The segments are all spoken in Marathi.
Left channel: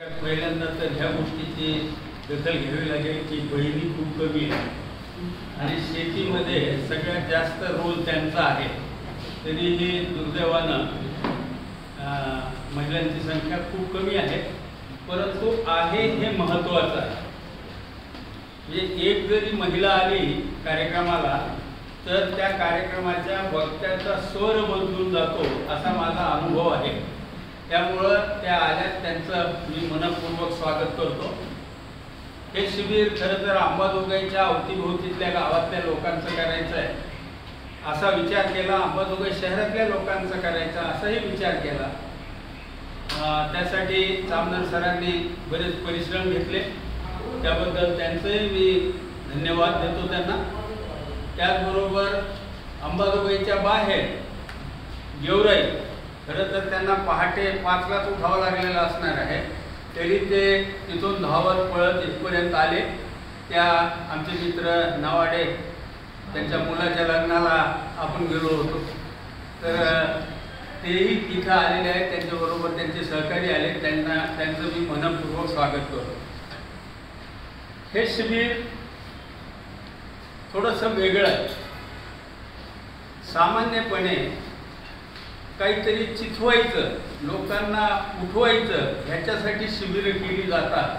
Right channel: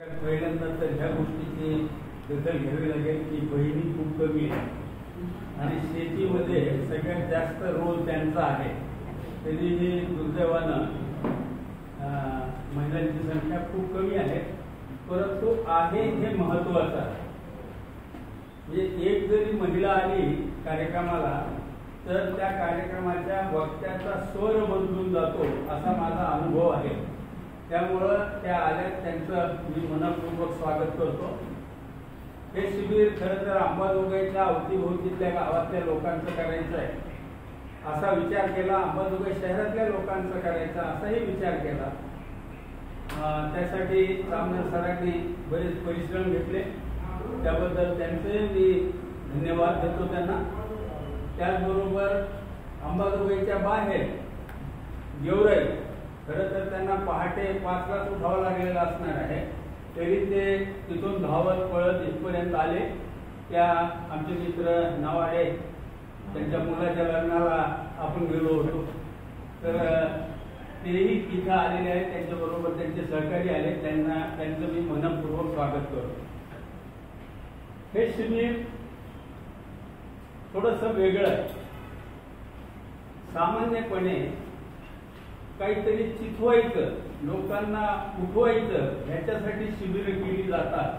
पहिल्यांदा तर ह्या गोष्टीची दखल घ्यावी लागेल की बहिणी खूप कमी आहे आणि शेतीमध्ये सगळ्यात जास्त रोल त्यांचा आहे. तरीही दुर्दैवानं महिलांची संख्या खूप कमी आहे, परंतु आहे हे महत्त्वाचं आहे. म्हणजे एक जरी महिला आली कार्यक्रमाला तर त्या कार्यक्रमाच्या वक्त्याचा स्वर बदलून जातो असा माझा अनुभव आहे. त्यामुळं त्या आल्यात त्यांचं मी मनपूर्वक स्वागत करतो. हे शिबिर खरं तर अंबाजोगाईच्या अवतीभोवतीतल्या गावातल्या लोकांचं करायचं आहे असा विचार केला, अंबाजोगाई शहरातल्या लोकांचं करायचा असाही विचार केला. त्यासाठी चामदार सरांनी बरेच परिश्रम घेतले, त्याबद्दल त्यांचंही मी धन्यवाद देतो त्यांना. त्याचबरोबर अंबाजोगाईच्या बाहेर गेवराई, खरं तर त्यांना पहाटे 5लाच उठावं लागलेलं असणार आहे, तरी ते तिथून धावत पळत इथपर्यंत आले. त्या आमचे मित्र नावाडे त्यांच्या मुलाच्या लग्नाला आपण गेलो होतो, तर तेही तिथं आलेले आहेत. त्यांच्याबरोबर त्यांचे सहकारी आले, त्यांचं मी मनपूर्वक स्वागत करतो. हे शिबिर थोडंसं वेगळं आहे. सामान्यपणे काहीतरी चिथवायचं, लोकांना उठवायचं ह्याच्यासाठी शिबिरं केली जातात.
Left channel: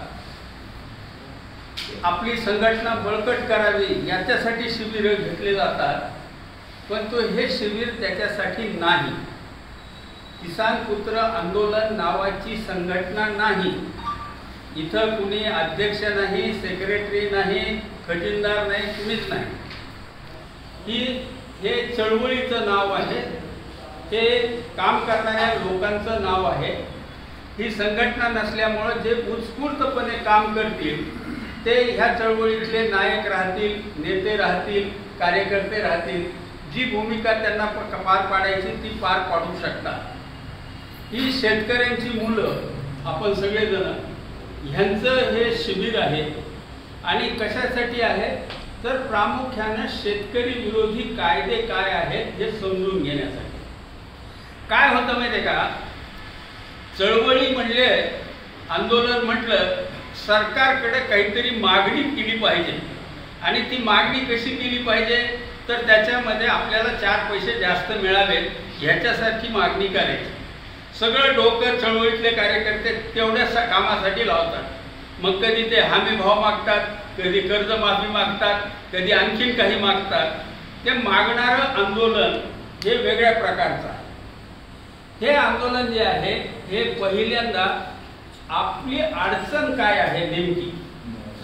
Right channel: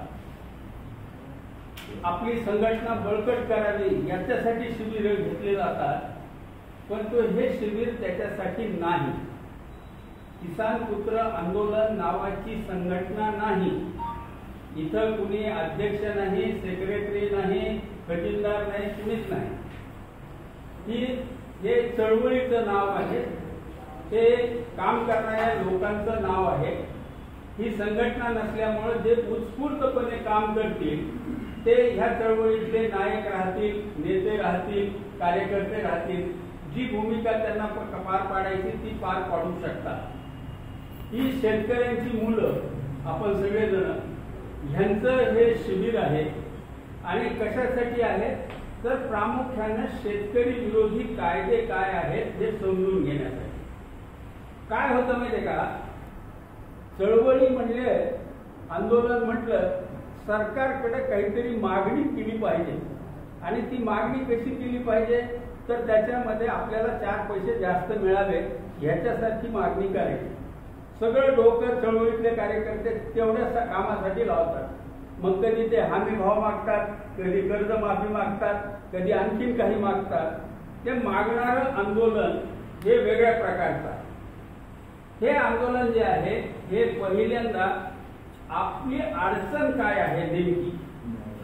आपली संघटना बळकट करावी याच्यासाठी शिबिरं घेतले जातात, पण हे शिबिर त्याच्यासाठी नाही. किसान पुत्र आंदोलन नावाची संघटना नाही. इथं कुणी अध्यक्ष नाही, सेक्रेटरी नाही, खजिनदार नाही, कुणीच नाही. हे चळवळीचं नाव आहे, हे काम करणाऱ्या लोकांचं नाव आहे. ही संघटना नसल्यामुळं जे उत्स्फूर्तपणे काम करतील ते ह्या चळवळीतले नायक राहतील, नेते राहतील, कार्यकर्ते राहतील. जी भूमिका त्यांना पार पाडायची ती पार पाडू शकतात. ही शेतकऱ्यांची मुलं आपण सगळेजण ह्यांचं हे शिबिर आहे. आणि कशासाठी आहे तर प्रामुख्यानं शेतकरी विरोधी कायदे काय आहेत हे समजून घेण्यासाठी. काय होतं माहिती आहे का, चळवळी म्हणजे, आंदोलन म्हटलं सरकारकडे काहीतरी मागणी केली पाहिजे. आणि ती मागणी कशी केली पाहिजे तर त्याच्यामध्ये आपल्याला 4 पैसे जास्त मिळावेत ह्याच्यासारखी मागणी करायची. सगळं डोकं चळवळीतले कार्यकर्ते तेवढ्याच कामासाठी लावतात. मग कधी ते हमी भाव मागतात, कधी कर्जमाफी मागतात, कधी आणखीन काही मागतात. ते मागणारं आंदोलन हे वेगळ्या प्रकारचं आहे. हे आंदोलन जे आहे हे पहिल्यांदा आपली अडचण काय आहे, नेमकी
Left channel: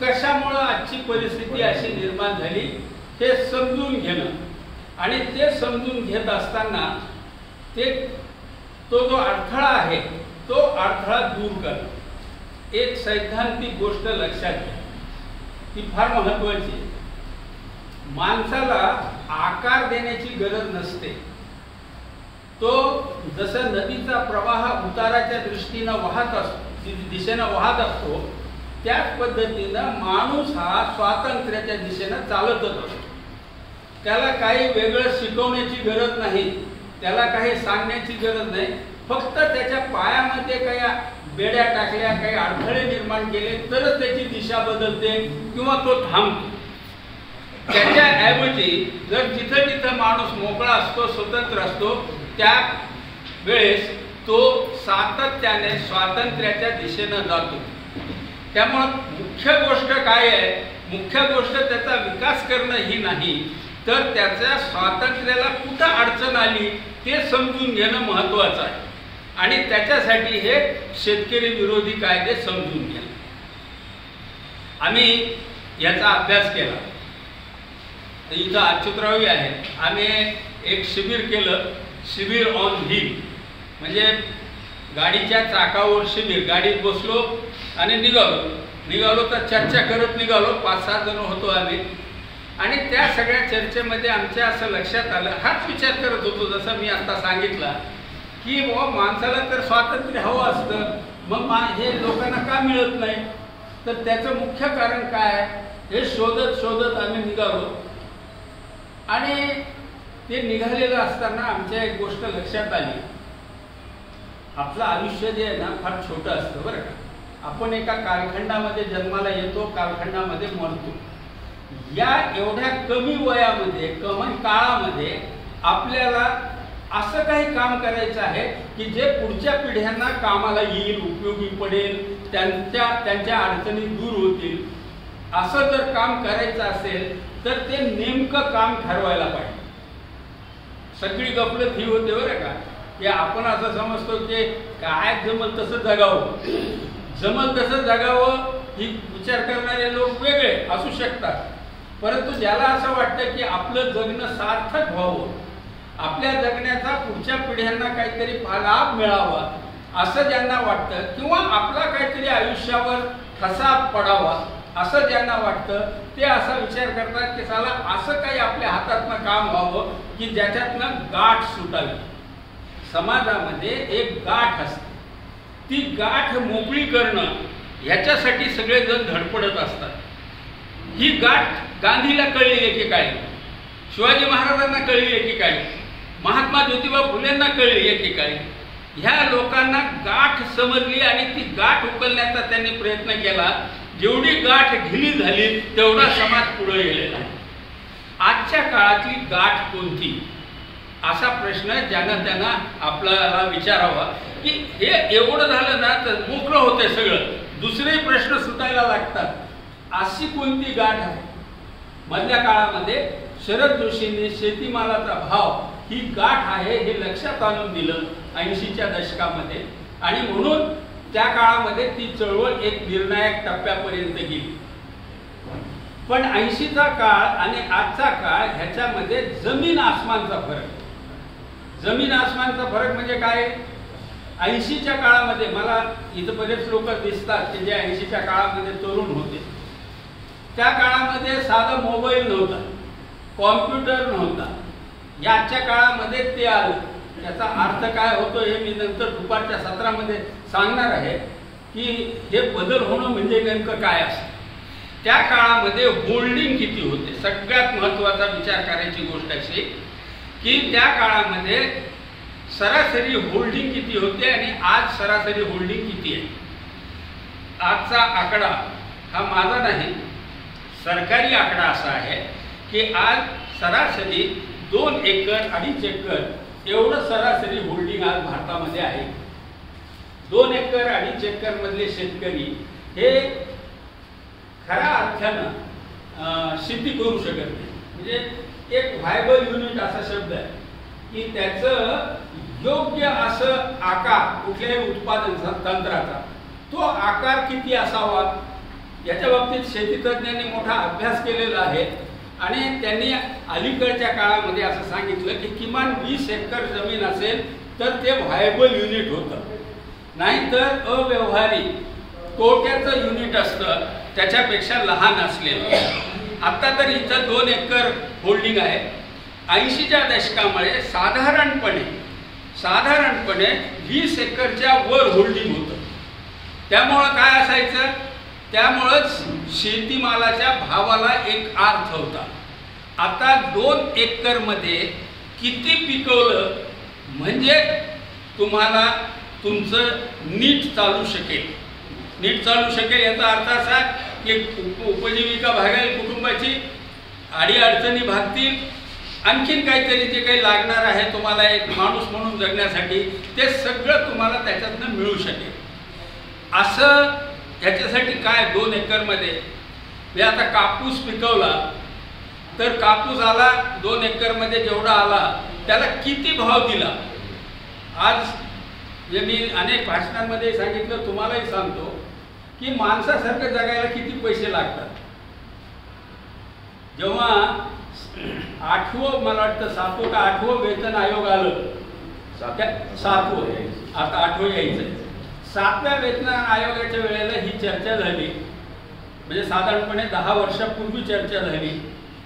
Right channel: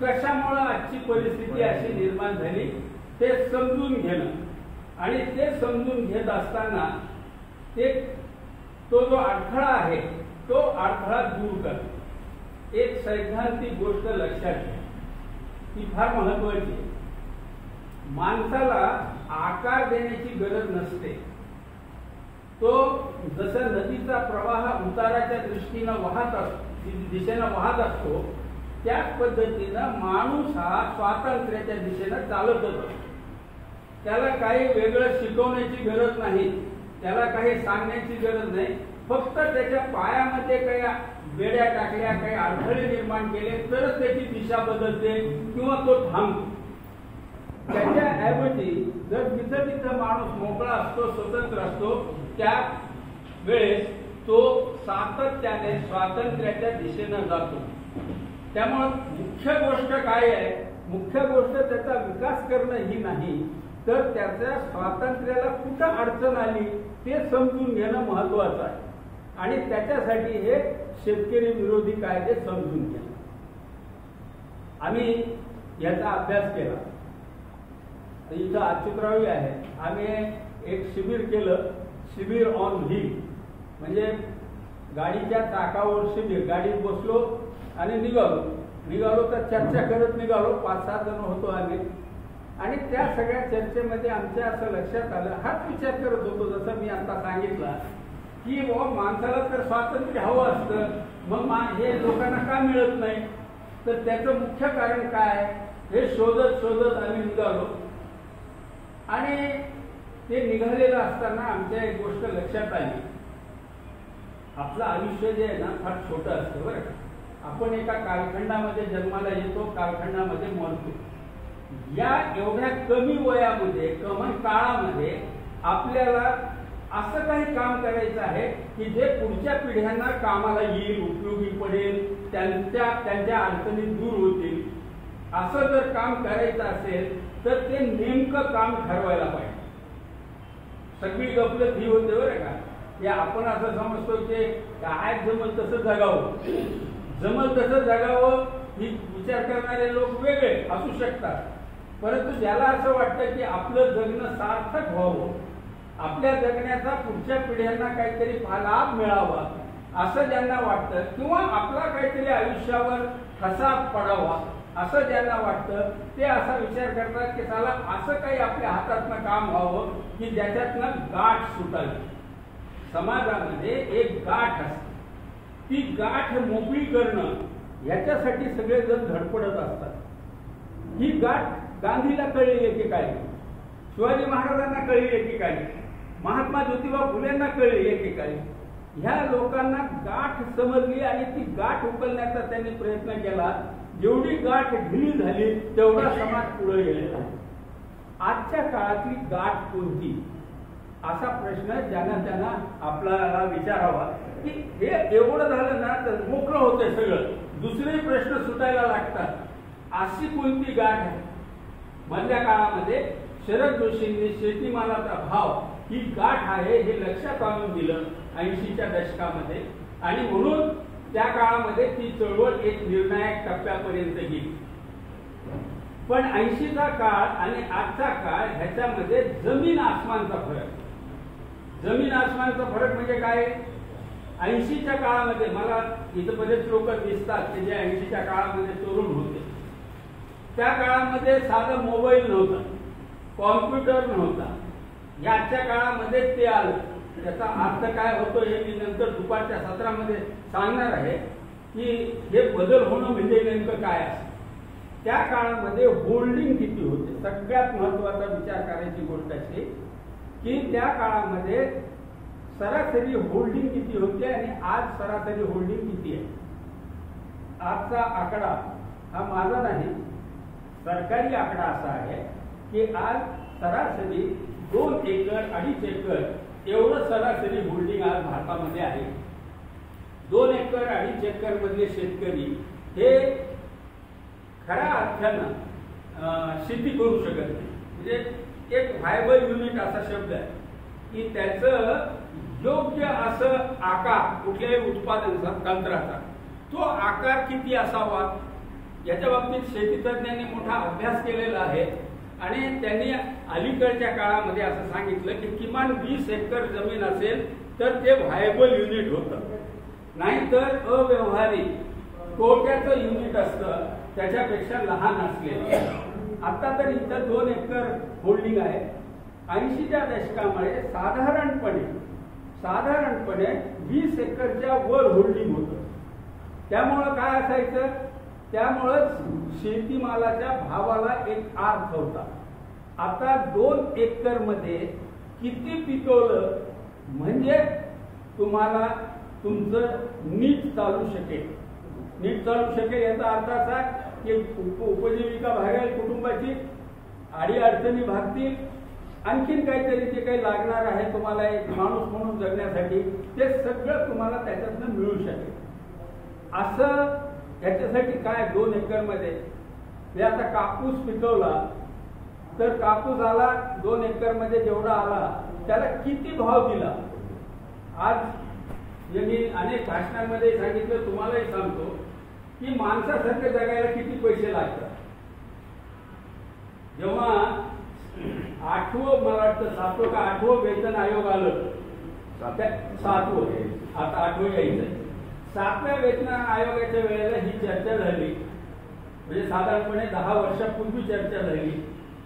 कशामुळं आजची परिस्थिती अशी निर्माण झाली हे समजून घेणं. आणि ते समजून घेत असताना तो जो अडथळा आहे तो अडथळा दूर करणं. एक सैद्धांतिक गोष्ट लक्षात घ्या, ती फार महत्वाची आहे. माणसाला आकार देण्याची गरज नसते. तो जसं नदीचा प्रवाह उताराच्या दिशेनं वाहत असतो, त्याच पद्धतीनं माणूस हा स्वातंत्र्याच्या दिशेनं चालतच असतो. त्याला काही वेगळं शिकवण्याची गरज नाही, त्याला काही सांगण्याची गरज नाही. फक्त त्याच्या पायामध्ये काही बेड्या टाकल्या, काही अडथळे निर्माण केले तरच त्याची दिशा बदलते किंवा तो थांबतो. त्याच्याऐवजी जर जिथं जिथं माणूस मोकळा असतो, स्वतंत्र असतो, त्या वेळेस तो सातत्याने स्वातंत्र्याच्या दिशेनं जातो. त्यामुळं मुख्य गोष्ट काय आहे, मुख्य गोष्ट त्याचा विकास करणं ही नाही, तर त्याच्या स्वातंत्र्याला कुठं अडचण आली ते समजून घेणं महत्त्वाचं आहे. आणि त्याच्यासाठी हे शेतकरी विरोधी कायदे समजून घेणं. आम्ही याचा अभ्यास केला. इथं अच्युतरावही आहे. आम्ही एक शिबिर केलं, शिबिर ऑन व्हील, म्हणजे गाडीच्या चाकावर शिबिर. गाडीत बसलो आणि निघालो तर चर्चा करत निघालो. 5-6 जण होतो आम्ही. आणि त्या सगळ्या चर्चेमध्ये आमच्या असं लक्षात आलं, हाच विचार करत होतो जसं मी आता सांगितला, की माणसाला तर स्वातंत्र्य हवं असतं, मग हे लोकांना का मिळत नाही. तर त्याचं मुख्य कारण काय हे शोधत आम्ही निघालो. आणि ते निघालेलं असताना आमच्या एक गोष्ट लक्षात आली. आपलं आयुष्य जे आहे ना फार छोटं असतं बरं का. आपण एका कालखंडामध्ये जन्माला येतो, कालखंडामध्ये मरतो. या एवढ्या कमी वयामध्ये, कमी काळामध्ये आपल्याला असं काही काम करायचं आहे की जे पुढच्या पिढ्यांना कामाला येईल, उपयोगी पडेल, त्यांच्या अडचणी दूर होतील. असं जर काम करायचं असेल तर ते नेमकं काम ठरवायला पाहिजे. सगळी गफलत ही होते बरं का, की आपण असं समजतो की काय जमल तसं जगावं, जमल तसं जगावं ही विचार करणारे लोक वेगळे असू शकतात. परंतु ज्याला असं वाटतं की आपलं जगणं सार्थक व्हावं, आपल्या जगण्याचा पुढच्या पिढ्यांना काहीतरी लाभ मिळावा असं ज्यांना वाटतं, किंवा आपला काहीतरी आयुष्यावर ठसा पडावा असं ज्यांना वाटतं, ते असा विचार करतात की साला असं काही आपल्या हातातनं काम व्हावं की ज्याच्यातनं गाठ सुटावी. समाजामध्ये एक गाठ असते, ती गाठ मोकळी करणं ह्याच्यासाठी सगळेजण धडपडत असतात. ही गाठ गांधीला कळली एकेकाळी, शिवाजी महाराजांना कळली एकेकाळी, महात्मा ज्योतिबा फुलेंना कळली एकेकाळी. ह्या लोकांना गाठ समजली आणि ती गाठ उकलण्याचा त्यांनी प्रयत्न केला. जेवढी गाठ ढिली झाली तेवढा समाज पुढे गेलेला आहे. आजच्या काळातली गाठ कोणती, असा प्रश्न ज्यांना त्यांना आपल्याला विचारावा. की हे एवढं झालं ना तर मोकळं होते सगळं, दुसरे प्रश्न सुटायला लागतात. अशी कोणती गाठ आहे? मधल्या काळामध्ये शरद जोशींनी शेतीमालाचा भाव ही गाठ आहे हे लक्षात आणून दिलं 80च्या दशकामध्ये, आणि म्हणून त्या काळामध्ये ती चळवळ एक निर्णायक टप्प्यापर्यंत गेली. पण 80चा काळ आणि आजचा काळ ह्याच्यामध्ये जमीन आसमानचा फरक. जमीन आसमानचा फरक म्हणजे काय? 80च्या काळामध्ये मला इथं बरेच लोक दिसतात की जे 80च्या काळामध्ये तरुण होते. त्या काळामध्ये साधा मोबाईल नव्हता, कॉम्प्युटर नव्हता. याच्या काळामध्ये ते आलं. त्याचा अर्थ काय होतो हे मी नंतर दुपारच्या सत्रामध्ये सांगणार आहे की हे बदल होणं म्हणजे नेमकं काय असतं. त्या काळामध्ये होल्डिंग किती होते? सगळ्यात महत्त्वाचा विचार करायची गोष्ट अशी की त्या काळामध्ये सरासरी होल्डिंग किती होते आणि आज सरासरी होल्डिंग किती आहे. आजचा आकडा हा माझा नाही, सरकारी आकडा असा आहे की आज सरासरी 2 एकर 2.5 एकर एवढं सरासरी होल्डिंग आज भारतामध्ये आहे. 2 एकर 2.5 एकर मधले शेतकरी हे खऱ्या अर्थानं शेती करू शकत नाही. म्हणजे एक व्हायबल युनिट असा शब्द आहे की त्याचं योग्य असं आकार कुठल्याही उत्पादन तंत्राचा तो आकार किती असावा याच्या बाबतीत शेतीतज्ञांनी मोठा अभ्यास केलेला आहे. आणि त्यांनी अलीकडच्या काळामध्ये असं सांगितलं की किमान 20 एकर जमीन असेल तर ते व्हायबल युनिट होतं, नाहीतर अव्यवहारिक तोट्याचं युनिट असतं त्याच्यापेक्षा लहान असलेलं. आता तर इथं 2 एकर होल्डिंग आहे. 80च्या दशकामुळे साधारणपणे 20 एकरच्या वर होल्डिंग होतं. त्यामुळं काय असायचं, त्यामुळंच शेतीमालाच्या भावाला एक अर्थ होता. आता 2 एकर मध्ये किती पिकवलं म्हणजे तुम्हाला तुमचं नीट चालू शकेल याचा अर्थ असा की उपजीविका भागेल, कुटुंबाची अडीअडचणी भागतील, आणखीन काहीतरी जे काही लागणार आहे तुम्हाला एक माणूस म्हणून जगण्यासाठी ते सगळं तुम्हाला त्याच्यातनं मिळू शकेल. असं ह्याच्यासाठी काय 2 एकरमध्ये मी आता कापूस पिकवला तर कापूस आला 2 एकरमध्ये जेवढा आला त्याला किती भाव दिला. आज जे मी अनेक भाषणांमध्ये सांगितलं, तुम्हालाही सांगतो की माणसासारखं जगायला किती पैसे लागतात. जेव्हा 8वं मला वाटतं 7वं का 8वं वेतन आयोग आलं, 7वं आता 8वं यायचं. 7व्या वेतन आयोगाच्या वेळेला ही चर्चा झाली, म्हणजे साधारणपणे 10 वर्षापूर्वी चर्चा झाली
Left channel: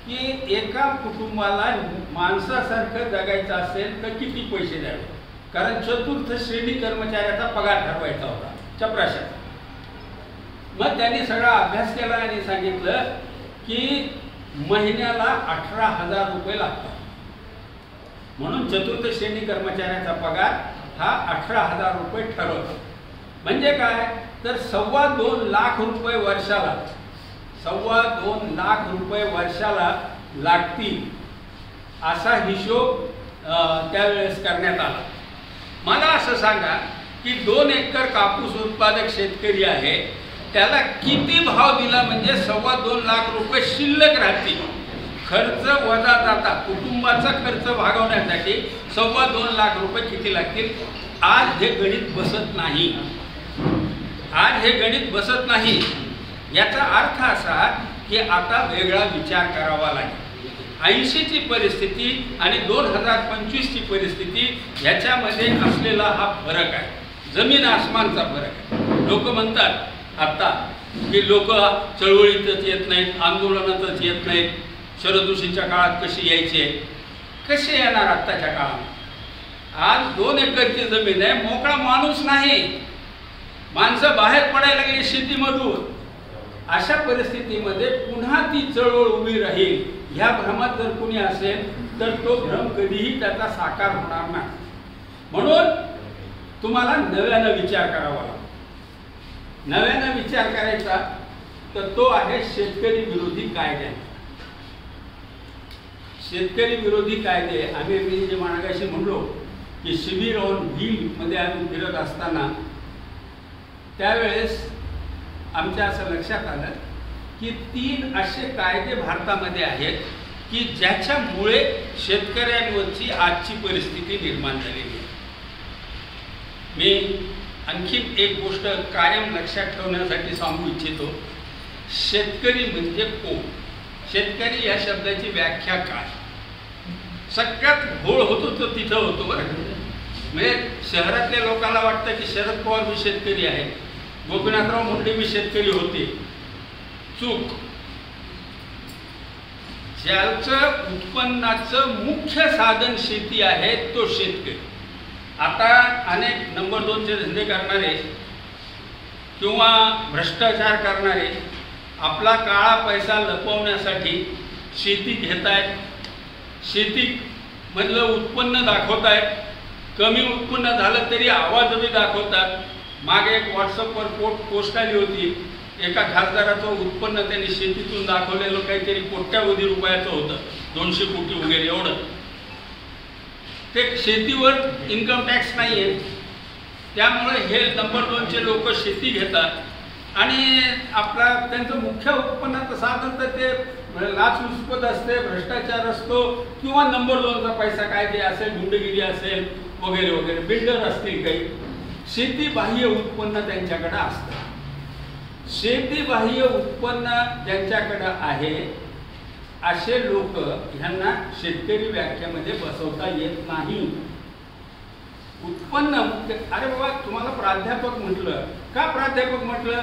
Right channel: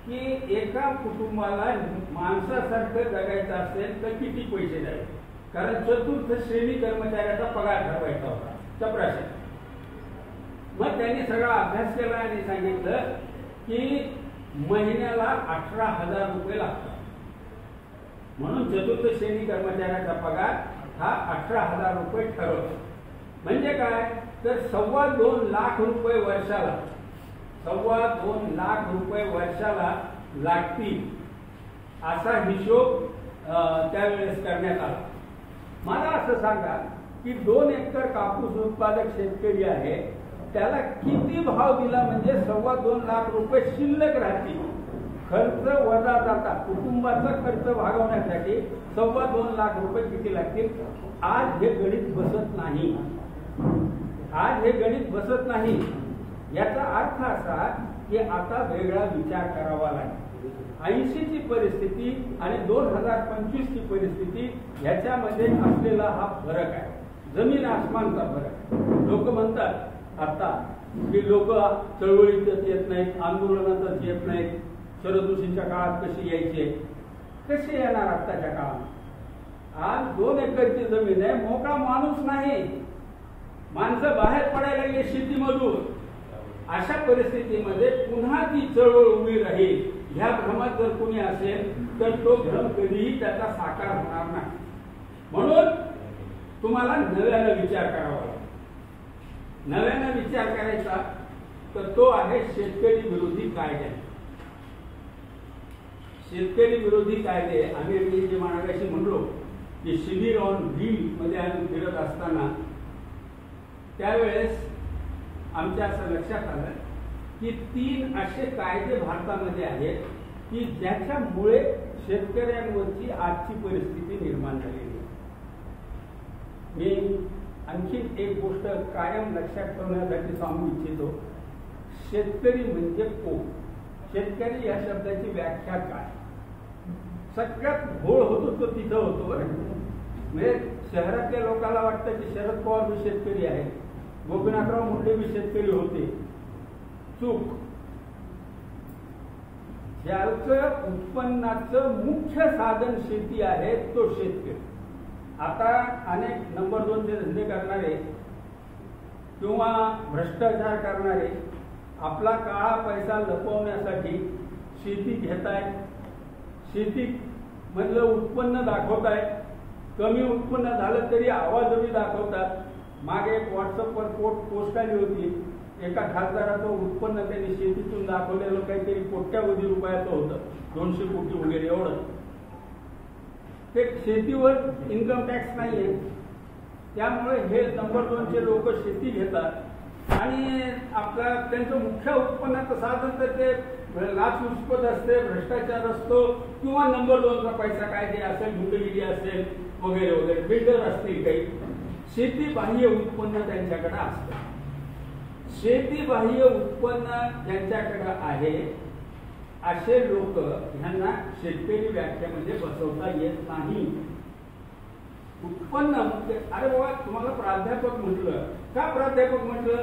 की एका कुटुंबाला माणसासारखं जगायचं असेल तर किती पैसे द्यावे. कारण 4थी श्रेणी कर्मचाऱ्याचा पगार ठरवायचा होता चपराशाचा. मग त्यांनी सगळा अभ्यास केला आणि सांगितलं की महिन्याला 18,000 रुपये लागतात. म्हणून 4थी श्रेणी कर्मचाऱ्याचा पगार हा 18,000 रुपये ठरवतो. म्हणजे काय, तर 2.25 लाख रुपये वर्षाला, 2.25 लाख रुपये वर्षाला लागतील असा हिशोब त्यावेळेस करण्यात आला. मला असं सांगा की 2 एकर कापूस उत्पादक शेतकरी आहे, त्याला किती भाव दिला म्हणजे 2.25 लाख रुपये शिल्लक राहतील. खर्च वजा जाता कुटुंबाचा खर्च भागवण्यासाठी 2.25 लाख रुपये किती लागतील? आज हे गणित बसत नाही. आज हे गणित बसत नाही. याचा अर्थ असा की आता वेगळा विचार करावा लागेल. 80ची परिस्थिती आणि 2025ची परिस्थिती ह्याच्यामध्ये असलेला हा फरक आहे, जमीन आसमानचा फरक आहे. लोक म्हणतात आता की लोक चळवळीतच येत नाहीत, आंदोलनातच येत नाहीत, शरदऋषीच्या काळात कशी यायचे, कसे येणार आत्ताच्या काळात? आज 2 एकरची जमीन आहे, मोकळा माणूस नाही, माणसं बाहेर पडायला लागली शेतीमधून. अशा परिस्थितीमध्ये पुन्हा ती चळवळ उभी राहील ह्या भ्रमात जर कोणी असेल तर तो भ्रम कधीही त्याचा साकार होणार नाही. म्हणून तुम्हाला नव्यानं विचार करावा लागतो. नव्यानं विचार करायचा तर तो आहे शेतकरी विरोधी कायदे. शेतकरी विरोधी कायदे आम्ही जे मागाशी म्हणलो की शिबिर ऑन व्हील मध्ये आम्ही फिरत असताना त्यावेळेस आमच्या असं लक्षात आलं की 3 असे कायदे भारतामध्ये आहेत की ज्याच्यामुळे शेतकऱ्यांवरची आजची परिस्थिती निर्माण झालेली आहे. मी आणखी एक गोष्ट कायम लक्षात ठेवण्यासाठी सांगू इच्छितो. शेतकरी म्हणजे कोण? शेतकरी या शब्दाची व्याख्या काय? सगळ्यात घोळ होतो तो तिथं होतो बरं. म्हणजे शहरातल्या लोकांना वाटतं की शरद पवार भी शेतकरी आहे, गोपीनाथराव मुंडे भी शेतकरी होते. चूक. ज्याचं उत्पन्नाचं मुख्य साधन शेती आहे तो शेतकरी. आता अनेक नंबर 2चे धंदे करणारे किंवा भ्रष्टाचार करणारे आपला काळा पैसा लपवण्यासाठी शेती घेत आहेत, शेतीमधलं उत्पन्न दाखवत आहेत. कमी उत्पन्न झालं तरी आवाजही दाखवतात. मागे एक व्हॉट्सअपवर पोस्ट आली होती, एका खासदाराचं उत्पन्न त्यांनी शेतीतून दाखवलेलं काहीतरी कोट्यावधी रुपयाचं होतं, 200 कोटी वगैरे एवढं. ते शेतीवर इन्कम टॅक्स नाही आहे, त्यामुळे हे नंबर 2चे लोक शेती घेतात आणि आपला त्यांचं मुख्य उत्पन्नाचं साधन तर ते लाचलुचपत असते, भ्रष्टाचार असतो किंवा नंबर 2चा पैसा काय ते असेल, गुंडगिरी असेल वगैरे वगैरे, बिल्डर असतील काही. शेतीबाह्य उत्पन्न त्यांच्याकडे असतं. शेतीबाह्य उत्पन्न ज्यांच्याकडे आहे असे लोक ह्यांना शेतकरी व्याख्येमध्ये बसवता येत नाही. उत्पन्न अरे बाबा तुम्हाला प्राध्यापक म्हटलं का? प्राध्यापक म्हटलं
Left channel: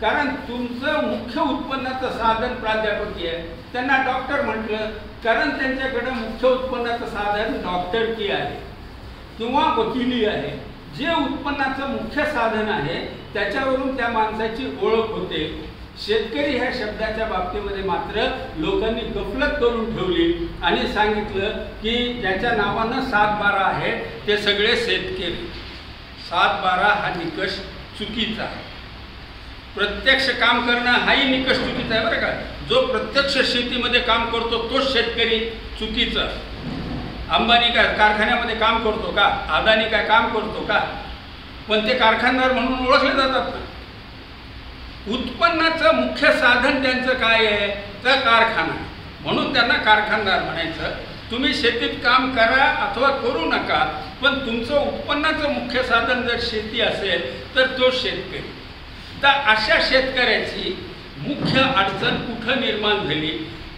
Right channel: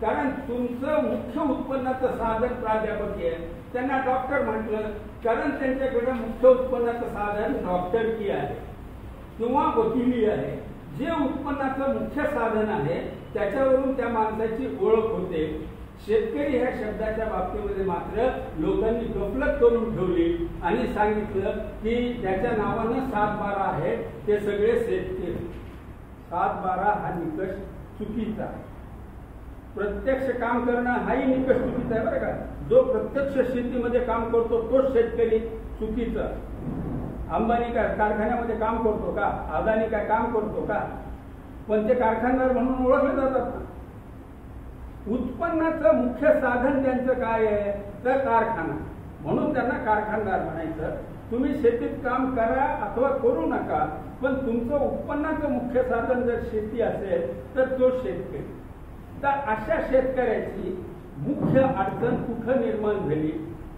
कारण तुमचं मुख्य उत्पन्नाचं साधन प्राध्यापकी आहे. त्यांना डॉक्टर म्हटलं कारण त्यांच्याकडे मुख्य उत्पन्नाचं साधन डॉक्टरकी आहे किंवा वकिली आहे. जे उत्पन्नाचं मुख्य साधन आहे त्याच्यावरून त्या माणसाची ओळख होते. शेतकरी ह्या शब्दाच्या बाबतीमध्ये मात्र लोकांनी गफलत करून ठेवली आणि सांगितलं की ज्याच्या नावानं 7-12 आहे ते सगळे शेतकरी. 7-12 हा निकष चुकीचा आहे. प्रत्यक्ष काम करणं हाही निकष चुकीचा आहे बरं का. जो प्रत्यक्ष शेतीमध्ये काम करतो तोच शेतकरी चुकीचा. अंबानी काय कारखान्यामध्ये काम करतो का? अदानी काय काम करतो का? पण ते कारखानदार म्हणून ओळखले जातात ना. उत्पन्नाचं मुख्य साधन त्यांचं काय आहे तर कारखाना, म्हणून त्यांना कारखानदार म्हणायचं. तुम्ही शेतीत काम करा अथवा करू नका, पण तुमचं उत्पन्नाचं मुख्य साधन जर शेती असेल तर तो शेतकरी. तर अशा शेतकऱ्याची मुख्य अडचण कुठं निर्माण झाली,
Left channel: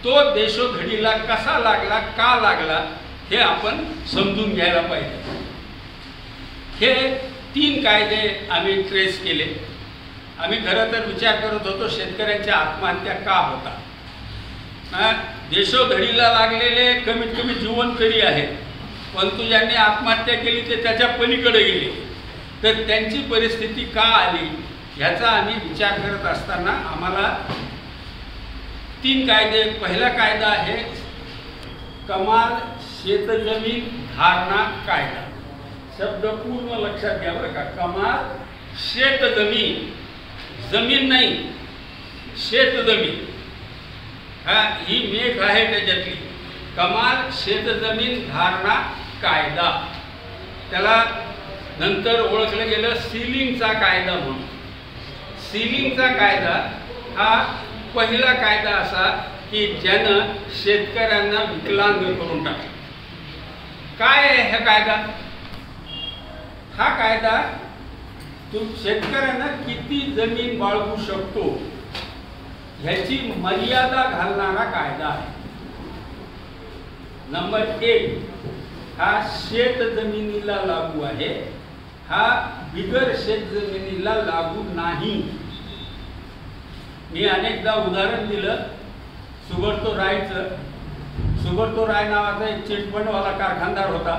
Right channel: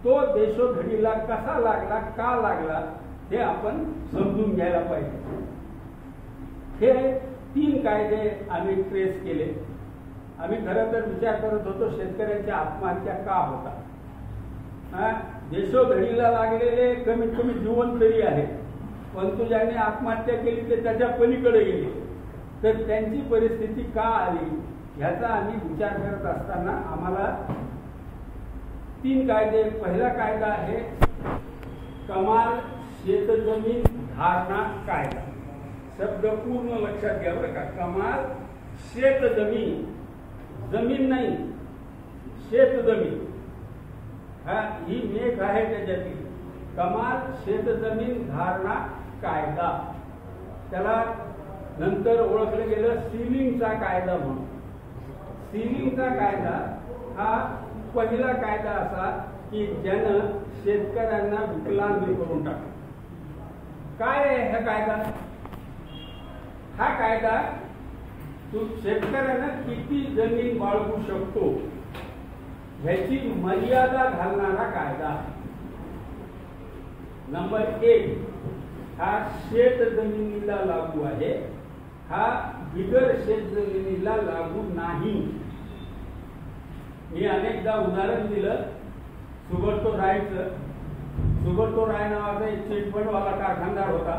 तो देशोधडीला कसा लागला, का लागला हे आपण समजून घ्यायला पाहिजे. हे 3 कायदे आम्ही ट्रेस केले. आम्ही खरं तर विचार करत होतो शेतकऱ्यांच्या आत्महत्या का होतात. देशोधडीला लागलेले कमीत कमी जीवनकरी आहेत, परंतु ज्यांनी आत्महत्या केली ते त्याच्या पलीकडे गेले. तर त्यांची परिस्थिती का आली ह्याचा आम्ही विचार करत असताना आम्हाला 3 कायदे. पहिला कायदा आहे कमाल शेतजमीन धारणा कायदा. शब्द पूर्ण लक्षात घ्या बरं का. कमाल शेतजमीन जमीन नाही, शेतजमीन, ही मेघ आहे त्याच्यातली, कमाल शेतजमीन धारणा कायदा, त्याला नंतर ओळखलं गेलं सीलिंगचा कायदा म्हणून. सीलिंगचा कायदा हा पहिला कायदा असा की ज्यानं शेतकऱ्यांना विकलांग करून टाकलं. काय आहे हा कायदा? हा कायदा शेतकऱ्यांना किती जमीन बाळगू शकतो ह्याची मर्यादा घालणारा कायदा आहे. नंबर 1 हा शेत जमिनीला लागू आहे, हा बिगर शेत जमिनीला लागू नाही. मी अनेकदा उदाहरण दिलं सुब्रतो रायचं. सुब्रतो राय नावाचा एक चिटफंडवाला कारखानदार होता.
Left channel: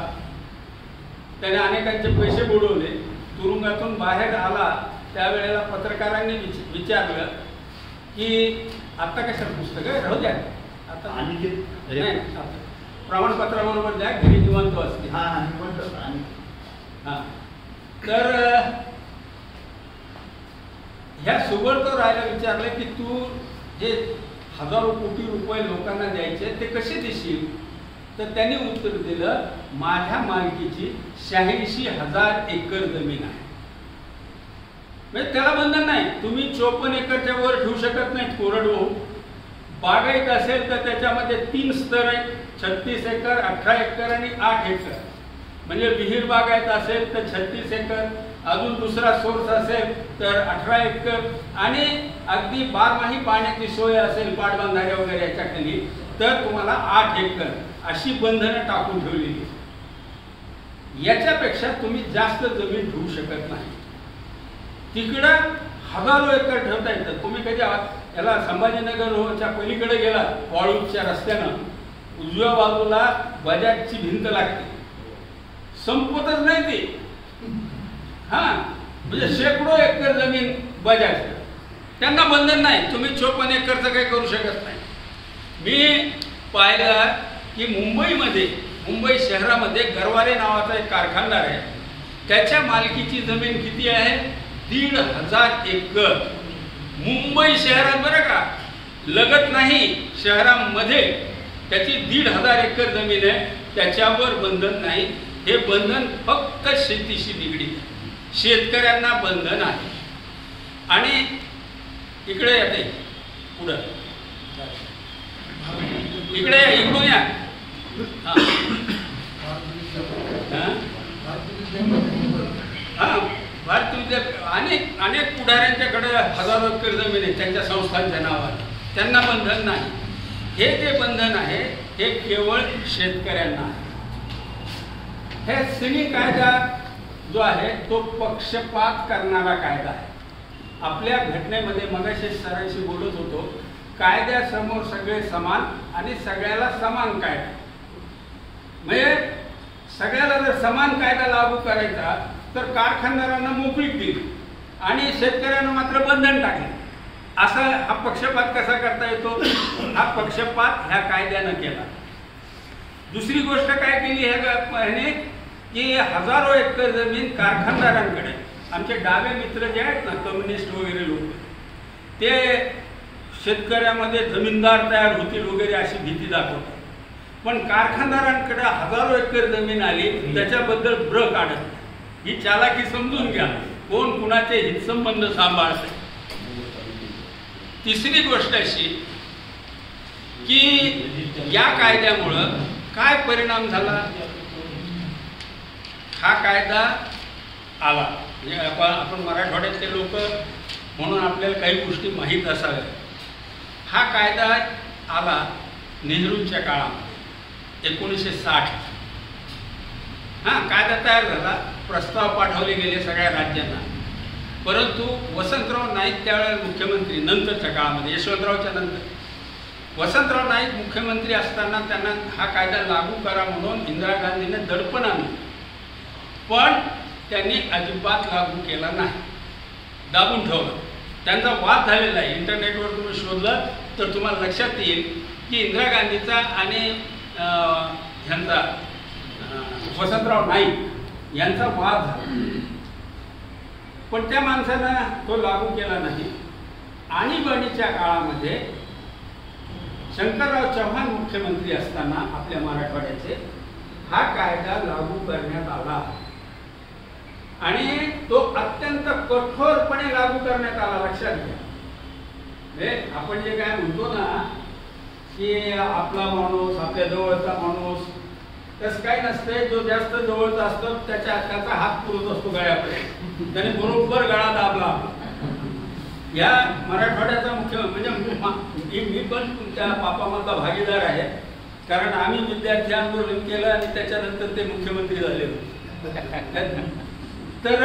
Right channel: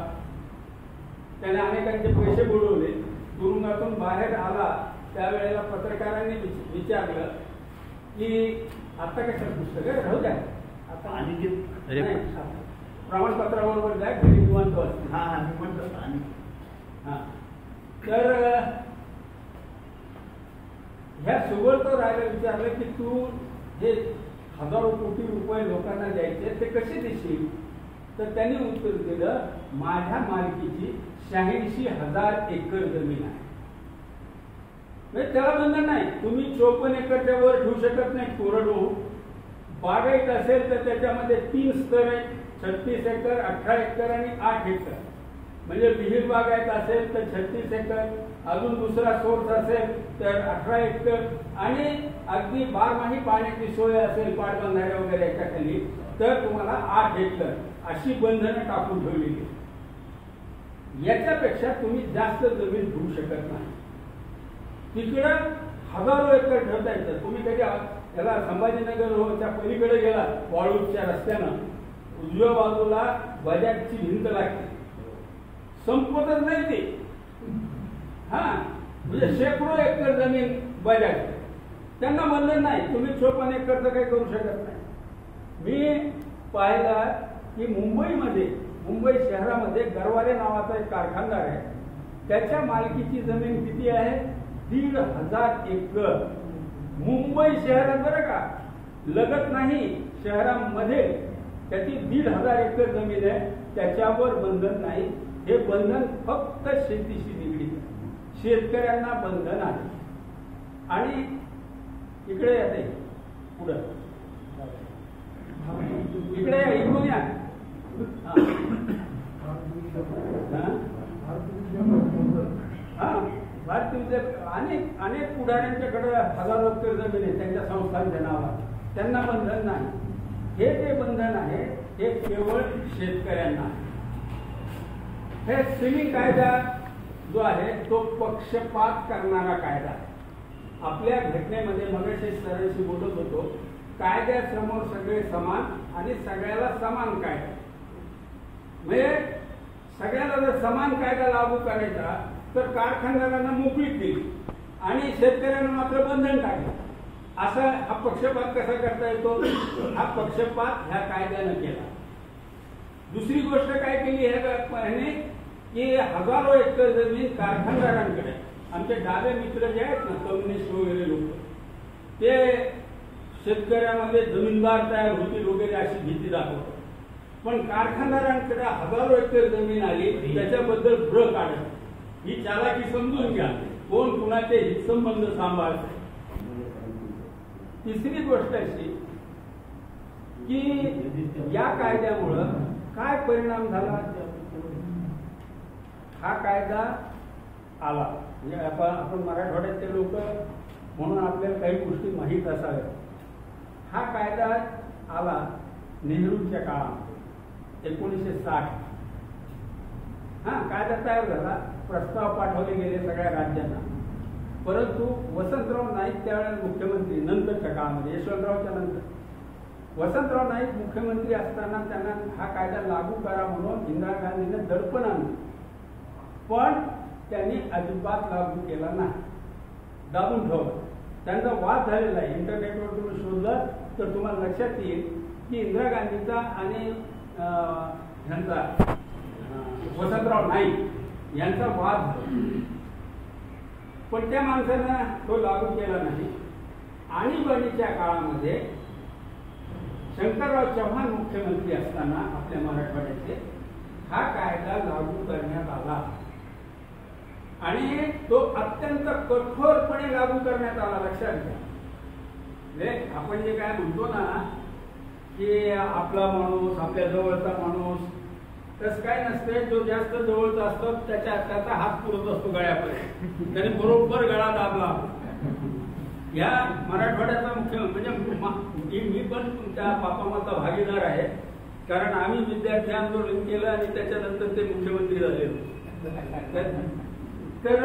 त्याने अनेकांचे पैसे बुडवले. तुरुंगातून बाहेर आला त्यावेळेला पत्रकारांनी विचारलं की आता कशाला पुस्तक आहे, राहू द्या, आता प्रमाणपत्राबरोबर द्या, घरी निवांत असते. तर ह्या सुब्रतो रायला विचारलं की तू जे हजारो कोटी रुपये लोकांना द्यायचे ते कसे देशील? तर त्यांनी उत्तर दिलं, माझ्या मालकीची 86,000 एकर जमीन आहे. म्हणजे त्याला बंधन नाही, तुम्ही 54 एकरच्या वर ठेवू शकत नाहीत कोरडवाहू. बागायत असेल तर त्याच्यामध्ये 3 स्तर आहेत, 36 एकर, 18 एकर आणि 8 एकर. म्हणजे विहीर बागायत असेल तर 36 एकर, अजून दुसरा सोर्स असेल तर 18 एकर, आणि अगदी बारमाही पाण्याची सोय असेल पाटबंधारे वगैरे याच्या खाली तर तुम्हाला 8 एकर अशी बंधनं टाकून ठेवलेली. याच्यापेक्षा तुम्ही जास्त जमीन ठेवू शकत नाही. तिकडं हजारो एकर ठेवता येतं. तुम्ही कधी याला संभाजीनगरच्या पलीकडे गेला वाळूच्या रस्त्यानं, उजव्या बाजूला बजाजची भिंत लागते, संपतच नाही ती. म्हणजे शेकडो एकर जमीन बजाज, त्यांना बंधन नाही, तुम्ही 54 एकरचं काही करू शकत नाही. मी पाहिलं की मुंबई शहरामध्ये गरवारे नावाचा एक कारखानदार आहे. त्याच्या मालकीची जमीन किती आहे? 1,500 एकर. मुंबई शहरात बरं का, लगत नाही, शहरामध्ये त्याची 1,500 एकर जमीन आहे. त्याच्यावर बंधन नाही. हे बंधन फक्त शेतीशी निगडीत आहे, शेतकऱ्यांना बंधन आहे. आणि इकडे येते पुढं, इकडे या, इकडून या. भारतीय विद्यापीठ अनेक पुढाऱ्यांच्याकडे हजारो एकर जमीन आहे त्यांच्या संस्थांच्या नावाने, त्यांना बंधन नाही. हे जे बंधन आहे हे केवळ शेतकऱ्यांना आहे. हे सिलिंग कायदा जो आहे तो पक्षपात करणारा कायदा आहे. आपल्या घटनेमध्ये मगाशी सरांशी बोलत होतो, कायद्यासमोर सगळे समान आणि सगळ्याला समान कायदा. म्हणजे सगळ्याला जर समान कायदा लागू करायचा तर कारखानदारांना मोकळीक दिली आणि शेतकऱ्यांना मात्र बंधन टाकले. असा हा पक्षपात कसा करता येतो? हा पक्षपात ह्या कायद्यानं केला. दुसरी गोष्ट काय केली ह्याने की हजारो एकर जमीन कारखानदारांकडे, आमचे डावे मित्र जे आहेत ना, कम्युनिस्ट वगैरे लोक, ते शेतकऱ्यामध्ये जमीनदार तयार होतील वगैरे अशी भीती दाखवतात. पण कारखानदारांकडे हजारो एकर जमीन आली, त्याच्याबद्दल ब्र काढत. ही चालाकी समजून घ्या, कोण कुणाचे हितसंबंध सांभाळते. तिसरी गोष्ट अशी की या कायद्यामुळं काय परिणाम झाला? हा कायदा आला म्हणजे आपण मराठवाड्यातले लोक म्हणून आपल्याला काही गोष्टी माहीत असाव्या. हा कायदा आला नेहरूंच्या काळामध्ये 1960. कायदा तयार झाला, प्रस्ताव पाठवले गेले सगळ्या राज्यांना. परंतु वसंतराव नाईक त्यावेळेला मुख्यमंत्री, नंतरच्या काळामध्ये यशवंतरावच्या नंतर वसंतराव नाईक मुख्यमंत्री असताना त्यांना हा कायदा लागू करा म्हणून इंदिरा गांधीने दडपण आणलं. पण त्यांनी अजिबात लागू केला नाही, दाबून ठेवलं. त्यांचा वाद झालेला आहे, इंटरनेटवर तुम्ही शोधलं तर तुम्हाला लक्षात येईल की इंदिरा गांधीचा आणि ह्यांचा वसंतराव नाईक यांचा वाद झाला. पण त्या माणसानं तो लागू केला नाही. आणीबाणीच्या काळामध्ये शंकरराव चव्हाण मुख्यमंत्री असताना आपल्या मराठवाड्याचे हा कायदा लागू करण्यात आला आणि तो अत्यंत कठोरपणे लागू करण्यात आला. लक्षात घ्या, आपण जे काय म्हणतो ना की आपला माणूस आपल्या जवळचा माणूस, तसं काय नसतंय. जो जास्त जवळचा असतो त्याचा हात पुरत असतो गळ्यापर्यंत, त्याने बरोबर गळा दाबला. या मराठवाड्याचा मुख्यमंत्री म्हणजे मी पण त्या पापामधला भागीदार आहे, कारण आम्ही विद्यार्थी आंदोलन केलं आणि त्याच्यानंतर ते मुख्यमंत्री झाले होते. तर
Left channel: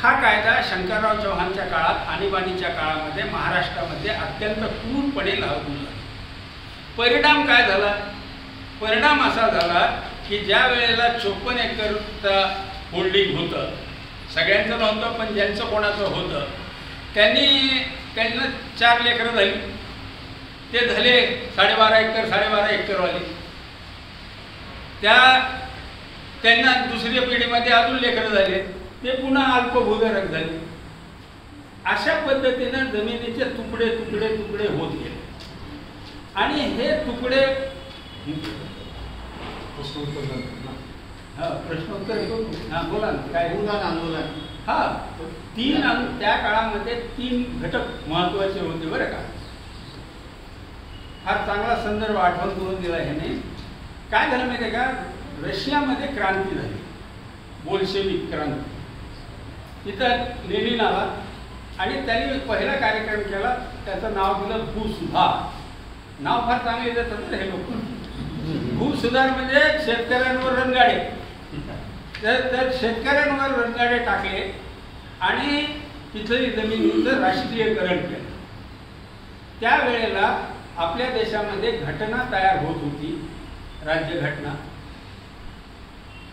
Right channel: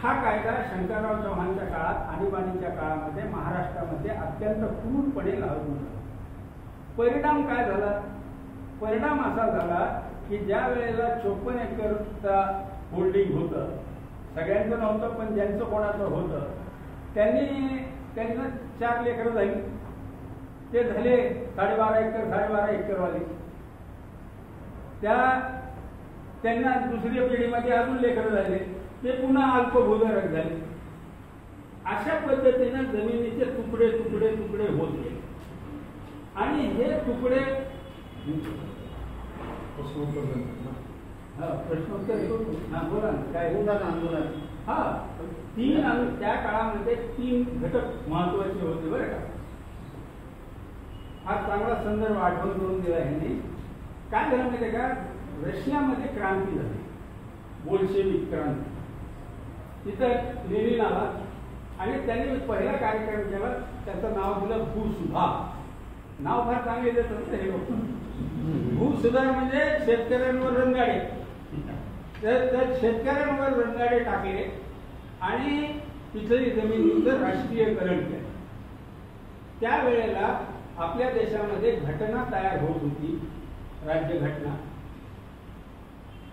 हा कायदा शंकरराव चव्हाणच्या काळात आणीबाणीच्या काळामध्ये महाराष्ट्रामध्ये अत्यंत क्रूरपणे लागू झाला. परिणाम काय झाला? परिणाम असा झाला की ज्या वेळेला 54 एकरचा होल्डिंग होतं, सगळ्यांचं नव्हतं पण ज्यांचं कोणाचं होतं, त्यांना 4 लेकरं झाली. ते झाले 12.5 एकरवाले. त्यांना दुसऱ्या पिढीमध्ये अजून लेकरं झाले, ते पुन्हा अल्पभूधारक झाले. अशा पद्धतीनं जमिनीचे तुकडे तुकडे तुकडे होत गेले आणि हे तुकडे प्रश्नोत्तर बोला ना काय आंदोलन. त्या काळामध्ये 3 घटक महत्वाचे होते बरं का. फार चांगला संदर्भ आठवण करून दिला ह्याने. काय झालं माहिती आहे का, रशियामध्ये क्रांती झाली, बोल्शेविक क्रांती. तिथं लेनिन आला आणि त्यांनी पहिला कार्यक्रम केला, त्याचं नाव दिलं भूसुधार. नाव फार चांगले देतात हे लोक. भूसुधार म्हणजे शेतकऱ्यांवर रणगाडे. तर शेतकऱ्यांवर रणगाडे टाकले आणि तिथली जमिनीचं राष्ट्रीयकरण केलं. त्यावेळेला आपल्या देशामध्ये घटना तयार होत होती, राज्यघटना.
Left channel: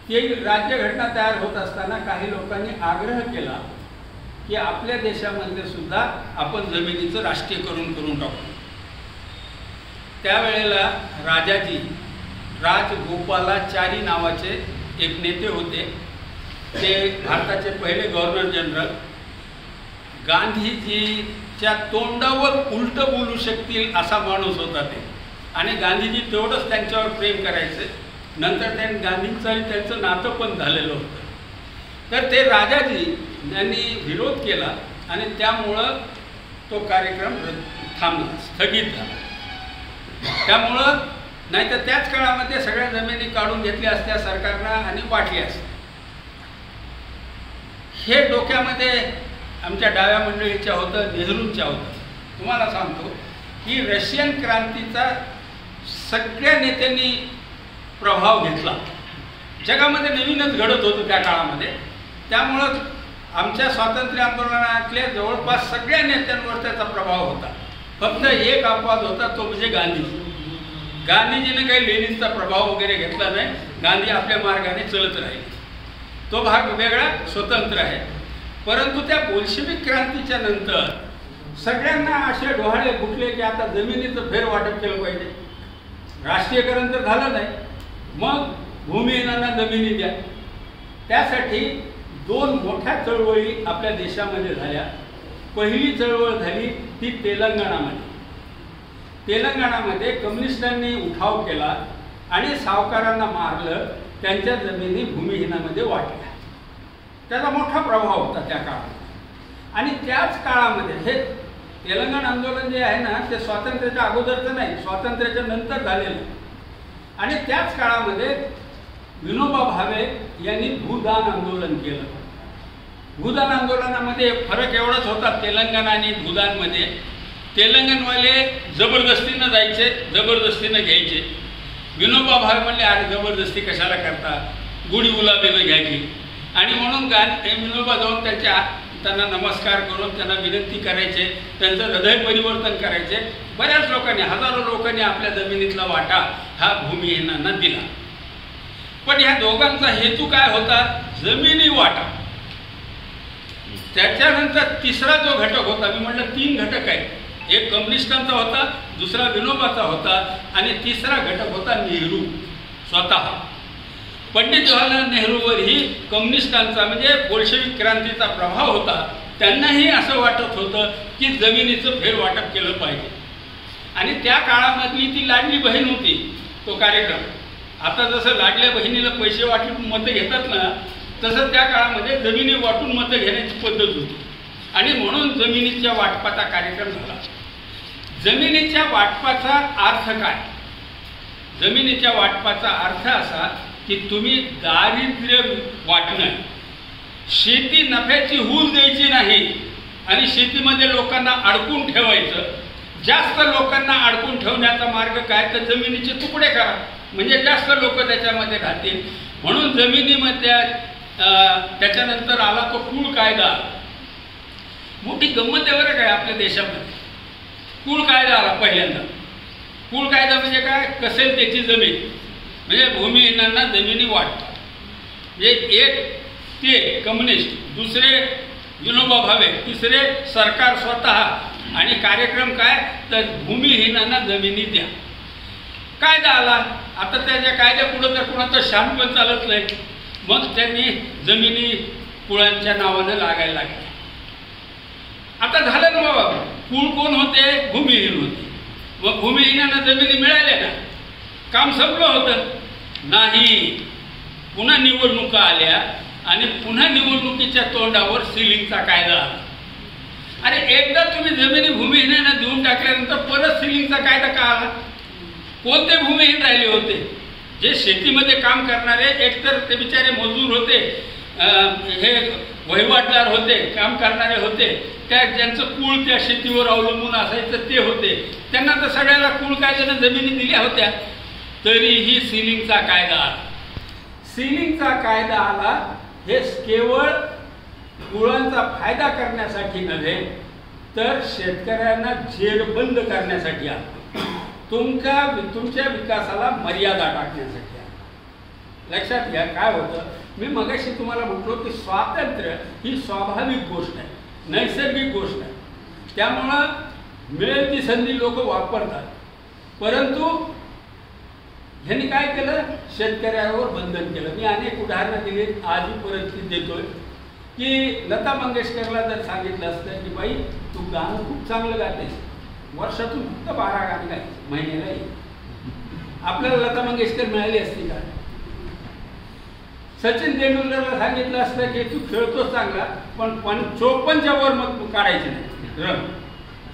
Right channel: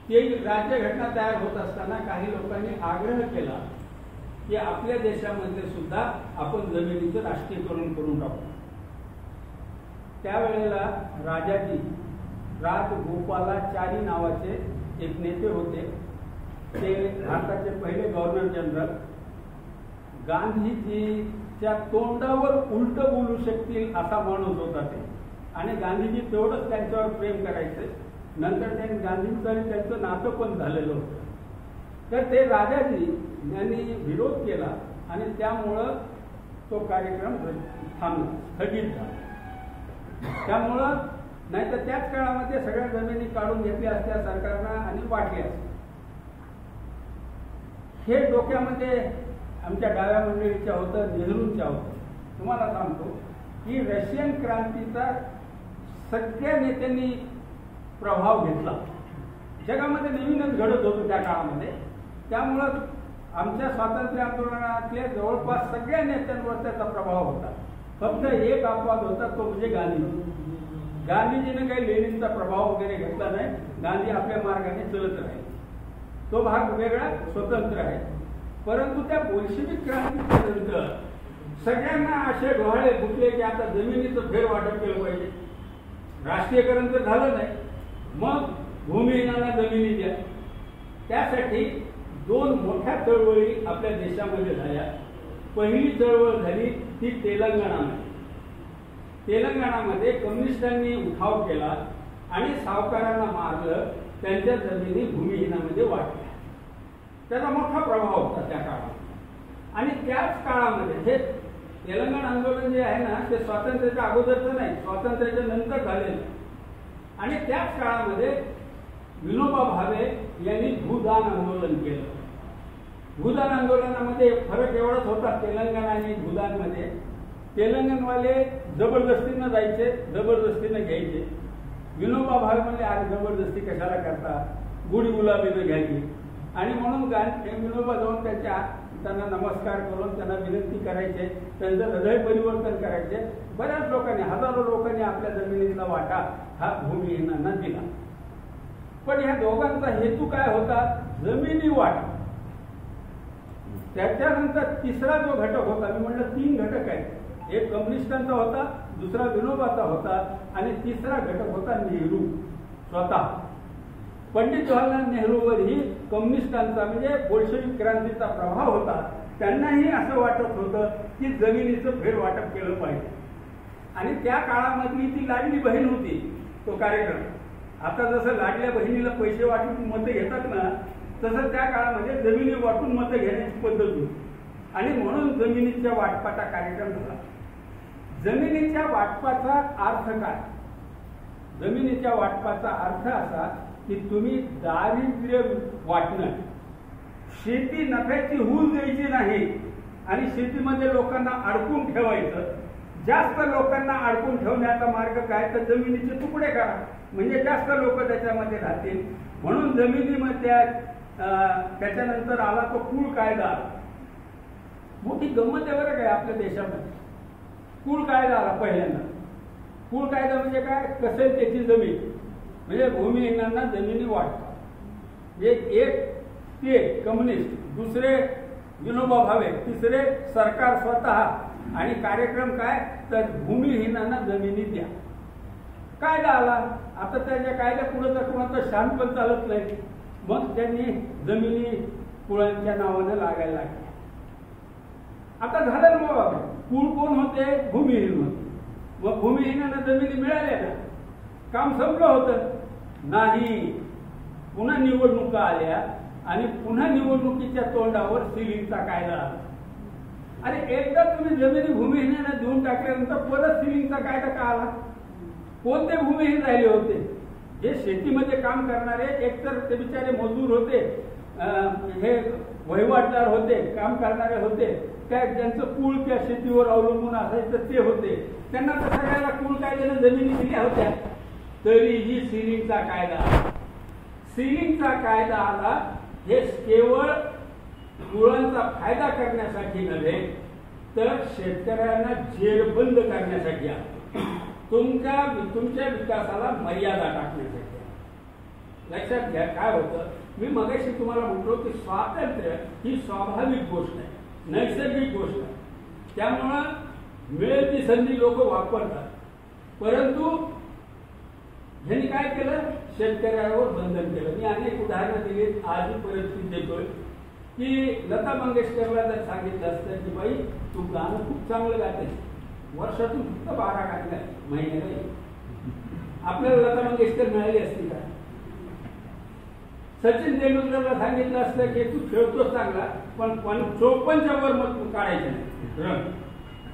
ती राज्यघटना तयार होत असताना काही लोकांनी आग्रह केला की आपल्या देशामध्ये सुद्धा आपण जमिनीचं राष्ट्रीयकरण करून टाकू. त्यावेळेला राजगोपालाचारी नावाचे एक नेते होते. ते भारताचे पहिले गव्हर्नर जनरल. गांधीजीच्या तोंडावर उलट बोलू शकतील असा माणूस होता ते. आणि गांधीजी तेवढंच त्यांच्यावर प्रेम करायचे. नंतर त्यांचं नातं पण झालेलं होतं. तर ते राजाजी यांनी विरोध केला आणि त्यामुळं तो कार्यक्रम थांबला, स्थगित झाला. त्यामुळं नाही तर त्याच काळामध्ये सगळ्या जमिनी काढून घेतल्या असत्या सरकारनं आणि वाटल्या असत्या. हे डोक्यामध्ये आमच्या डाव्या मंडळीच्या होतं, नेहरूंच्या होतं. तुम्हाला सांगतो की रशियन क्रांतीचा सगळ्या नेत्यांनी प्रभाव घेतला. जगामध्ये नवीनच घडत होतं त्या काळामध्ये. त्यामुळं आमच्या स्वातंत्र्य आंदोलनातल्या जवळपास सगळ्या नेत्यांवर त्याचा प्रभाव होता. फक्त एक अपवाद होता, तो म्हणजे गांधीजी. गांधीजीने काही लेनिनचा प्रभाव वगैरे घेतला नाही. गांधी आपल्या मार्गाने चलत राहिले. तो भाग वेगळा स्वतंत्र आहे. परंतु त्या बोल्शेविक क्रांतीच्या नंतर सगळ्यांना असे डोहाळे फुटले की आता जमिनीचं फेर वाटप केलं पाहिजे. राष्ट्रीयकरण तर झालं नाही, मग भूमिहीनांना जमिनी द्या. त्यासाठी 2 मोठ्या चळवळी आपल्या देशामध्ये झाल्या. पहिली चळवळ झाली ती तेलंगणामध्ये. तेलंगणामध्ये कम्युनिस्टांनी उठाव केला आणि सावकारांना मारलं, त्यांच्या जमिनी भूमिहीनामध्ये वाटल्या. त्याचा मोठा प्रभाव होता त्या काळात. आणि त्याच काळामध्ये हे तेलंगण आंदोलन जे आहे ना, ते स्वातंत्र्याच्या अगोदरचं नाही, स्वातंत्र्याच्या नंतर झालेलं. आणि त्याच काळामध्ये विनोबा भावे यांनी भूदान आंदोलन केलं. भूदान आंदोलनामध्ये फरक एवढाच होता तेलंगणा आणि भूदानमध्ये. तेलंगणवाले जबरदस्तीनं जायचे, जबरदस्तीनं घ्यायचे. विनोबा भावे म्हणले अरे जबरदस्ती कशाला करता, गुढी गुलाबीनं घ्यायची. आणि म्हणून विनोबा जाऊन त्यांना नमस्कार करून त्यांना विनंती करायचे, त्यांचं हृदय परिवर्तन करायचे. बऱ्याच लोकांनी, हजारो लोकांनी आपल्या जमिनीतला वाटा हा भूमिहीनांना दिला. पण ह्या दोघांचा हेतू काय होता? जमिनी वाटा. त्याच्यानंतर तिसरा जो घटक होता, मी म्हटलं 3 घटक आहेत. एक कम्युनिस्टांचा होता, दुसरा विनोबाचा होता आणि तिसरा घटक होता नेहरू स्वतः. पंडित जवाहरलाल नेहरूवरही कम्युनिस्टांचा म्हणजे बोल्शेविक क्रांतीचा प्रभाव होता. त्यांनाही असं वाटत होतं की जमिनीचं फेरवाटप केलं पाहिजे. आणि त्या काळामधली ती लाडली बहीण होती तो कार्यक्रम. आता जसं लाडल्या बहिणीला पैसे वाटून मतं घेतात ना, तसं त्या काळामध्ये जमिनी वाटून मतं घेण्याची पद्धत होती. आणि म्हणून जमिनीच्या वाटपाचा कार्यक्रम झाला. जमिनीच्या वाटपाचा अर्थ काय? जमिनीच्या वाटपाचा अर्थ असा की तुम्ही दारिद्र्य वाटणं, शेती नफ्याची हूल द्यायची नाही आणि शेतीमध्ये लोकांना अडकून ठेवायचं. जास्त लोकांना अडकून ठेवण्याचा मार्ग काय? तर जमिनीचे तुकडे करा, म्हणजे जास्त लोक त्याच्यामध्ये राहतील. म्हणून जमिनीमध्ये त्याच्यानंतर आला तो कुळ कायदा. मोठी गंमत आहे बरं काय आपल्या देशामध्ये. कुळ कायदा आला पहिल्यांदा. कुळ कायदा म्हणजे काय? कसेल त्याची जमीन, म्हणजे भूमिहीनांना जमिनी वाटतात. म्हणजे एक ते कम्युनिस्ट, दुसरे विनोबा भावे, तिसरे सरकार स्वतः आणि कार्यक्रम काय? तर भूमिहीनांना जमिनी द्या. कायदा आला. आता त्याच्या कायद्यापुढं तर कुणाचं शहाणपण चालत नाही. मग त्यांनी जमिनी कुळांच्या नावानं लागायला लागल्या. आता झालं ना बाबा, कुळ कोण होते? भूमिहीन होते. मग भूमिहीनांना जमिनी मिळाल्या ना, काम संपलं होतं? नाही. पुन्हा निवडणुका आल्या आणि पुन्हा निवडणुकीच्या तोंडावर सिलिंगचा कायदा आला. अरे एकदा तुम्ही जमिनी भूमिहीनांना देऊन टाकल्यानंतर परत सिलिंगचा कायदा का आला? कोणते भूमिहीन राहिले होते? जे शेतीमध्ये काम करणारे, एकतर ते बिचारे मजूर होते, हे वहिवाटदार होते, काम करणारे होते, त्या ज्यांचं कुळ त्या शेतीवर अवलंबून असायचं ते होते. त्यांना तर सगळ्याला कुळ कायद्यानं जमिनी दिल्या होत्या. तरीही सिलिंगचा कायदा आला. सिलिंगचा कायदा आला हे केवळ कुळांचा फायदा करण्यासाठी नव्हे, तर शेतकऱ्यांना जेरबंद करण्यासाठी आला. तुमच्या विकासाला मर्यादा टाकण्यासाठी आला. लक्षात घ्या काय होतं. मी मगाशी तुम्हाला म्हटलो की स्वातंत्र्य ही स्वाभाविक गोष्ट आहे, नैसर्गिक गोष्ट आहे. त्यामुळं मिळेल ती संधी लोक वापरतात. परंतु ह्यांनी काय केलं? शेतकऱ्यावर बंधन केलं. मी अनेक उदाहरणं दिली, आजही परत देतोय की लता मंगेशकरला जर सांगितलं असतं की बाई तू गाणं खूप चांगलं गातेस, वर्षातून फक्त 12 गाणी गायची महिन्याला, आपल्याला लता मंगेशकर मिळाली असती का? सचिन तेंडुलकरला सांगितलं असतं की तू खेळतोच चांगला, पण 54च्या वर मग काढायचे नाही रन.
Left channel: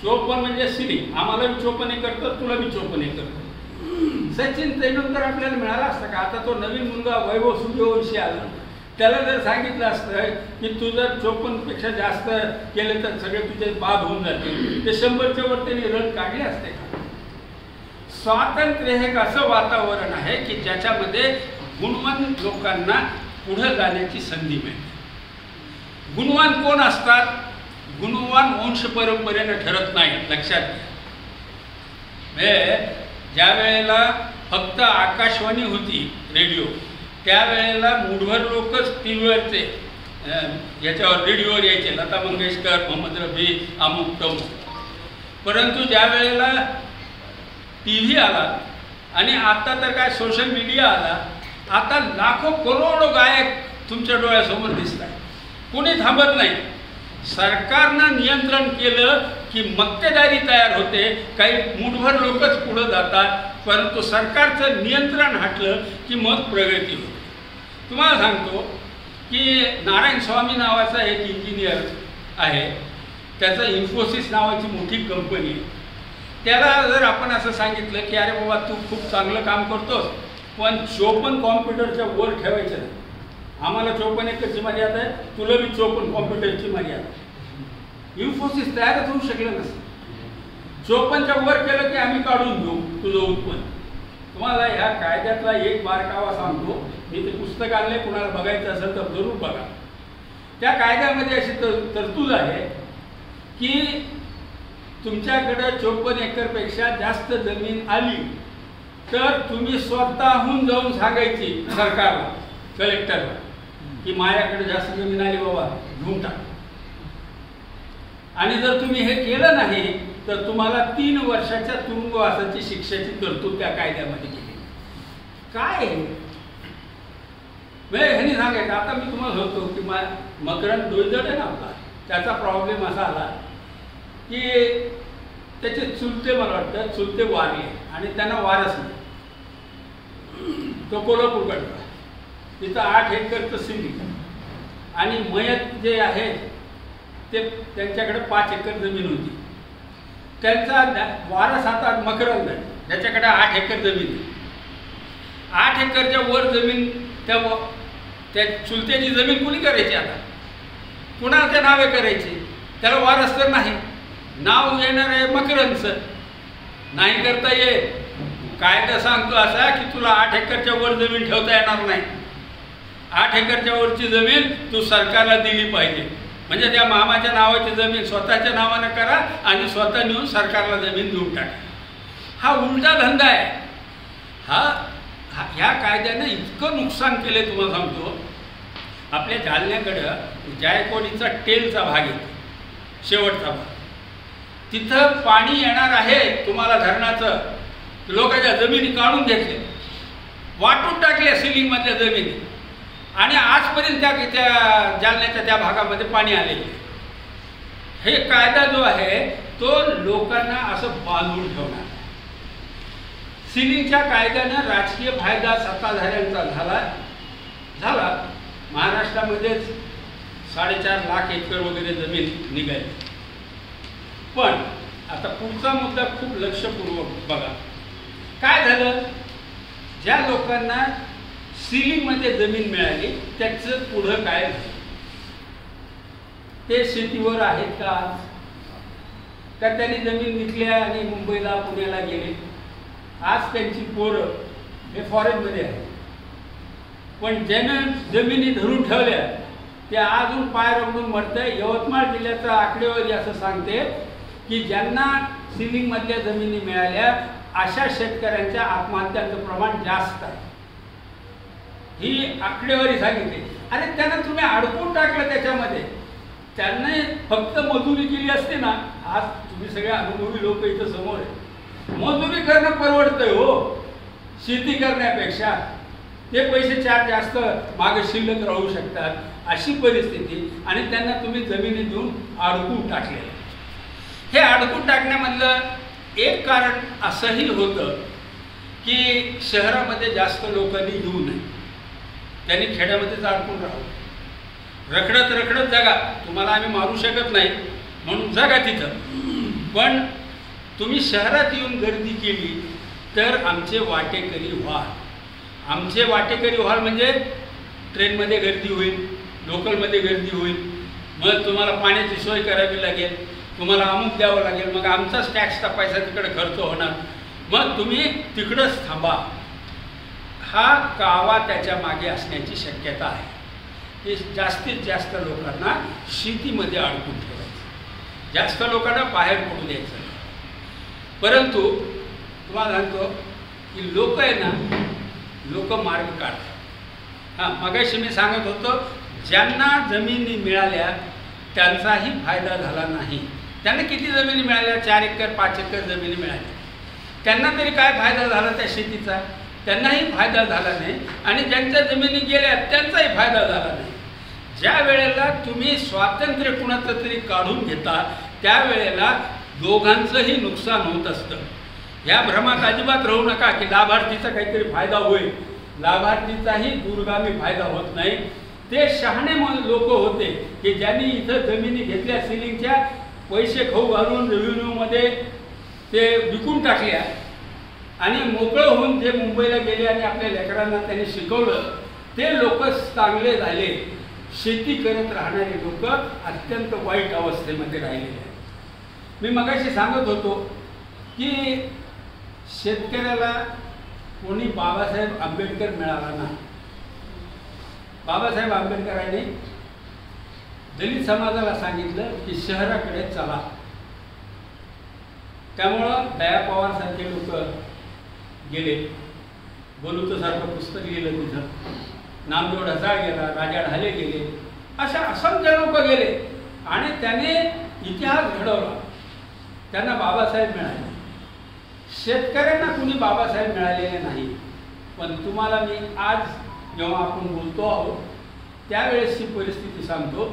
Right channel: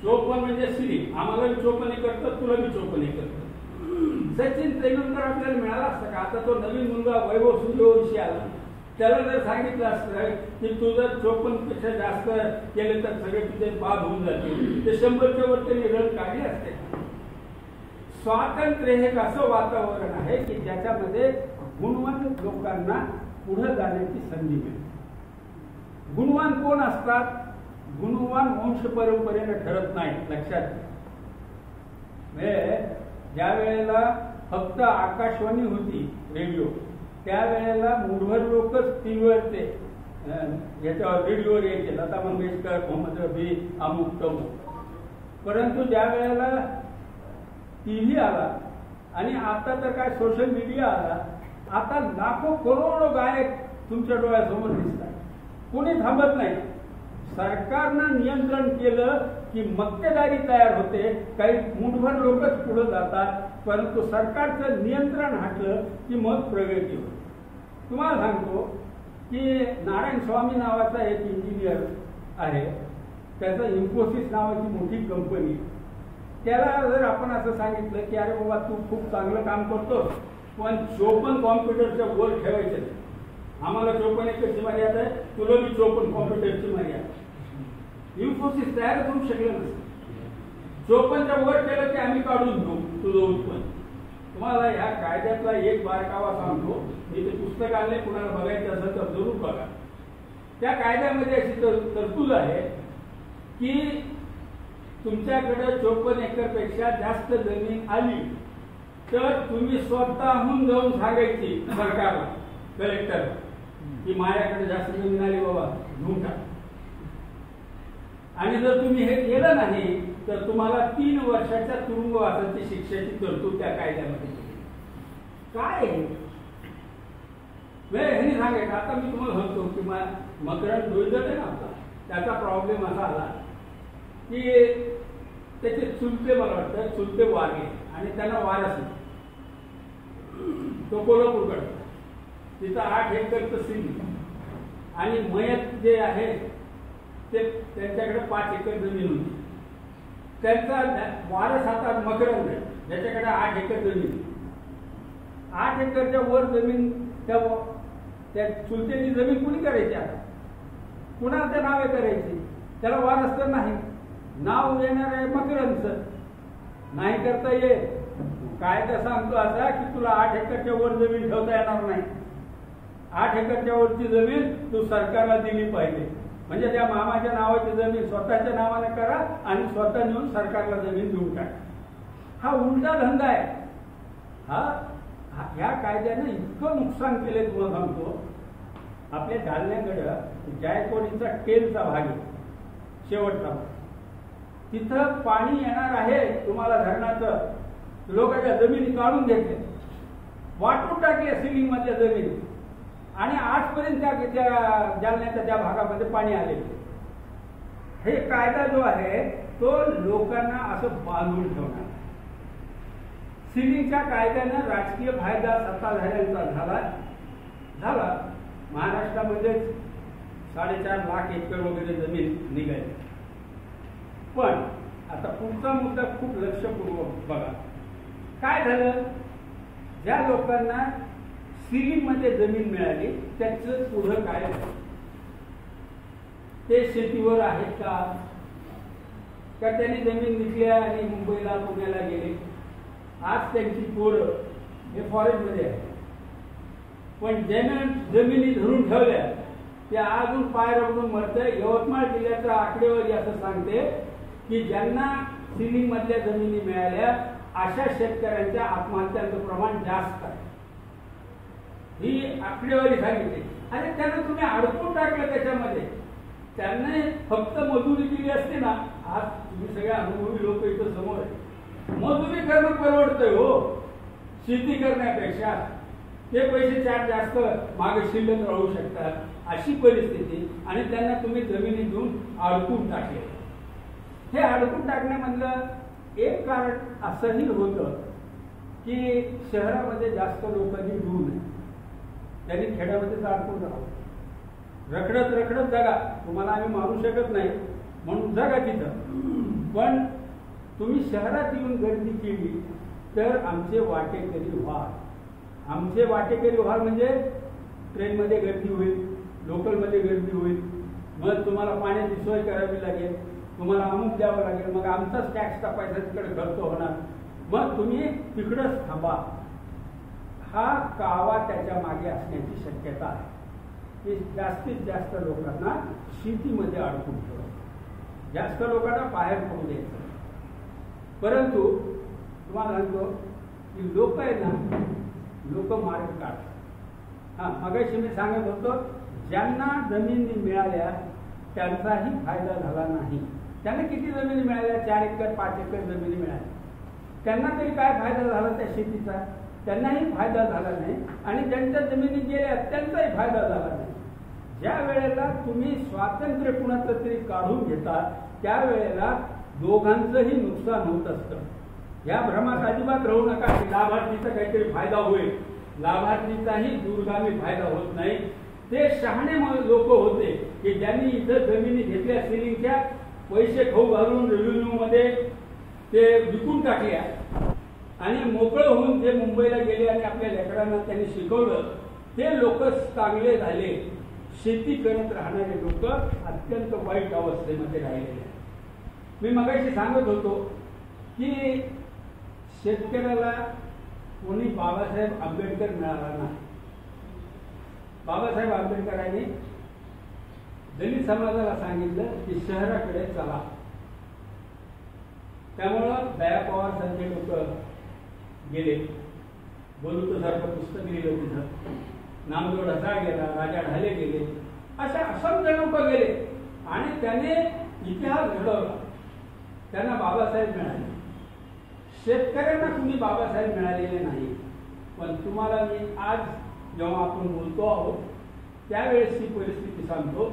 54 म्हणजे सिलिंग. आम्हाला बी 54 करतो, तुला बी 54 करतो. सचिन तेंडुलकर आपल्याला मिळाला असता का? आता तो नवीन मुलगा वैभव सूर्यवंशी आला, त्याला जर सांगितलं असतं की तू जर 54पेक्षा जास्त केले तर सगळे तुझे बाद होऊन जातील, ते 100च्या वर त्यांनी रन काढले असते का? स्वातंत्र्य हे एक असं वातावरण आहे की ज्याच्यामध्ये गुणवान लोकांना पुढे जाण्याची संधी मिळते. गुणवान कोण असतात? गुणवान वंश परंपरेनं ठरत नाही. लक्षात घ्या. म्हणजे ज्या वेळेला फक्त आकाशवाणी होती, रेडिओ, त्यावेळेला मुठभर लोकच टी व्हीवरचे याच्यावर रेडिओवर यायचे, लता मंगेशकर, मोहम्मद रफी, अमुक तमुक. परंतु ज्या वेळेला टी व्ही आला आणि आता तर काय सोशल मीडिया आला, आता लाखो करोडो गायक तुमच्या डोळ्यासमोर दिसतात. कोणी थांबत नाही. सरकारनं नियंत्रण केलं की मक्तेदारी तयार होते, काही मुठभर लोकच पुढे जातात. परंतु सरकारचं नियंत्रण हटलं की मग प्रगती होते. तुम्हाला सांगतो की नारायण स्वामी नावाचा एक इंजिनियर आहे, त्याचं इन्फोसिस नावाची मोठी कंपनी आहे. त्याला जर आपण असं सांगितलं की अरे बाबा तू खूप चांगलं काम करतोस, पण 54 कॉम्प्युटरच्या वर ठेवायचं नाही, आम्हाला 54 एकरची मर्यादा आहे, तुला बी 54 कॉम्प्युटरची मर्यादा. इन्फोसिस तयारच होऊ शकलं नसतं. 54च्या वर केलं की आम्ही काढून घेऊ तुझं उत्पन्न. तुम्हाला ह्या कायद्यातला एक बारकावा सांगतो. मी ते पुस्तक आणले, कुणाला बघायचं असेल तर जरूर बघा. त्या कायद्यामध्ये अशी तरतूद आहे की तुमच्याकडे 54 एकरपेक्षा जास्त जमीन आली तर तुम्ही स्वतःहून जाऊन सांगायची सरकारला, कलेक्टरला की माझ्याकडे जास्त जमीन आली बाबा, घेऊन टाक. आणि जर तुम्ही हे केलं नाही तर तुम्हाला 3 वर्षाच्या तुरुंगवासाची शिक्षेची तरतूद त्या कायद्यामध्ये केली. काय ह्यांनी सांगायचं. आता मी तुम्हाला होतो की मकरंद डोईजड आहे ना आपला, त्याचा प्रॉब्लेम असा आला की त्याचे चुलते, मला वाटतं चुलते वारले आणि त्यांना वारस नाही. तो कोल्हापूरकडचा, तिथं 8 एकरचं सिलिंग आणि मयत जे आहे ते त्यांच्याकडे 5 एकर जमीन होती. त्यांचा वारस आता मकरंद आहे, ज्याच्याकडे 8 एकर जमीन. 8 एकरच्या वर जमीन त्या चुलत्याची जमीन कुणी करायची? आता कुणाच्या नावे करायची? त्याला वारस तर नाही. नाव येणार आहे मकरंदचं, नाही करता येत. कायदा सांगतो असा की तुला 8 एकरच्या वर जमीन ठेवता येणार नाही. 8 एकरच्या वरची जमीन तू सरकारला दिली पाहिजे. म्हणजे त्या मामाच्या नावाची जमीन स्वतःच्या नावानं करा आणि स्वतः नेऊन सरकारला जमीन देऊन टाका. हा उलटा धंदा आहे. ह्या कायद्यानं इतकं नुकसान केलं तुम्हाला सांगतो. आपल्या जालन्याकडं जायकवाडीचा टेलचा भाग आहे, शेवटचा भाग. तिथं पाणी येणार आहे तुम्हाला धरणाचं. लोकांच्या जमिनी काढून घेतल्या, वाटून टाकल्या सिलिंगमधल्या जमिनी आणि आजपर्यंत त्या जालन्याच्या त्या भागामध्ये पाणी आलेले. हे कायदा जो आहे तो लोकांना असं बांधून ठेवणार. सिलिंगच्या कायद्यानं राजकीय फायदा सत्ताधाऱ्यांचा झाला. महाराष्ट्रामध्येच 4.5 लाख एकर वगैरे जमीन निघाली. पण आता पुढचा मुद्दा खूप लक्षपूर्वक बघा. काय झालं? ज्या लोकांना सिलिंगमध्ये जमीन मिळाली त्याचं पुढं काय झालं? ते शेतीवर आहेत का? त्यांनी जमीन विकल्या आणि मुंबईला पुण्याला गेले. आज त्यांची पोरं हे फॉरेनमध्ये आहे. पण ज्यानं जमिनी धरून ठेवल्या ते अजून पाय रगडून मरतंय. यवतमाळ जिल्ह्याचा आकडेवारी असं सांगते की ज्यांना सिलिंगमधल्या जमिनी मिळाल्या अशा शेतकऱ्यांच्या आत्महत्यांचं प्रमाण जास्त आहे. ही आकडेवारी सांगितली. अरे त्यांना तुम्ही अडकून टाकलं त्याच्यामध्ये. त्यांना फक्त मजुरी केली असते ना. आज तुम्ही सगळे अनुभवी लोक इथं समोर आहे. मजुरी करणं परवडतंय हो शेती करण्यापेक्षा. ते पैसे 4 जास्त मागे शिल्लक राहू शकतात अशी परिस्थिती. आणि त्यांना तुम्ही जमिनी देऊन अडकून टाकले. हे अडकून टाकण्यामधलं एक कारण असंही होतं की शहरामध्ये जास्त लोकांनी येऊ नये. त्यांनी खेड्यामध्येच अडकून राहावं. रखडत रखडत जगा. तुम्हाला आम्ही मारू शकत नाही म्हणून जगा तिथं. पण तुम्ही शहरात येऊन गर्दी केली तर आमचे वाटेकरी व्हाल. आमचे वाटेकरी व्हाल म्हणजे ट्रेनमध्ये गर्दी होईल, लोकलमध्ये गर्दी होईल. मग तुम्हाला पाण्याची सोय करावी लागेल, तुम्हाला अमुक द्यावं लागेल. मग आमचाच टॅक्सचा पैसा तिकडे खर्च होणार. मग तुम्ही तिकडंच थांबा. हा कावा त्याच्या मागे असण्याची शक्यता आहे की जास्तीत जास्त लोकांना शेतीमध्ये अडकून ठेवायचं, जास्त लोकांना बाहेर पडू द्यायचं. परंतु तुम्हाला सांगतो की लोक आहे ना, लोक मार्ग काढतात. मगाशी मी सांगत होतो ज्यांना जमिनी मिळाल्या त्यांचाही फायदा झाला नाही. त्यांना किती जमिनी मिळाल्या? 4 एकर 5 एकर जमिनी मिळाल्या. त्यांना तरी काय फायदा झाला त्या शेतीचा? त्यांनाही फायदा झाला नाही. आणि ज्यांच्या जमिनी गेल्या त्यांचाही फायदा झाला नाही. ज्या वेळेला तुम्ही स्वातंत्र्य कुणाचं तरी काढून घेता त्यावेळेला दोघांचंही नुकसान होत असतं. या भ्रमात अजिबात राहू नका की लाभार्थीचा काहीतरी फायदा होईल. लाभार्थीचाही दूरगामी फायदा होत नाही. ते शहाणे लोक होते की ज्यांनी इथं जमिनी घेतल्या सिलिंगच्या, पैसे खाऊ घालून रेव्हेन्यूमध्ये ते विकून टाकल्या आणि मोकळं होऊन जे मुंबईला गेले आणि आपल्या लेकरांना त्यांनी शिकवलं ते लोक चांगले झाले. शेती करत राहणारे लोक अत्यंत वाईट अवस्थेमध्ये राहिलेले आहेत. मी मगाशी सांगत होतो की शेतकऱ्याला कोणी बाबासाहेब आंबेडकर मिळाला नाही. बाबासाहेब आंबेडकरांनी दलित समाजाला सांगितलं की शहराकडे चला. त्यामुळं दया पवारसारखे लोक गेले. बोलूतसारखं पुस्तक लिहिलं तिथं. नामदेव ढसाळ गेला, राजा ढाले गेले, अशा असंख्य लोक गेले आणि त्याने इतिहास घडवला. त्यांना बाबासाहेब मिळाले. शेतकऱ्यांना कुणी बाबासाहेब मिळालेले नाही. पण तुम्हाला मी आज जेव्हा आपण बोलतो आहोत त्यावेळेसची परिस्थिती सांगतो,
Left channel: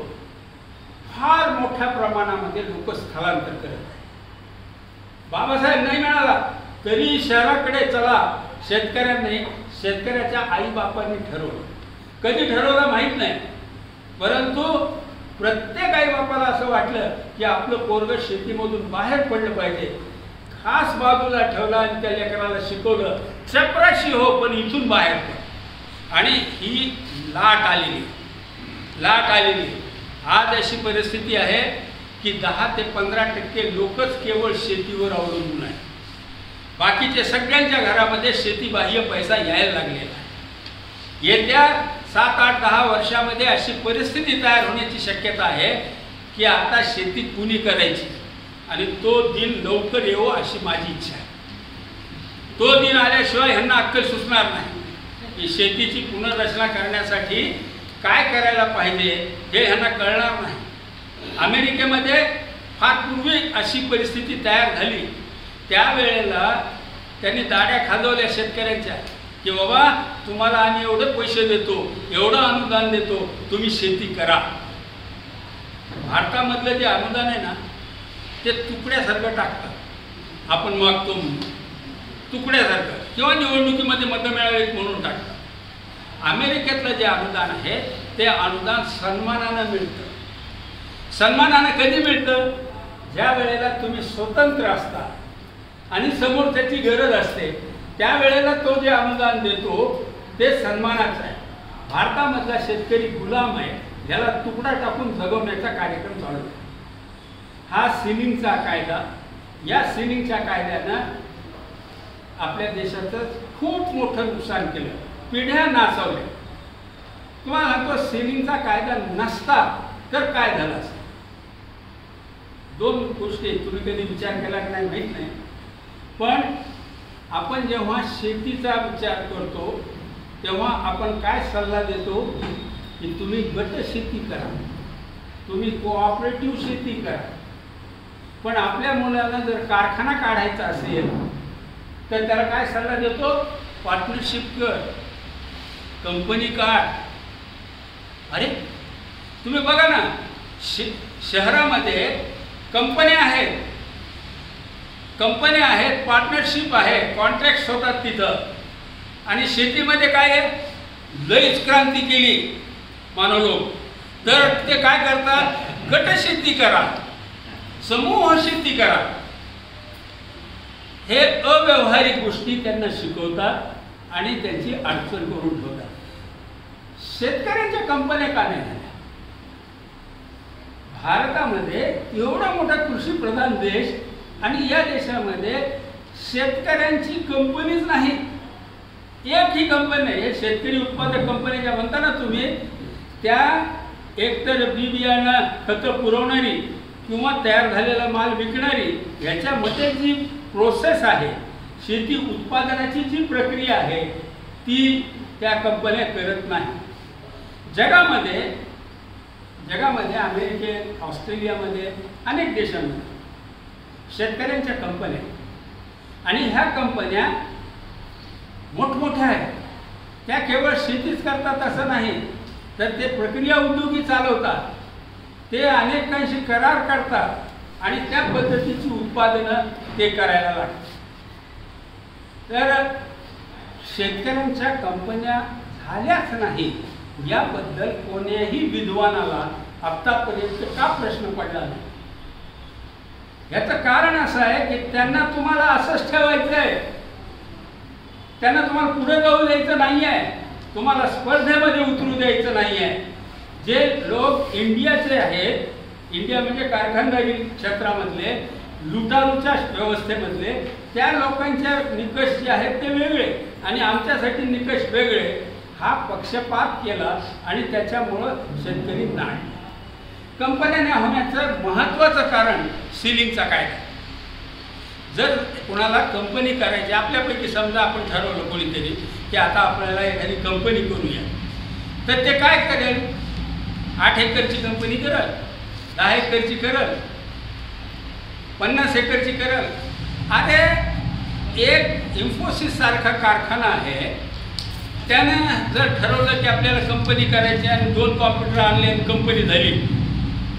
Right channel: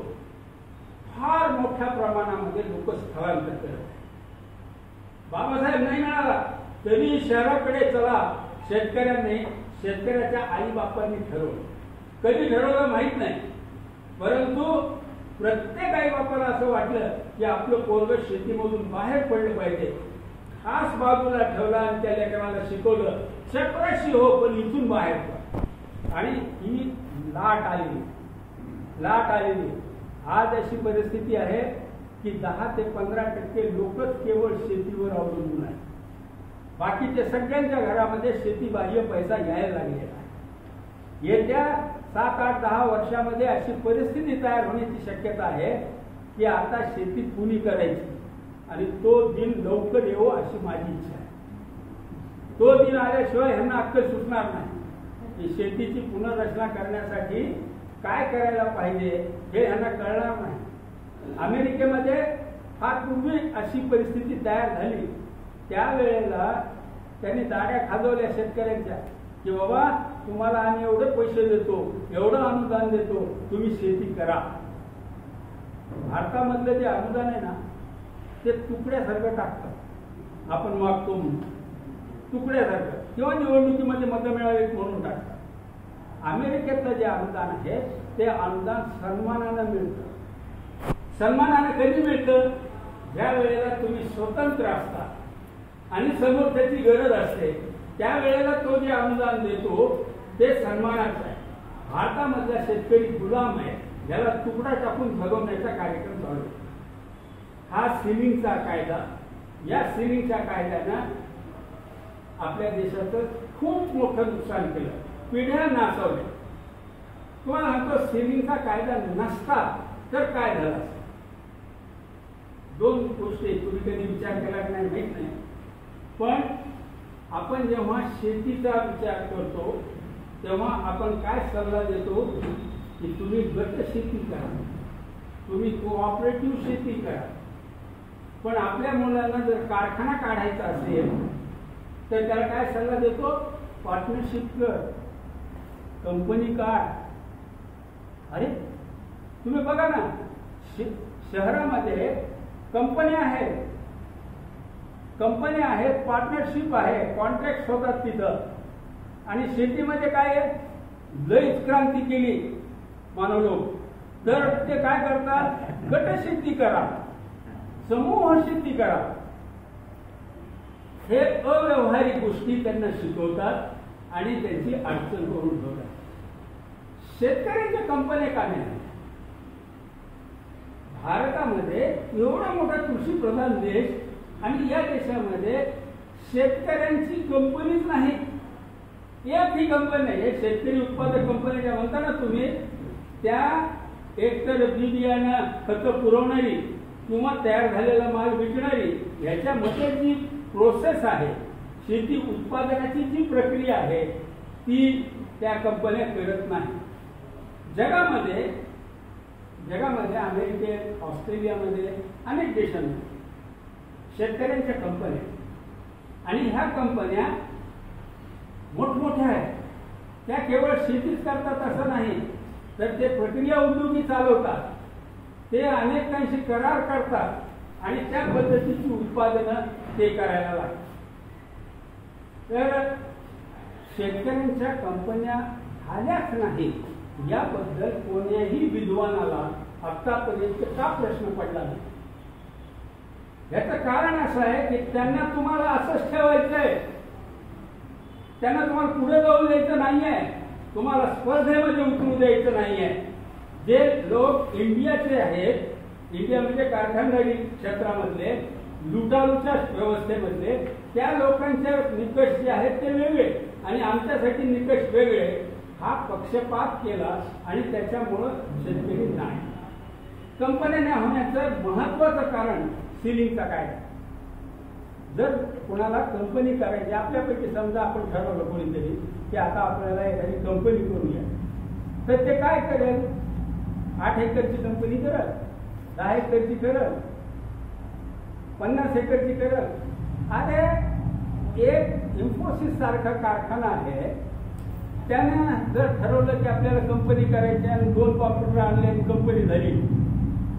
फार मोठ्या प्रमाणामध्ये लोक स्थलांतर करत आहेत. बाबासाहेब नाही मिळाला तरी शहराकडे चला, शेतकऱ्याच्या आईबापांनी ठरवलं. कधी ठरवलं माहीत नाही, परंतु प्रत्येक आईबापाला असं वाटलं की आपलं पोरग शेतीमधून बाहेर पडलं पाहिजे. खास बाजूला ठेवला आणि त्या लेकराला शिकवलं, चपराशी हो पण इथून बाहेर पड. आणि ही लाट आलेली. आज अशी परिस्थिती आहे की 10 ते 15% लोकच केवळ शेतीवर अवलंबून आहे. बाकीचे सगळ्यांच्या घरामध्ये शेतीबाह्य पैसा यायला लागलेला आहे. येत्या 7, 8, 10 वर्षामध्ये अशी परिस्थिती तयार होण्याची शक्यता आहे की आता शेती कुणी करायची, आणि तो दिन लवकर येवो अशी माझी इच्छा आहे. तो दिन आल्याशिवाय ह्यांना अक्कल सुचणार नाही की शेतीची पुनर्रचना करण्यासाठी काय करायला पाहिजे हे ह्यांना कळणार नाही. अमेरिकेमध्ये फार पूर्वी अशी परिस्थिती तयार झाली, त्यावेळेला त्यांनी दाड्या खाजवल्या शेतकऱ्यांच्या की बाबा तुम्हाला आम्ही एवढे पैसे देतो, एवढं अनुदान देतो, तुम्ही शेती करा. भारतामधलं जे अनुदान आहे ना ते तुकड्यासारखं टाकतात. आपण मागतो म्हणून तुकड्यासारखं, किंवा निवडणुकीमध्ये मतं मिळावीत म्हणून टाकतात. अमेरिकेतलं जे अनुदान आहे ते अनुदान सन्मानानं मिळतं. सन्मानानं कधी मिळतं? ज्या वेळेला तुम्ही स्वतंत्र असता आणि समोर त्याची गरज असते, त्यावेळेला तो जे अनुदान देतो ते सन्मानाचं आहे. भारतामधला शेतकरी गुलाम आहे, ज्याला तुकडा टाकून जगवण्याचा कार्यक्रम चालू आहे. हा सिलिंगचा कायदा, या सिलिंगच्या कायद्यानं आपल्या देशाचं खूप मोठं नुकसान केलं, पिढ्या नाचवल्या. तुम्हाला सांगतो, सिलिंगचा कायदा नसता तर काय झालं असतं. 2 गोष्टी तुम्ही कधी विचार केला की नाही माहीत नाही, पण आपण जेव्हा शेतीचा विचार करतो तेव्हा आपण काय सल्ला देतो की तुम्ही गट शेती करा, तुम्ही कोऑपरेटिव्ह शेती करा. पण आपल्या मुलाला जर कारखाना काढायचा असेल तर त्याला काय सल्ला देतो? पार्टनरशिप कर, कंपनी काढ. अरे तुम्ही बघा ना, शहरामध्ये कंपन्या आहेत, पार्टनरशिप आहे, कॉन्ट्रॅक्ट होतात तिथं. आणि शेतीमध्ये काय आहे, लईच क्रांती केली मानव लोक. तर ते काय करतात, गट शेती करा, समूह शेती करा. हे अव्यवहारिक गोष्टी त्यांना शिकवतात आणि त्यांची अडचण करून ठेवतात. शेतकऱ्यांच्या कंपन्या का नाही झाल्या? भारतामध्ये एवढा मोठा कृषी प्रधान देश आणि या देशामध्ये शेतकऱ्यांची कंपनीच नाही, एकही कंपनी नाही. हे शेतकरी उत्पादक कंपनी ज्या म्हणता ना तुम्ही, त्या एकतर बी बियाणं खतं पुरवणारी किंवा तयार झालेला माल विकणारी, याच्यामध्ये जी प्रोसेस आहे, शेती उत्पादनाची जी प्रक्रिया आहे ती त्या कंपन्या करत नाही. जगामध्ये अमेरिकेत, ऑस्ट्रेलियामध्ये, अनेक देशांमध्ये शेतकऱ्यांच्या कंपन्या, आणि ह्या कंपन्या मोठमोठ्या आहेत. त्या केवळ शेतीच करतात असं नाही, तर ते प्रक्रिया उद्योगी चालवतात, ते अनेकांशी करार करतात आणि त्या पद्धतीची उत्पादनं ते करायला लागतात. तर शेतकऱ्यांच्या कंपन्या झाल्याच नाही याबद्दल कोण्याही विद्वानाला आत्तापर्यंत का प्रश्न पडला नाही? याचं कारण असं आहे की त्यांना तुम्हाला असंच ठेवायचं आहे, त्यांना तुम्हाला पुढे जाऊ द्यायचं नाही आहे, तुम्हाला स्पर्धेमध्ये उतरू द्यायचं नाही आहे. जे लोक इंडियाचे आहेत, इंडिया म्हणजे कारखानदारी क्षेत्रामधले, लुटारूच्या व्यवस्थेमधले, त्या लोकांच्या निकष जे आहेत ते वेगळे आणि आमच्यासाठी निकष वेगळे. हा पक्षपात केला आणि त्याच्यामुळं शेतकरी नाही. कंपन्या होण्याचं महत्त्वाचं कारण सिलिंगचा कायदा. जर कोणाला कंपनी करायची, आपल्यापैकी समजा आपण ठरवलं कोणीतरी की आता आपल्याला एखादी कंपनी करूया, तर ते काय करेल? 8 एकरची कंपनी करेल, 10 एकरची करेल, 50 एकरची करेल. अरे एक इन्फोसिस सारखा कारखाना आहे, त्यानं जर ठरवलं की आपल्याला कंपनी करायची आणि 2 कॉम्प्युटर आणले आणि कंपनी झाली,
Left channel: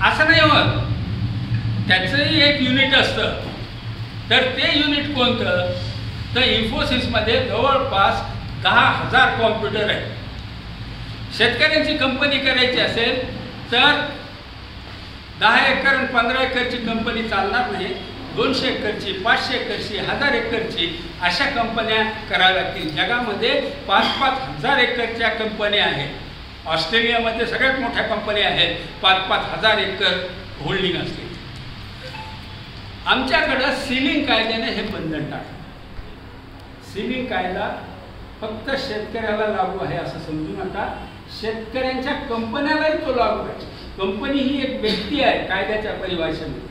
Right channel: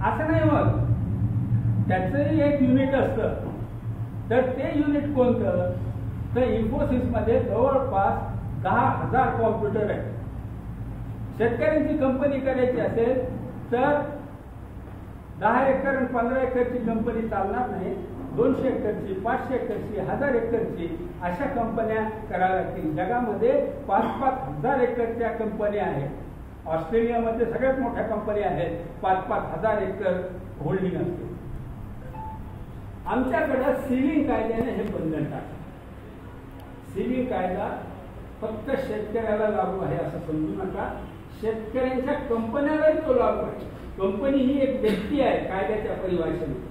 असं नाही होत. त्याचंही एक युनिट असतं. तर ते युनिट कोणतं? तर इन्फोसिसमध्ये जवळपास 10,000 कॉम्प्युटर आहेत. शेतकऱ्यांची कंपनी करायची असेल तर 10 एकर आणि 15 एकरची कंपनी चालणार नाही. 200 एकरची, 500 एकरची, 1000 एकरची अशा कंपन्या कराव्या लागतील. जगामध्ये 5-5 हजार एकरच्या कंपन्या आहेत. ऑस्ट्रेलियामध्ये सगळ्यात मोठ्या कंपन्या आहेत. 5-5 हजार एकर होल्डिंग असते. आमच्याकडं सीलिंग कायद्याने हे बंधन टाकलं. सीलिंग कायदा फक्त शेतकऱ्याला लागू आहे असं समजू नका. शेतकऱ्यांच्या कंपन्यालाही तो लागू आहे. कंपनी ही एक व्यक्ती आहे कायद्याच्या परिभाषेमध्ये.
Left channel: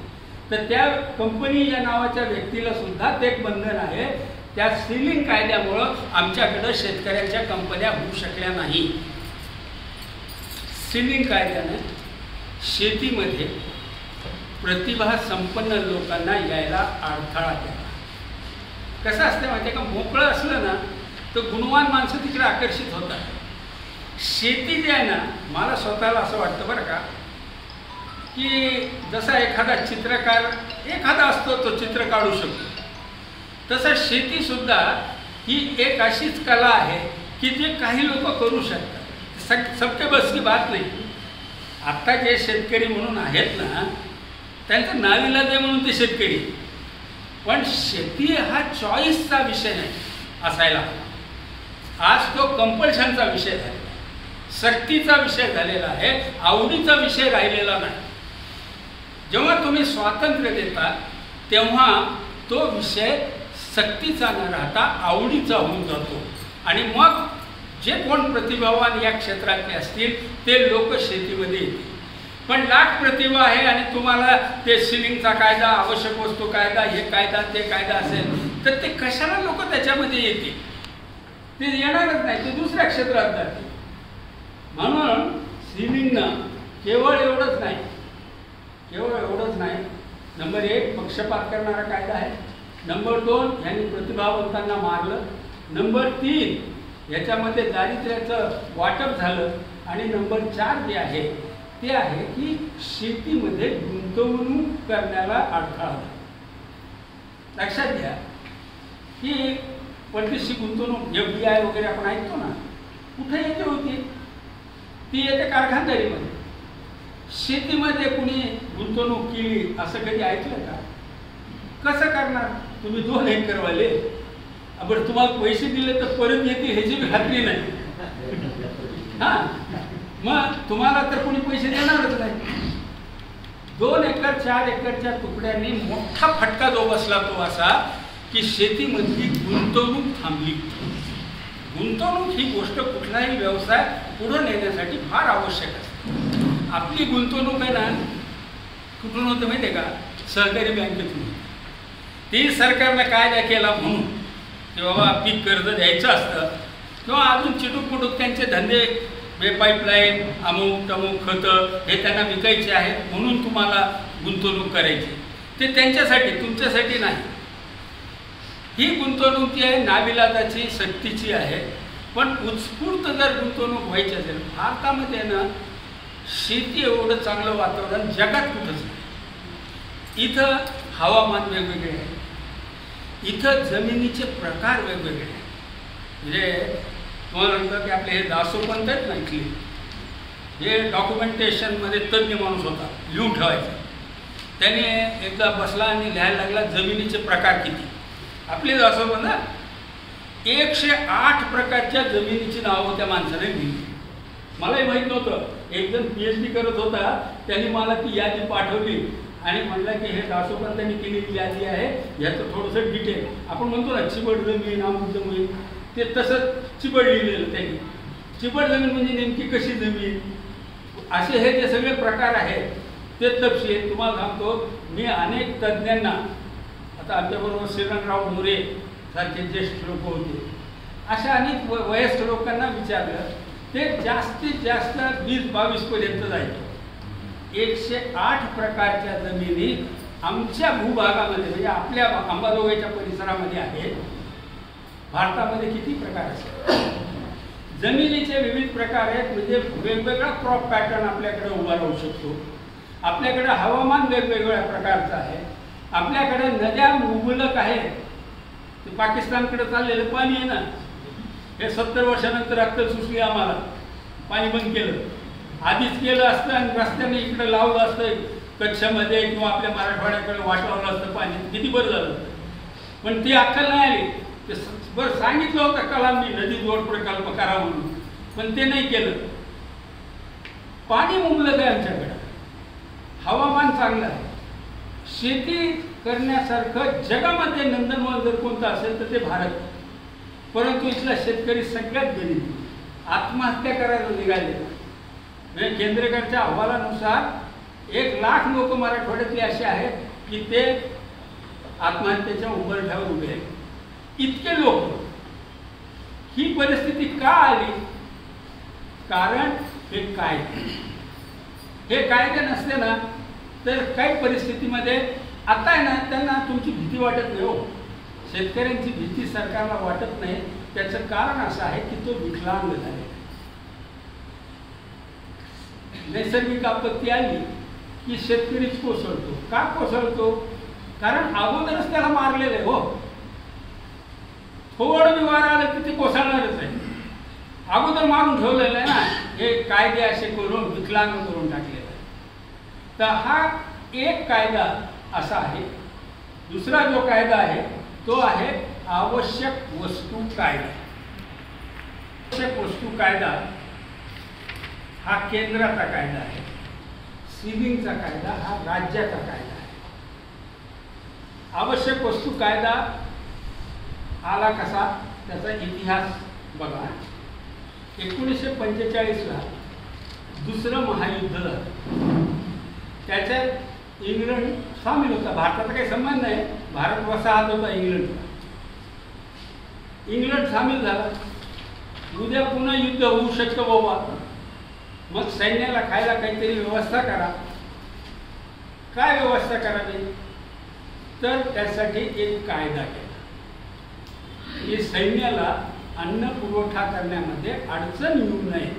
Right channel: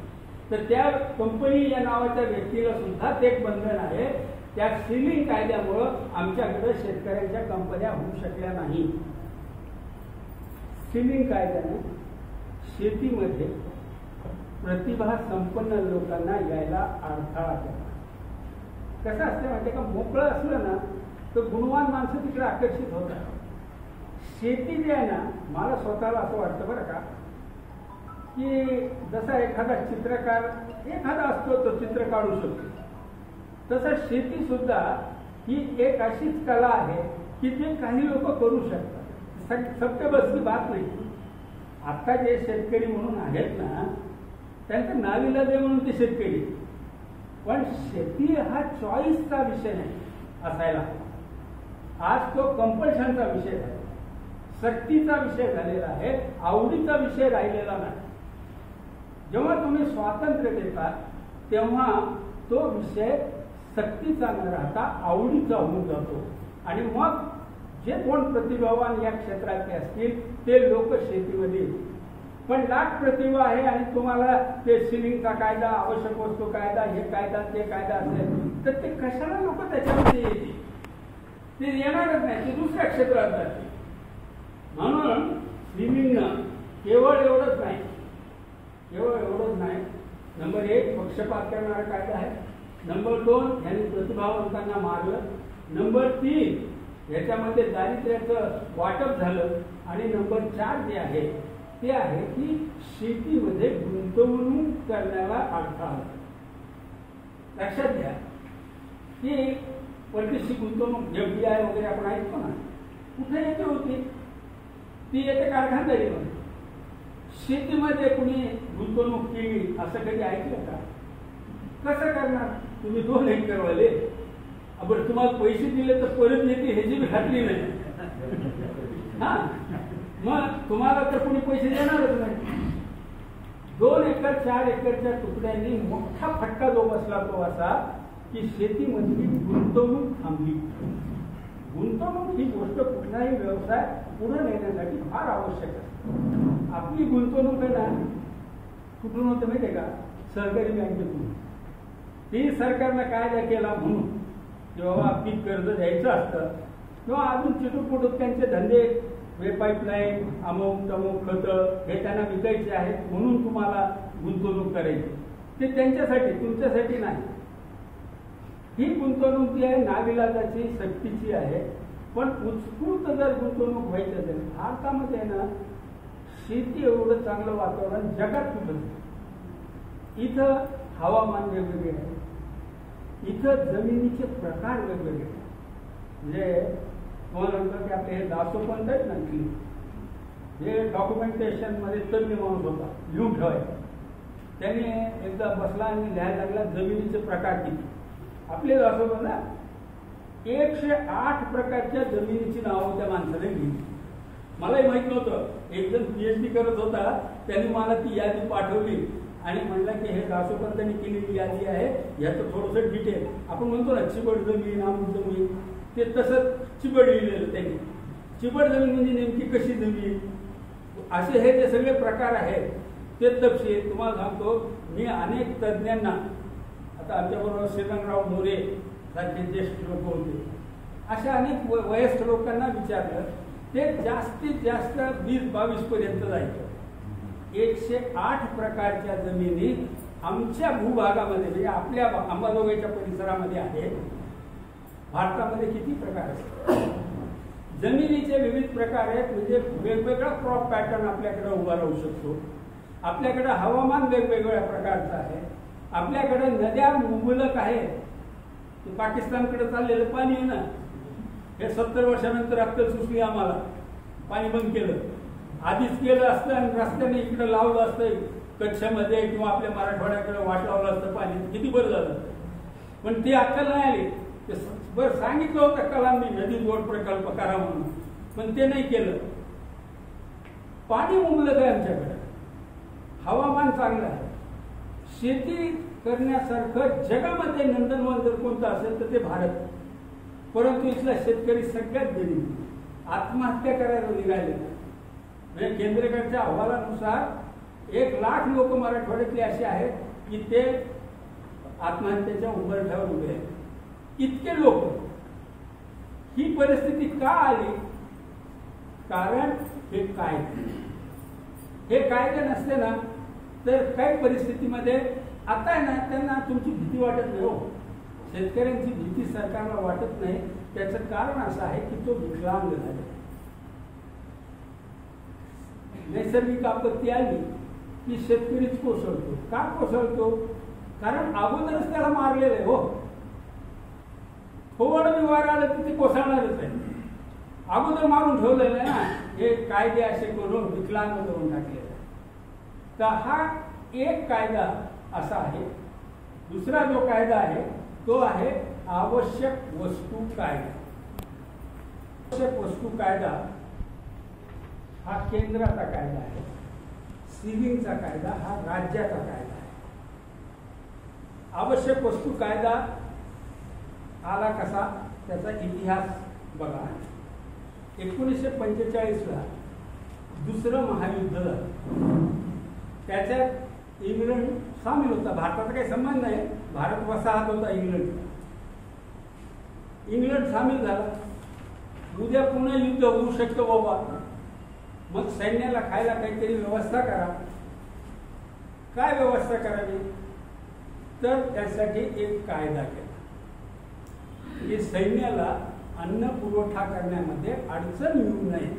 तर त्या कंपनी या नावाच्या व्यक्तीला सुद्धा ते एक बंधन आहे. त्या सीलिंग कायद्यामुळं आमच्याकडं शेतकऱ्यांच्या कंपन्या होऊ शकल्या नाही. सीलिंग कायद्याने शेतीमध्ये प्रतिभा संपन्न लोकांना यायला अडथळा केला. कसं असतं माहिती आहे का, मोकळं असलं ना तर गुणवान माणसं तिकडे आकर्षित होतात. शेती जी आहे ना, मला स्वतःला असं वाटतं बरं का, की जसा एखादा चित्रकार एखादा असतो तो चित्र काढू शकतो, तसं शेतीसुद्धा ही एक अशीच कला आहे की जे काही लोक करू शकतात. सबके बस की बात नाही. आत्ता जे शेतकरी म्हणून आहेत ना, त्यांचं नाविलाज आहे म्हणून ते शेतकरी. पण शेती हा चॉईसचा विषय नाही असायला. आज तो कंपल्शनचा विषय झालेला, सक्तीचा विषय झालेला आहे, आवडीचा विषय राहिलेला नाही. जेव्हा तुम्ही स्वातंत्र्य देता तेव्हा तो विषय सक्तीचा न राहता आवडीचा होऊन जातो. आणि मग जे कोण प्रतिभावान या क्षेत्रातले असतील ते लोक शेतीमध्ये येतील. पण लाख प्रतिभा आहे आणि तुम्हाला ते सिलिंगचा कायदा, आवश्यक वस्तू कायदा, हे कायदा ते कायदा असेल तर ते कशाला लोक त्याच्यामध्ये येतील? ते येणारच नाही, ते दुसऱ्या क्षेत्रात जातील. म्हणून सिलिंगनं केवळ एवढंच नाही, नंबर 1 पक्षपात करणारा कायदा आहे. नंबर 2 यांनी प्रतिभावंतांना मारलं. नंबर 3 याच्यामध्ये दारिद्र्याचं वाटप झालं. आणि नंबर 4 जे आहे ते आहे की शेतीमध्ये गुंतवणूक करण्याला अडथळा. लक्षात घ्या की परदेशी गुंतवणूक FDI वगैरे आपण ऐकतो ना, कुठे येते होती? ती येते कारखानदारीमध्ये. शेतीमध्ये कुणी गुंतवणूक केली असं कधी ऐकलं का? कसं करणार? तुम्ही 2 एकरवाले, आपण तुम्हाला पैसे दिले तर परत येते ह्याची खात्री नाही. हां, मग तुम्हाला तर कोणी पैसे देणारच नाही. 2 एकर 4 एकरच्या तुकड्यांनी मोठा फटका जो बसला तो असा की शेतीमधली गुंतवणूक थांबली. गुंतवणूक ही गोष्ट कुठलाही व्यवसाय पुढे नेण्यासाठी फार आवश्यक असते. आपली गुंतवणूक आहे ना, कुठून होतं माहिती आहे का? सहकारी बँकेतून. ती सरकारनं कायदा केला म्हणून की बाबा पीक कर्ज द्यायचं असतं किंवा अजून चिटूक त्यांचे धंदे, पाईपलाईन, अमुक तमुक खतं हे त्यांना विकायचे आहेत म्हणून तुम्हाला गुंतवणूक करायची. ते त्यांच्यासाठी, तुमच्यासाठी नाही. ही गुंतवणूक जी आहे नाविलाजाची, सक्तीची आहे. पण उत्स्फूर्त जर गुंतवणूक व्हायची असेल, भारतामध्ये ना शेती एवढं चांगलं वातावरण जगात कुठंच नाही. इथं हवामान वेगवेगळे आहे, इथं जमिनीचे प्रकार वेगवेगळे आहेत. म्हणजे तुम्हाला म्हणतं की आपले हे दासोपंत आहेत ना इथले, हे डॉक्युमेंटेशनमध्ये तज्ज्ञ माणूस होता, लिहून ठेवायचा. त्याने एकदा बसला आणि लिहायला लागला जमिनीचे प्रकार किती. आपले दासोपंत 108 प्रकारच्या जमिनीची नावं त्या माणसाने लिहिली. मलाही माहीत नव्हतं. एक जण PhD करत होता, त्यांनी मला ती यादी पाठवली आणि म्हटलं की हे दासोपंतांनी केलेली यादी आहे, ह्याचं थोडंसं डिटेल. आपण म्हणतो ना चिबड जमीन, अमुक जमीन, ते तसं चिबड लिहिलेलं त्यांनी. चिबड जमीन म्हणजे नेमकी कशी जमीन, असे हे जे सगळे प्रकार आहेत ते तपशील तुम्हाला सांगतो. मी अनेक तज्ज्ञांना, आता आमच्याबरोबर श्रीरंगराव मोरे सारखे ज्येष्ठ लोक होते, अशा अनेक वयस्क लोकांना विचारलं. ते जास्तीत जास्त 20-22 पर्यंत जायचं. 108 प्रकारच्या जमिनी आमच्या भूभागामध्ये, म्हणजे आपल्या अंबाजोगाईच्या परिसरामध्ये आहेत. भारतामध्ये किती प्रकार असतात? जमिनीचे विविध प्रकार आहेत, म्हणजे वेगवेगळा क्रॉप पॅटर्न आपल्याकडे उभा राहू शकतो. आपल्याकडे हवामान वेगवेगळ्या प्रकारचं आहे. आपल्याकडे नद्या मुबलक आहेत. ते पाकिस्तानकडे चाललेलं पाणी आहे ना, हे 70 वर्षानंतर अक्कल सुचली आम्हाला, पाणी बंद केलं. आधीच केलं असतं आणि रस्त्याने इकडे लावलं असतं कच्छमध्ये किंवा आपल्या मराठवाड्याकडे वाटवलं असतं पाणी, किती बरं झालं. पण ती अक्कल नाही आली. ते बरं सांगितलं होतं कलामनी नदी जोड प्रकल्प करा म्हणून, पण ते नाही केलं. पाणी मुबलक आहे आमच्याकडं, हवामान चांगलं आहे. शेती करण्यासारखं जगामध्ये नंदनवन जर कोणतं असेल तर ते भारत. परंतु इथला शेतकरी सगळ्यात गरीब, आत्महत्या करायला निघाले. म्हणजे केंद्रेकरच्या अहवालानुसार 1 लाख लोक मराठवाड्यातले असे आहेत की ते आत्महत्येच्या उंबरठ्यावर उभे आहेत. इतके लोक. ही परिस्थिती का आली? कारण हे कायदे नसते ना, तर काही परिस्थितीमध्ये आता आहे ना, त्यांना तुमची भीती वाटत नाही. हो, शेतकऱ्यांची भीती सरकारला वाटत नाही. त्याचं कारण असं आहे की तो विकलांग झाले. नैसर्गिक आपत्ती आली की शेतकरीच कोसळतो. का कोसळतो? कारण अगोदरच त्याला मारलेलं आहे. हो, थोडं बी वार आलं की ते कोसळणारच आहे. अगोदर मारून ठेवलेलं आहे ना, हे कायदे असे करून विकलांग करून टाकलेलं आहे. तर हा एक कायदा असा आहे. दुसरा जो कायदा आहे तो आहे आवश्यक वस्तू कायदा. आवश्यक वस्तू कायदा हा केंद्राचा कायदा आहे. सीलिंगचा कायदा हा राज्याचा कायदा आहे. आवश्यक वस्तू कायदा आला कसा, त्याचा इतिहास बघा. 1945ला दुसरं महायुद्ध झालं. त्याच्यात इंग्लंड सामील होता. भारताचा काही संबंध नाही, भारत वसाहत होता इंग्लंडचा. इंग्लंड सामील झाला. उद्या पुन्हा युद्ध होऊ शकतं बाबा, मग सैन्याला खायला काहीतरी व्यवस्था करा. काय व्यवस्था करावी? तर त्यासाठी एक कायदा केला की सैन्याला अन्न पुरवठा करण्यामध्ये अडचण येऊ नये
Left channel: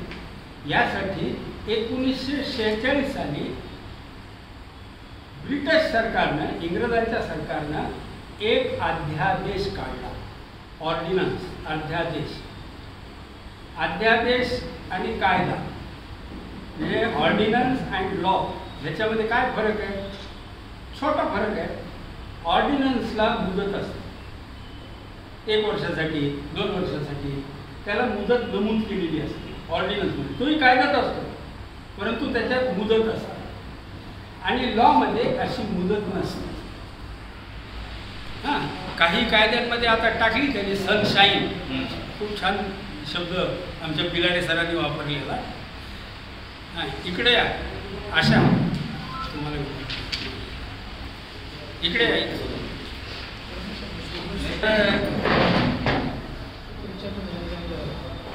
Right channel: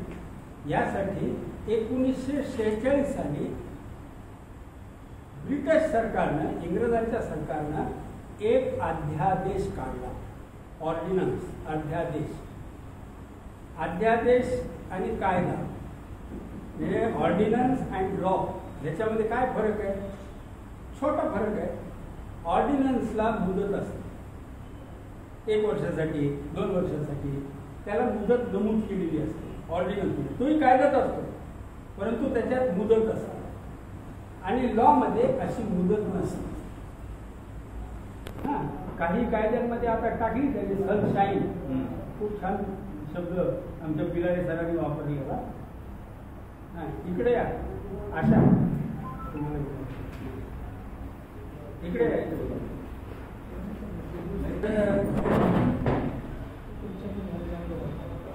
यासाठी 1946 साली ब्रिटिश सरकारनं, इंग्रजांच्या सरकारनं एक अध्यादेश काढला. ऑर्डिनन्स, अध्यादेश. अध्यादेश आणि कायदा म्हणजे ऑर्डिनन्स अँड लॉ ह्याच्यामध्ये काय फरक आहे? छोटा फरक आहे. ऑर्डिनन्सला मुदत असते, 1 वर्षासाठी, 2 वर्षासाठी, त्याला मुदत नमूद केलेली असते. ऑर्डिनन्समध्ये तोही कायद्यात असतो, परंतु त्याच्यात मुदत असते. आणि लॉमध्ये अशी मुदत नसते. हां, काही कायद्यांमध्ये आता टाकली त्यांनी सनशाईन, खूप छान शब्द आमच्या पिलाडे सरांनी वापरलेला. हां, इकडे या, आशा तुम्हाला इकडे या.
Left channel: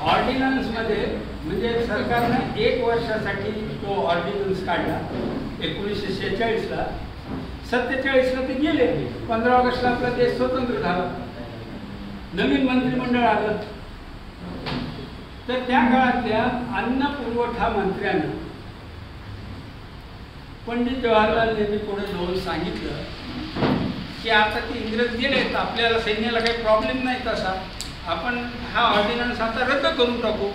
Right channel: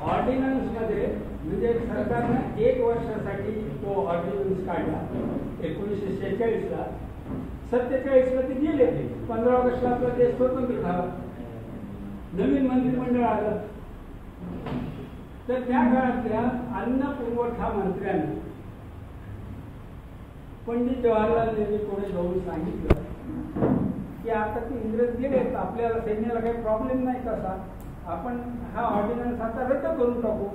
ऑर्डिनन्समध्ये म्हणजे सरकारनं 1 वर्षासाठी तो ऑर्डिनन्स काढला 1946ला. 47ला ते गेले. 15 ऑगस्टला आपला देश स्वतंत्र झाला. नवीन मंत्रिमंडळ आलं. तर त्या काळातल्या अन्न पुरवठा मंत्र्यानं पंडित जवाहरलाल नेहरू पुढे जाऊन सांगितलं की आता ते इंग्रज गेले, तर आपल्याला सैन्याला काही प्रॉब्लेम नाही तसा, आपण हा ऑर्डिनन्स आता रद्द करून टाकू.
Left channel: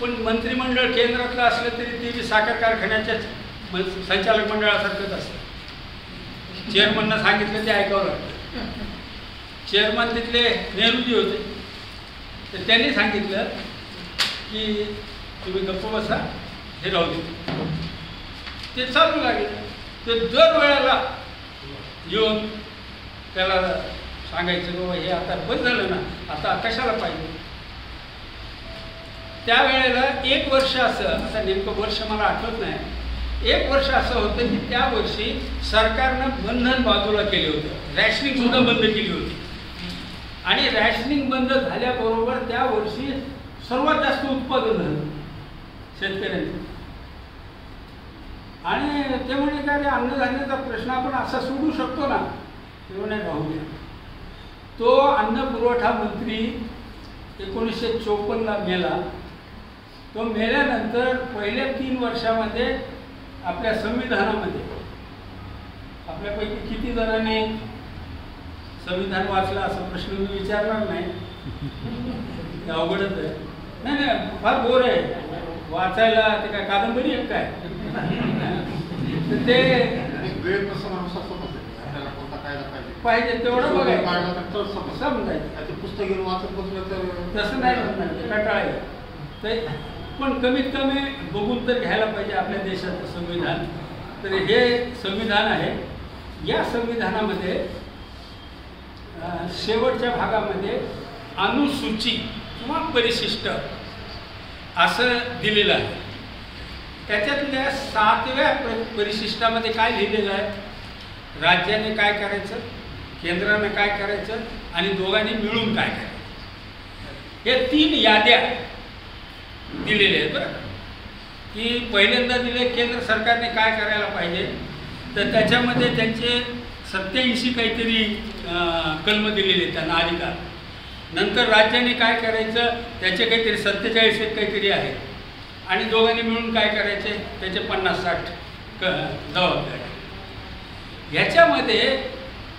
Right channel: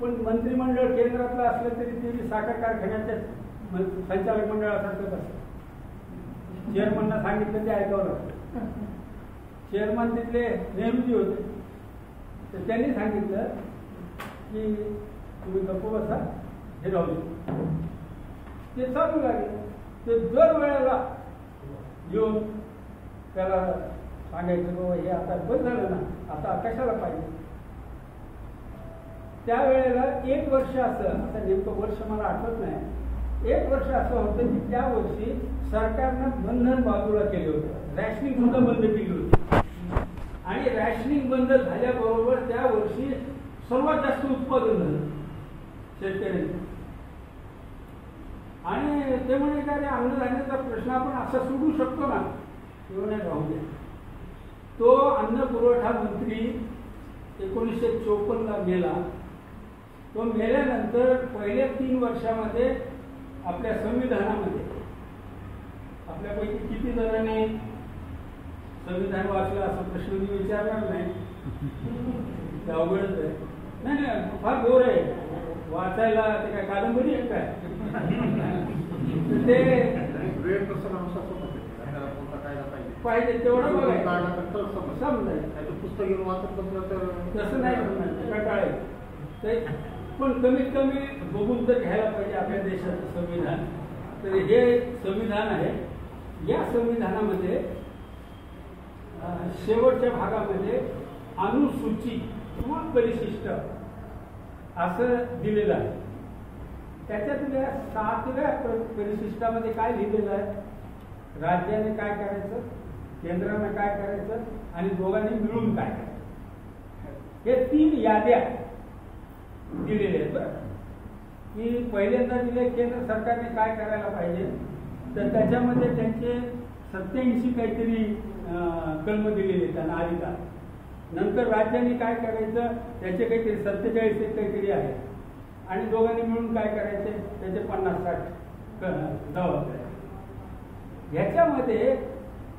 पण मंत्रिमंडळ केंद्रातलं असलं तरी ते साखर कारखान्याच्या संचालक मंडळासारखंच असतं. चेअरमननं सांगितलं ते ऐकावं लागतं. चेअरमन तिथले नेहरूजी होते, तर त्यांनी सांगितलं की तुम्ही गप्प बसा, हे राहू दे. ते चालू लागले. ते दर वेळेला येऊन त्याला सांगायचं बाबा हे आता बंद झालं ना, आता कशाला पाहिजे. त्यावेळेला 1 वर्ष असं, आता नेमकं वर्ष मला आठवत नाही, 1 वर्ष असं होतं की त्या वर्षी सरकारनं बंधन बाजूला केले होते. रॅशनिंग सुद्धा बंद केली होती. आणि रॅशनिंग बंद झाल्याबरोबर त्या वर्षी सर्वात जास्त उत्पादन झालं शेतकऱ्यांचं. आणि ते म्हणे का रे, अन्नधान्याचा प्रश्न आपण असा सोडू शकतो ना? ते म्हणे राहू द्या. तो अन्न पुरवठा मंत्री 1954ला मेला. तो मेल्यानंतर पहिल्या 3 वर्षामध्ये आपल्या संविधानामध्ये आपल्यापैकी किती जणांनी संविधान वाचलं असा प्रश्न मी विचारणार नाही, अवघडच आहे. नाही फार बोर आहे वाचायला. ते काय कादंबरी आहे काय ते पाहिजे तेवढं बघायचं समजायचं. पुस्तक घेऊन वाचत बसलं तर तसं नाही म्हणणार, ते कंटाळायचं. ते पण कमीत कमी बघून तर घ्यायला पाहिजे आपल्या देशाचं संविधान. तर हे संविधान आहे. या संविधानामध्ये शेवटच्या भागामध्ये अनुसूची किंवा परिशिष्ट असं दिलेलं आहे. त्याच्यातल्या 7व्या परिशिष्टामध्ये काय लिहिलेलं आहे? राज्याने काय करायचं, केंद्रानं काय करायचं आणि दोघांनी मिळून काय करायचं, हे 3 याद्या दिलेल्या आहेत. बरं की पहिल्यांदा दिले केंद्र सरकारने काय करायला पाहिजे, तर त्याच्यामध्ये त्यांचे 87 काहीतरी कलम दिलेले त्यांना अधिकार. नंतर राज्याने काय करायचं त्याचे काहीतरी 47 काहीतरी आहे आणि दोघांनी मिळून काय करायचे त्याचे 50-60 जबाबदारी. ह्याच्यामध्ये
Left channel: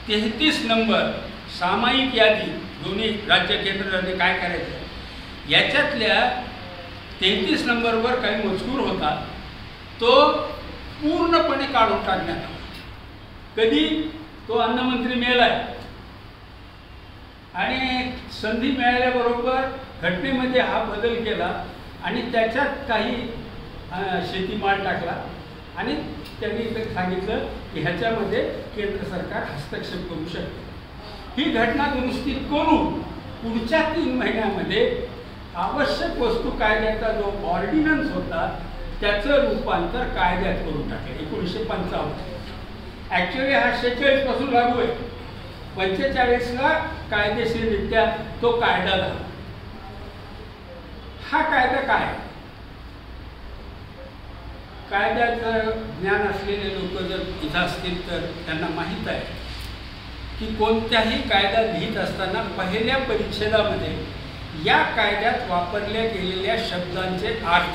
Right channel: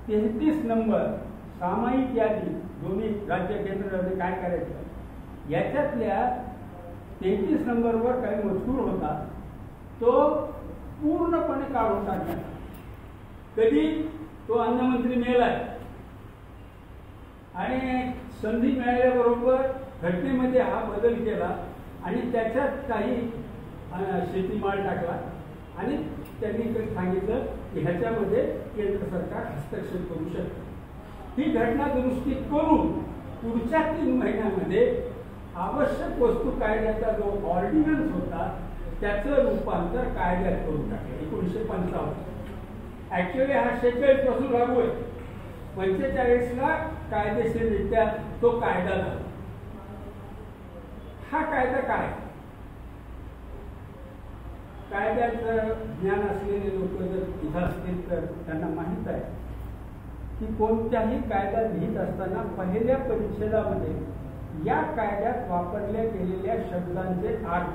33 नंबर सामायिक यादी दोन्ही राज्य केंद्राने काय करायचं याच्यातल्या 33 नंबरवर काही मजकूर होता तो पूर्णपणे काढून टाकण्यात आला. कधी? तो अन्नमंत्री मेलाय आणि संधी मिळाल्याबरोबर घटनेमध्ये हा बदल केला आणि त्याच्यात काही शेतीमाल टाकला आणि त्यांनी सांगितलं की ह्याच्यामध्ये केंद्र सरकार हस्तक्षेप करू शकते. ही घटना दुरुस्ती करून पुढच्या 3 महिन्यामध्ये आवश्यक वस्तू कायद्याचा जो ऑर्डिनन्स होता त्याचं रूपांतर कायद्यात करून टाकलं 1955. ॲक्च्युली हा 46 पासून लागू आहे. 45ला कायदेशीररित्या तो कायदा झाला. हा कायदा काय? कायद्याचं ज्ञान असलेले लोक जर इथं असतील तर त्यांना माहीत आहे की कोणत्याही कायदा लिहित असताना पहिल्या परिच्छेदामध्ये या कायद्यात वापरल्या गेलेल्या शब्दांचे अर्थ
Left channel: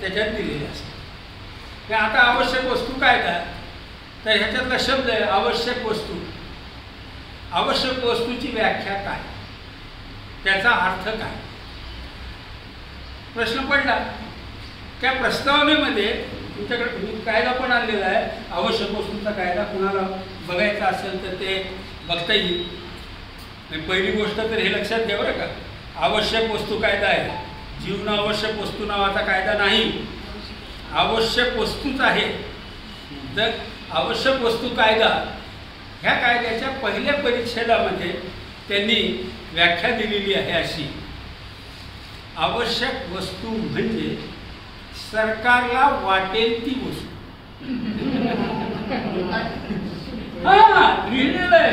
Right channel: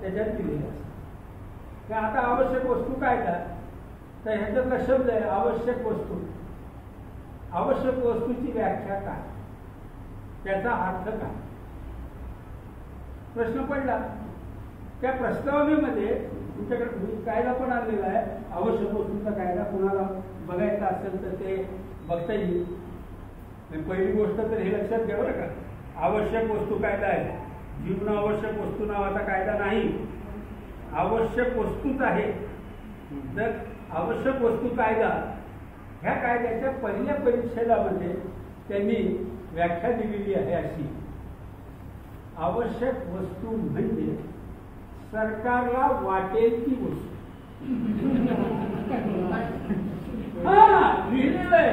त्याच्यात दिलेले असतात. आता आवश्यक वस्तू कायदा तर ह्याच्यातला शब्द आहे आवश्यक वस्तू. आवश्यक वस्तूची व्याख्या काय, त्याचा अर्थ काय, प्रश्न पडला. त्या प्रस्तावनेमध्ये तुमच्याकडे कायदा पण आणलेला आहे. आवश्यक वस्तूंचा कायदा कुणाला बघायचा असेल तर ते बघता येईल. पहिली गोष्ट तर हे लक्षात घ्या बरं का, आवश्यक वस्तू कायदा आहे, जीवनावश्यक वस्तू नावाचा कायदा नाही. आवश्यक वस्तूच आहे. तर आवश्यक वस्तू कायदा ह्या कायद्याच्या पहिल्या परिच्छेदामध्ये त्यांनी व्याख्या दिलेली आहे अशी, आवश्यक वस्तू म्हणजे सरकारला वाटेल ती वस्तू. लिहिलेलं आहे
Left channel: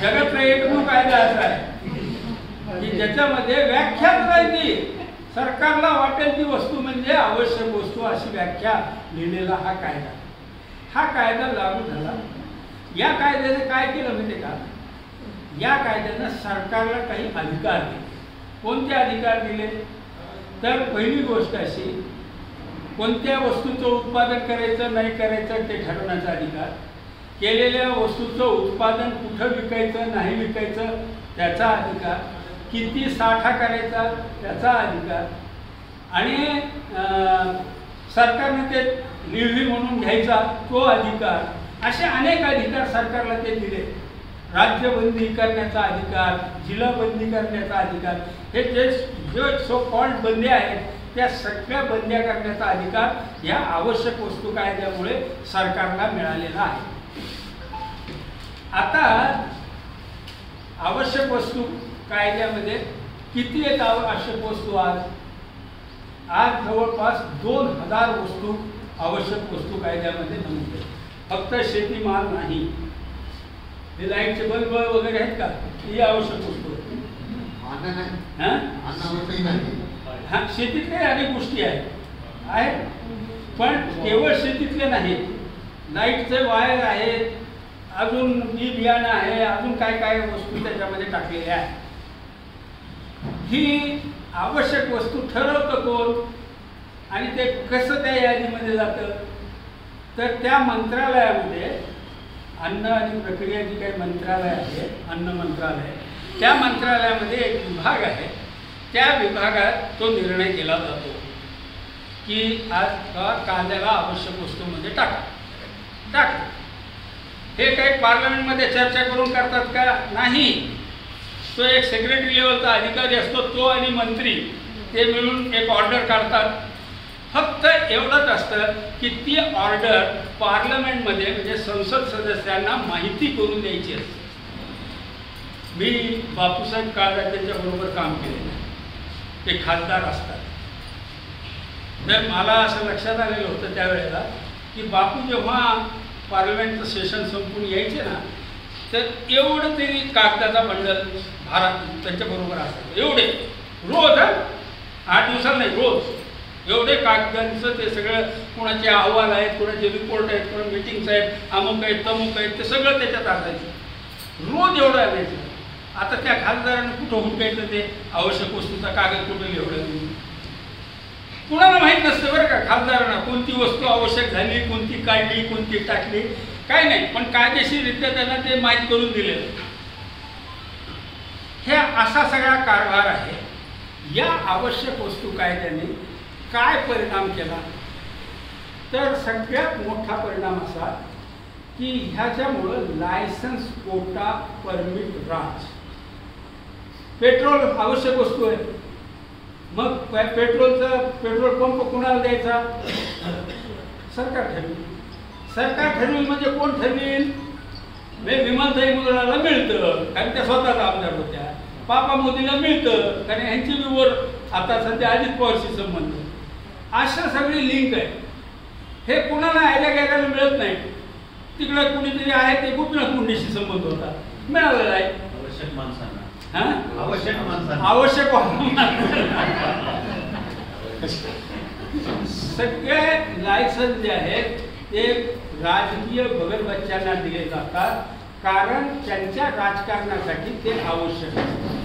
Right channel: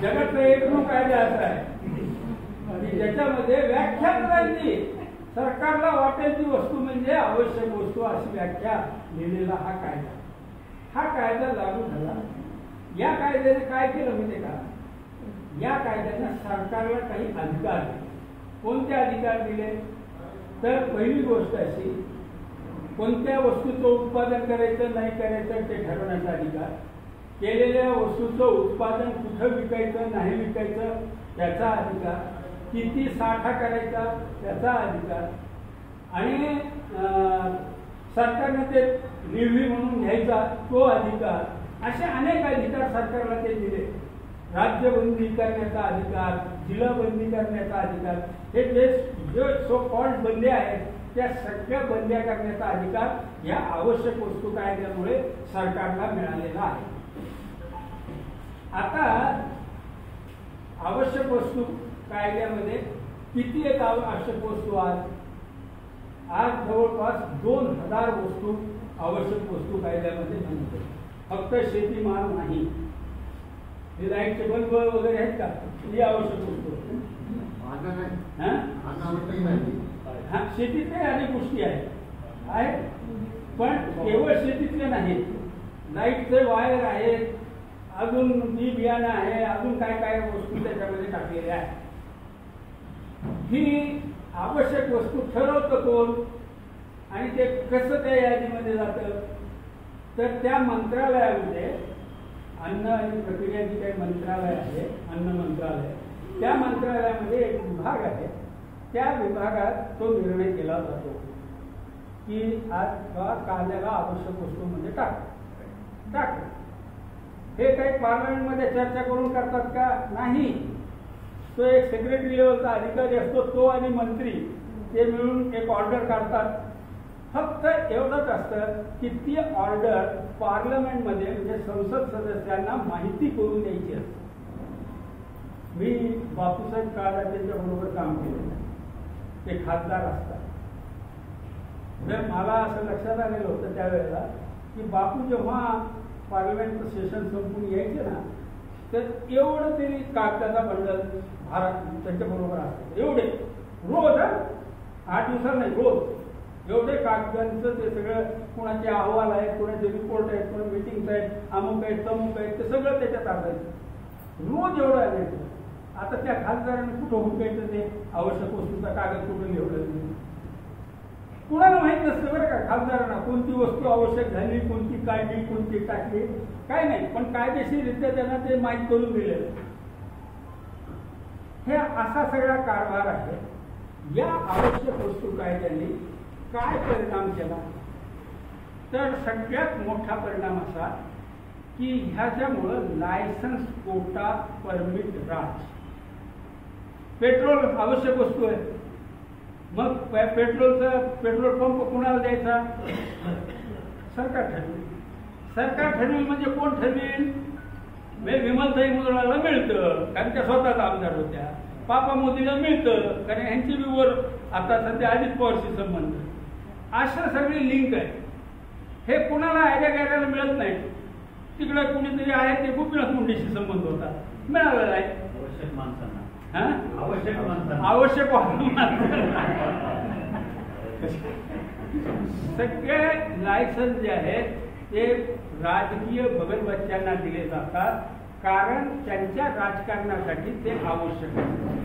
जगातला एकमेव कायदा असा आहे की ज्याच्यामध्ये व्याख्या करायची. सरकारला वाटेल ती वस्तू म्हणजे आवश्यक वस्तू अशी व्याख्या लिहिलेला हा कायदा. हा कायदा लागू झाला. या कायद्याने काय केलं म्हणजे का, या कायद्यानं सरकारला काही अधिकार दिले. कोणते अधिकार दिले तर पहिली गोष्ट अशी, कोणत्या वस्तूचं उत्पादन करायचं नाही करायचं ते ठरवण्याचा अधिकार, केलेल्या वस्तूचं उत्पादन कुठं विकायचं नाही विकायचं त्याचा अधिकार, किती साठा करायचा त्याचा अधिकार आणि सरकारनं ते निर्णय म्हणून घ्यायचा तो अधिकार. असे अनेक अधिकार सरकारला ते दिले. राज्यबंदी करण्याचा अधिकार, जिल्हाबंदी करण्याचा अधिकार, हे जे सो कॉल्ड बंद्या आहेत त्या सगळ्या बंद्या करण्याचा अधिकार या आवश्यक वस्तू कायद्यामुळे सरकारला मिळालेला आहे. आता आवश्यक वस्तू कायद्यामध्ये किती आहेत आवश्यक वस्तू? आज जवळपास 2000 वस्तू आवश्यक वस्तू कायद्यामध्ये नमूद आहेत. फक्त शेतीमाल नाही, हे लाईटचे बल्ब वगैरे आहेत का, ही आवश्यक वस्तू हा शेतीतले अनेक गोष्टी आहेत पण केवळ शेतीतले नाहीत. लाईटचे वायर आहेत, अजून बी बियाणं आहे, अजून काय काय वस्तू त्याच्यामध्ये टाकलेल्या आहे. ही आवश्यक वस्तू ठरवतं कोण आणि ते कसं त्या यादीमध्ये जातं, तर त्या मंत्रालयामध्ये अन्न आणि प्रक्रिया जी काही मंत्रालय आहे, अन्न मंत्रालय, त्या मंत्रालयामध्ये एक विभाग आहे. त्या विभागात तो निर्णय केला जातो की आज कांद्याला आवश्यक वस्तूमध्ये टाक. हे काही पार्लमेंटमध्ये चर्चा करून करतात का? नाही. तो एक सेक्रेटरी लेवलचा अधिकारी असतो, तो आणि मंत्री ते मिळून एक ऑर्डर काढतात. फक्त एवढंच असतं की ती ऑर्डर पार्लमेंटमध्ये म्हणजे संसद सदस्यांना माहिती करून द्यायची असते. मी बापूसाहेब काळात त्यांच्याबरोबर काम केलेलं आहे. ते खासदार असतात. तर मला असं लक्षात आलेलं होतं त्यावेळेला की बापू जेव्हा पार्लमेंटचं सेशन संपून यायचे ना, तर एवढं तरी कागदाचा बंडल भारत त्यांच्याबरोबर असतं. एवढे रोज 8 दिवसाला नाही, रोज एवढे कागदांचं ते सगळं, कोणाचे अहवाल आहेत, कोणाचे रिपोर्ट आहेत, कोणा मिटिंग्स आहेत, अमुक आहेत, तमुक आहेत, ते सगळं त्याच्यात असायचं. रोज एवढं आणायचं. आता त्या खासदारांना कुठं हुडकायचं ते आवश्यक वस्तूचा कागद कुठं लिहवलं? कुणाला माहीत नसतं बरं का खासदारांना कोणती वस्तू आवश्यक झाली, कोणती काढली, कोणती टाकली, काय नाही. पण कायदेशीररित्या त्यांना ते माहीत करून दिलेलं. हे असा सगळा कारभार आहे. या आवश्यक वस्तू कायद्याने काय परिणाम केला, तर सगळ्यात मोठा परिणाम असा की ह्याच्यामुळं लायसन्स, कोटा, परमिट, राज. पेट्रोल आवश्यक वस्तू आहे, मग पेट्रोल पंप कुणाला द्यायचा? सरकार ठरवेल. सरकार ठरवेल म्हणजे कोण ठरवेल? विमलताई मुदळाला मिळतं कारण त्या स्वतःच आमदार होत्या. पापा मोदीला मिळतं कारण ह्यांची वर आता सध्या अजित पवारशी संबंध. अशा सगळी लिंक आहे. हे कुणाला ह्याच्या गैराला मिळत नाही. तिकडे कुणीतरी आहे ते गोपीनाथ मुंडेशी संबंध होता, मिळालेला आहे. आवश्यक माणसांना, आवश्यक सगळे लायसन्स जे आहेत ते राजकीय भगलबच्च्यांना दिले जातात कारण त्यांच्या राजकारणासाठी ते आवश्यक आहे.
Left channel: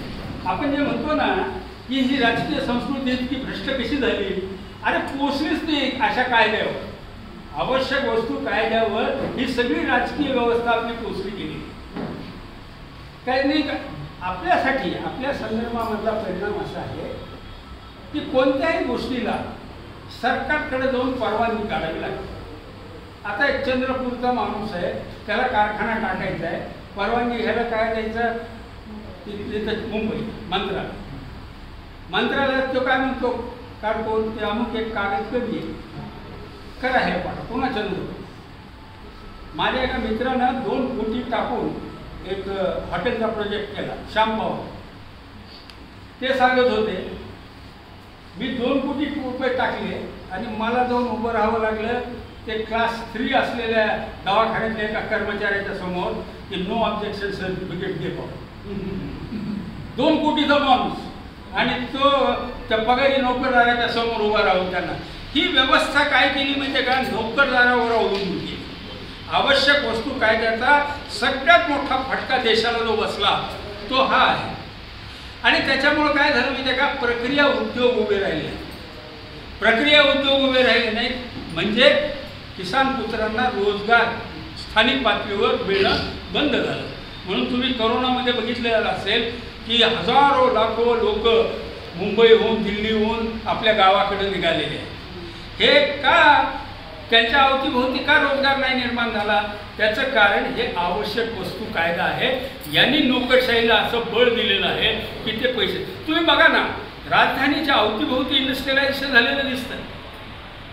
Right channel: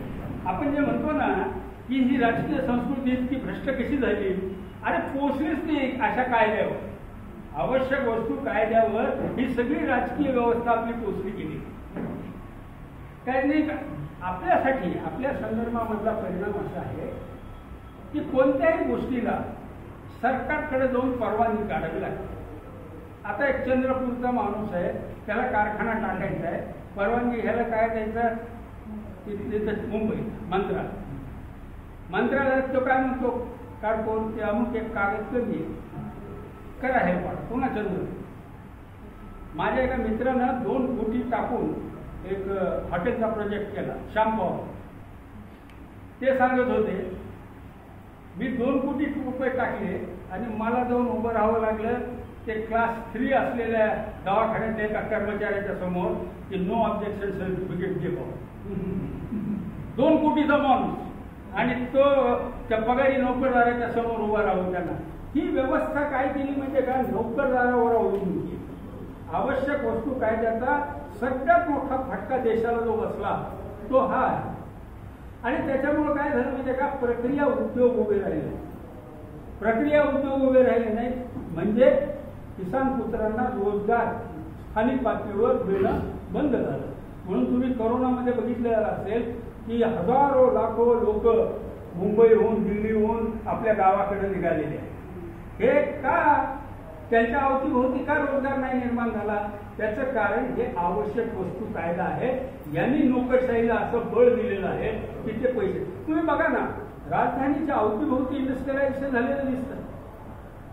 आपण जे म्हणतो ना की ही राजकीय संस्कृती इतकी भ्रष्ट कशी झाली, अरे पोचलीच नाही अशा कायद्यावर. आवश्यक वस्तू कायद्यावर ही सगळी राजकीय व्यवस्था आपली पोचली गेली. काय नाही का आपल्यासाठी आपल्या संदर्भामधला परिणाम असा आहे की कोणत्याही गोष्टीला सरकारकडे जाऊन परवानगी काढावी लागते. आता एक चंद्रपूरचा माणूस आहे, त्याला कारखाना टाकायचा आहे, परवानगी घ्यायला काय द्यायचं? तिथं मुंबई मंत्रालयात तो काय म्हणतो? काढतो ते अमुक एक कागद कमी आहे, करा हे पाठा. पुन्हा चंद्रपूर. माझ्या एका मित्रानं 2 कोटी टाकून एक हॉटेलचा प्रोजेक्ट केला, श्याम पवार. ते सांगत होते मी 2 कोटी रुपये टाकले आणि मला जाऊन उभं राहावं लागलं ते क्लास 3 असलेल्या दवाखान्यातल्या एका कर्मचाऱ्याच्या समोर की नो ऑब्जेक्शन सर्टिफिकेट दे पाहू. 2 कोटीचा माणूस आणि तो त्या पगारी नोकरदाराच्या समोर उभा राहून त्यांना. ही व्यवस्था काय केली म्हणजे का? नोकरदारावर अवलंबून केली. आवश्यक वस्तू कायद्याचा सगळ्यात मोठा फटका देशाला जो बसला तो हा आहे. आणि त्याच्यामुळं काय झालं म्हणजे का? प्रक्रिया उद्योग उभे राहिले. प्रक्रिया उद्योग उभे राहिले नाहीत म्हणजे किसान पुत्रांना रोजगार स्थानिक पातळीवर मिळणं बंद झालं. म्हणून तुम्ही करोनामध्ये बघितलेलं असेल की हजारो लाखो लोक मुंबईहून दिल्लीहून आपल्या गावाकडे निघालेले आहेत. हे का? त्यांच्या अवतीभोवती का रोजगार नाही निर्माण झाला? त्याचं कारण हे आवश्यक वस्तू कायदा आहे. यांनी नोकरशाहीला असं बळ दिलेलं आहे की ते पैसे. तुम्ही बघा ना, राजधानीच्या अवतीभोवती इंडस्ट्रियलायझेशन झालेलं दिसतं.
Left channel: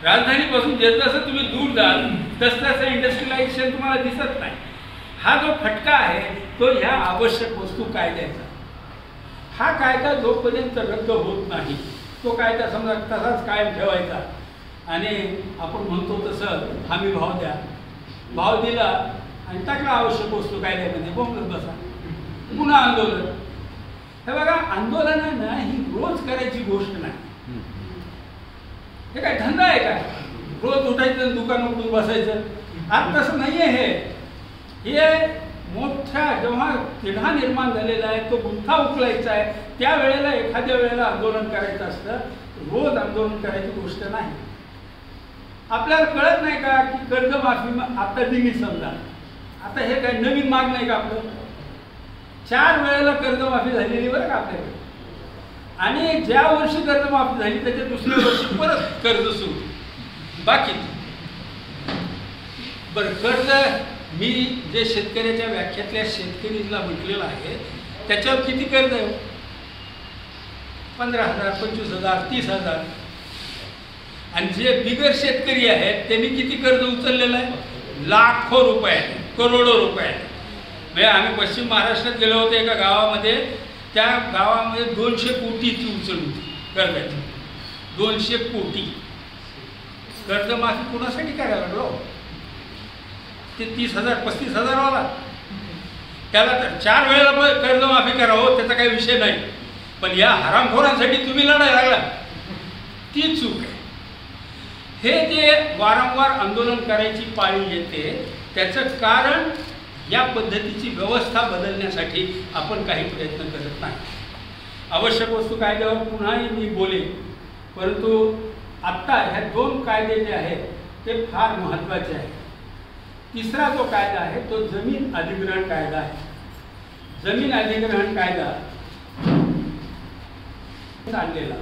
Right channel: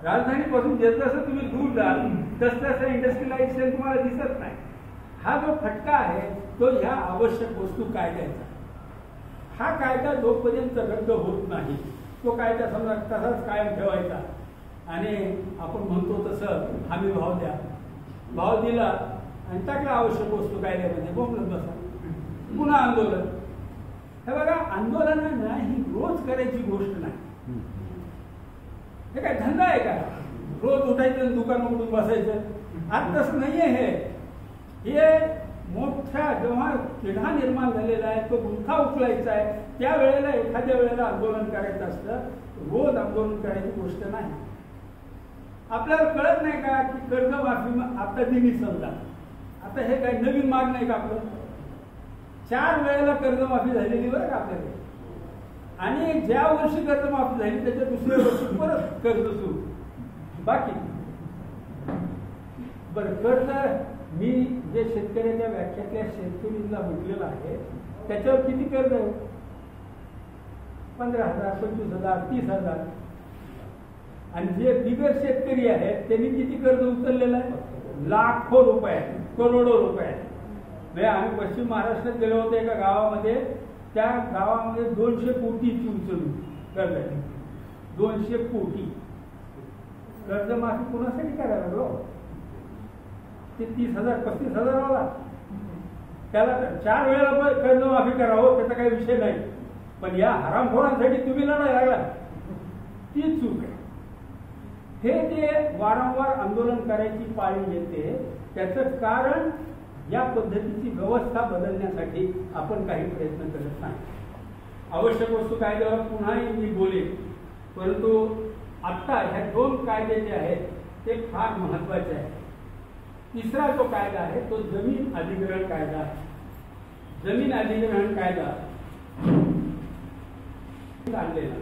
राजधानीपासून जसं तुम्ही दूर जाल तसं इंडस्ट्रियलायझेशन तुम्हाला दिसत नाही. हा जो फटका आहे तो ह्या आवश्यक वस्तू कायद्याचा. हा कायदा जोपर्यंत रद्द होत नाही तो कायदा समजा तसाच कायम ठेवायचा आणि आपण म्हणतो तसं हमी भाव द्या. भाव दिला आणि टाकला आवश्यक वस्तू कायद्यामध्ये, बोंबलत बसा. पुन्हा आंदोलन. हे बघा, आंदोलनानं ही रोज करायची गोष्ट नाही. हे काय धंदा आहे का? रोज उठायचं दुकान उघडून बसायचं? आज तसं नाही आहे. हे हे मोठा जेव्हा तिढा निर्माण झालेला आहे, तो गुंठा उचलायचा आहे, त्यावेळेला एखाद्या वेळेला आंदोलन करायचं असतं, रोज आंदोलन करायची गोष्ट नाही. आपल्याला कळत नाही का की कर्जमाफी आता दिली समजा, आता हे काय नवीन माग नाही का आपलं? 4 वेळेला कर्जमाफी झालेली बरं का आपल्याकडे. आणि ज्या वर्षी कर्जमाफी झाली त्याच्या दुसऱ्या वर्षी परत कर्ज सुरू बाकी. बरं, कर्ज मी जे शेतकऱ्याच्या व्याख्यातल्या शेतकरीला म्हटलेलं आहे त्याच्यावर किती कर्ज आहे? 15,000, 25,000, 30,000. आणि जे बिगर शेतकरी आहेत त्यांनी किती कर्ज उचललेलं आहे? लाखो रुपये, करोडो रुपये. म्हणजे आम्ही पश्चिम महाराष्ट्रात गेलो होतो एका गावामध्ये, त्या गावामध्ये 200 कोटीची उचल होती कर्जाची. 200 कोटी कर्जमाफी कुणासाठी करायला लागलो? ते 30,000 35,000 वाला त्याला तर 4 वेळेला कर्जमाफी करावं त्याचा काही विषय नाही, पण या हरामखोरांसाठी तुम्ही लढायला लागला, ती चूक आहे. हे जे वारंवार आंदोलन करायची पाळी येते त्याचं कारण या पद्धतीची व्यवस्था बदलण्यासाठी आपण काही प्रयत्न करत नाही. आवश्यक वस्तू कायद्यावर पुन्हाही मी बोलेन, परंतु आत्ता ह्या 2 कायदे जे आहेत ते फार महत्त्वाचे आहेत. तिसरा जो कायदा आहे तो जमीन अधिग्रहण कायदा आहे. जमीन अधिग्रहण कायदा आणलेला.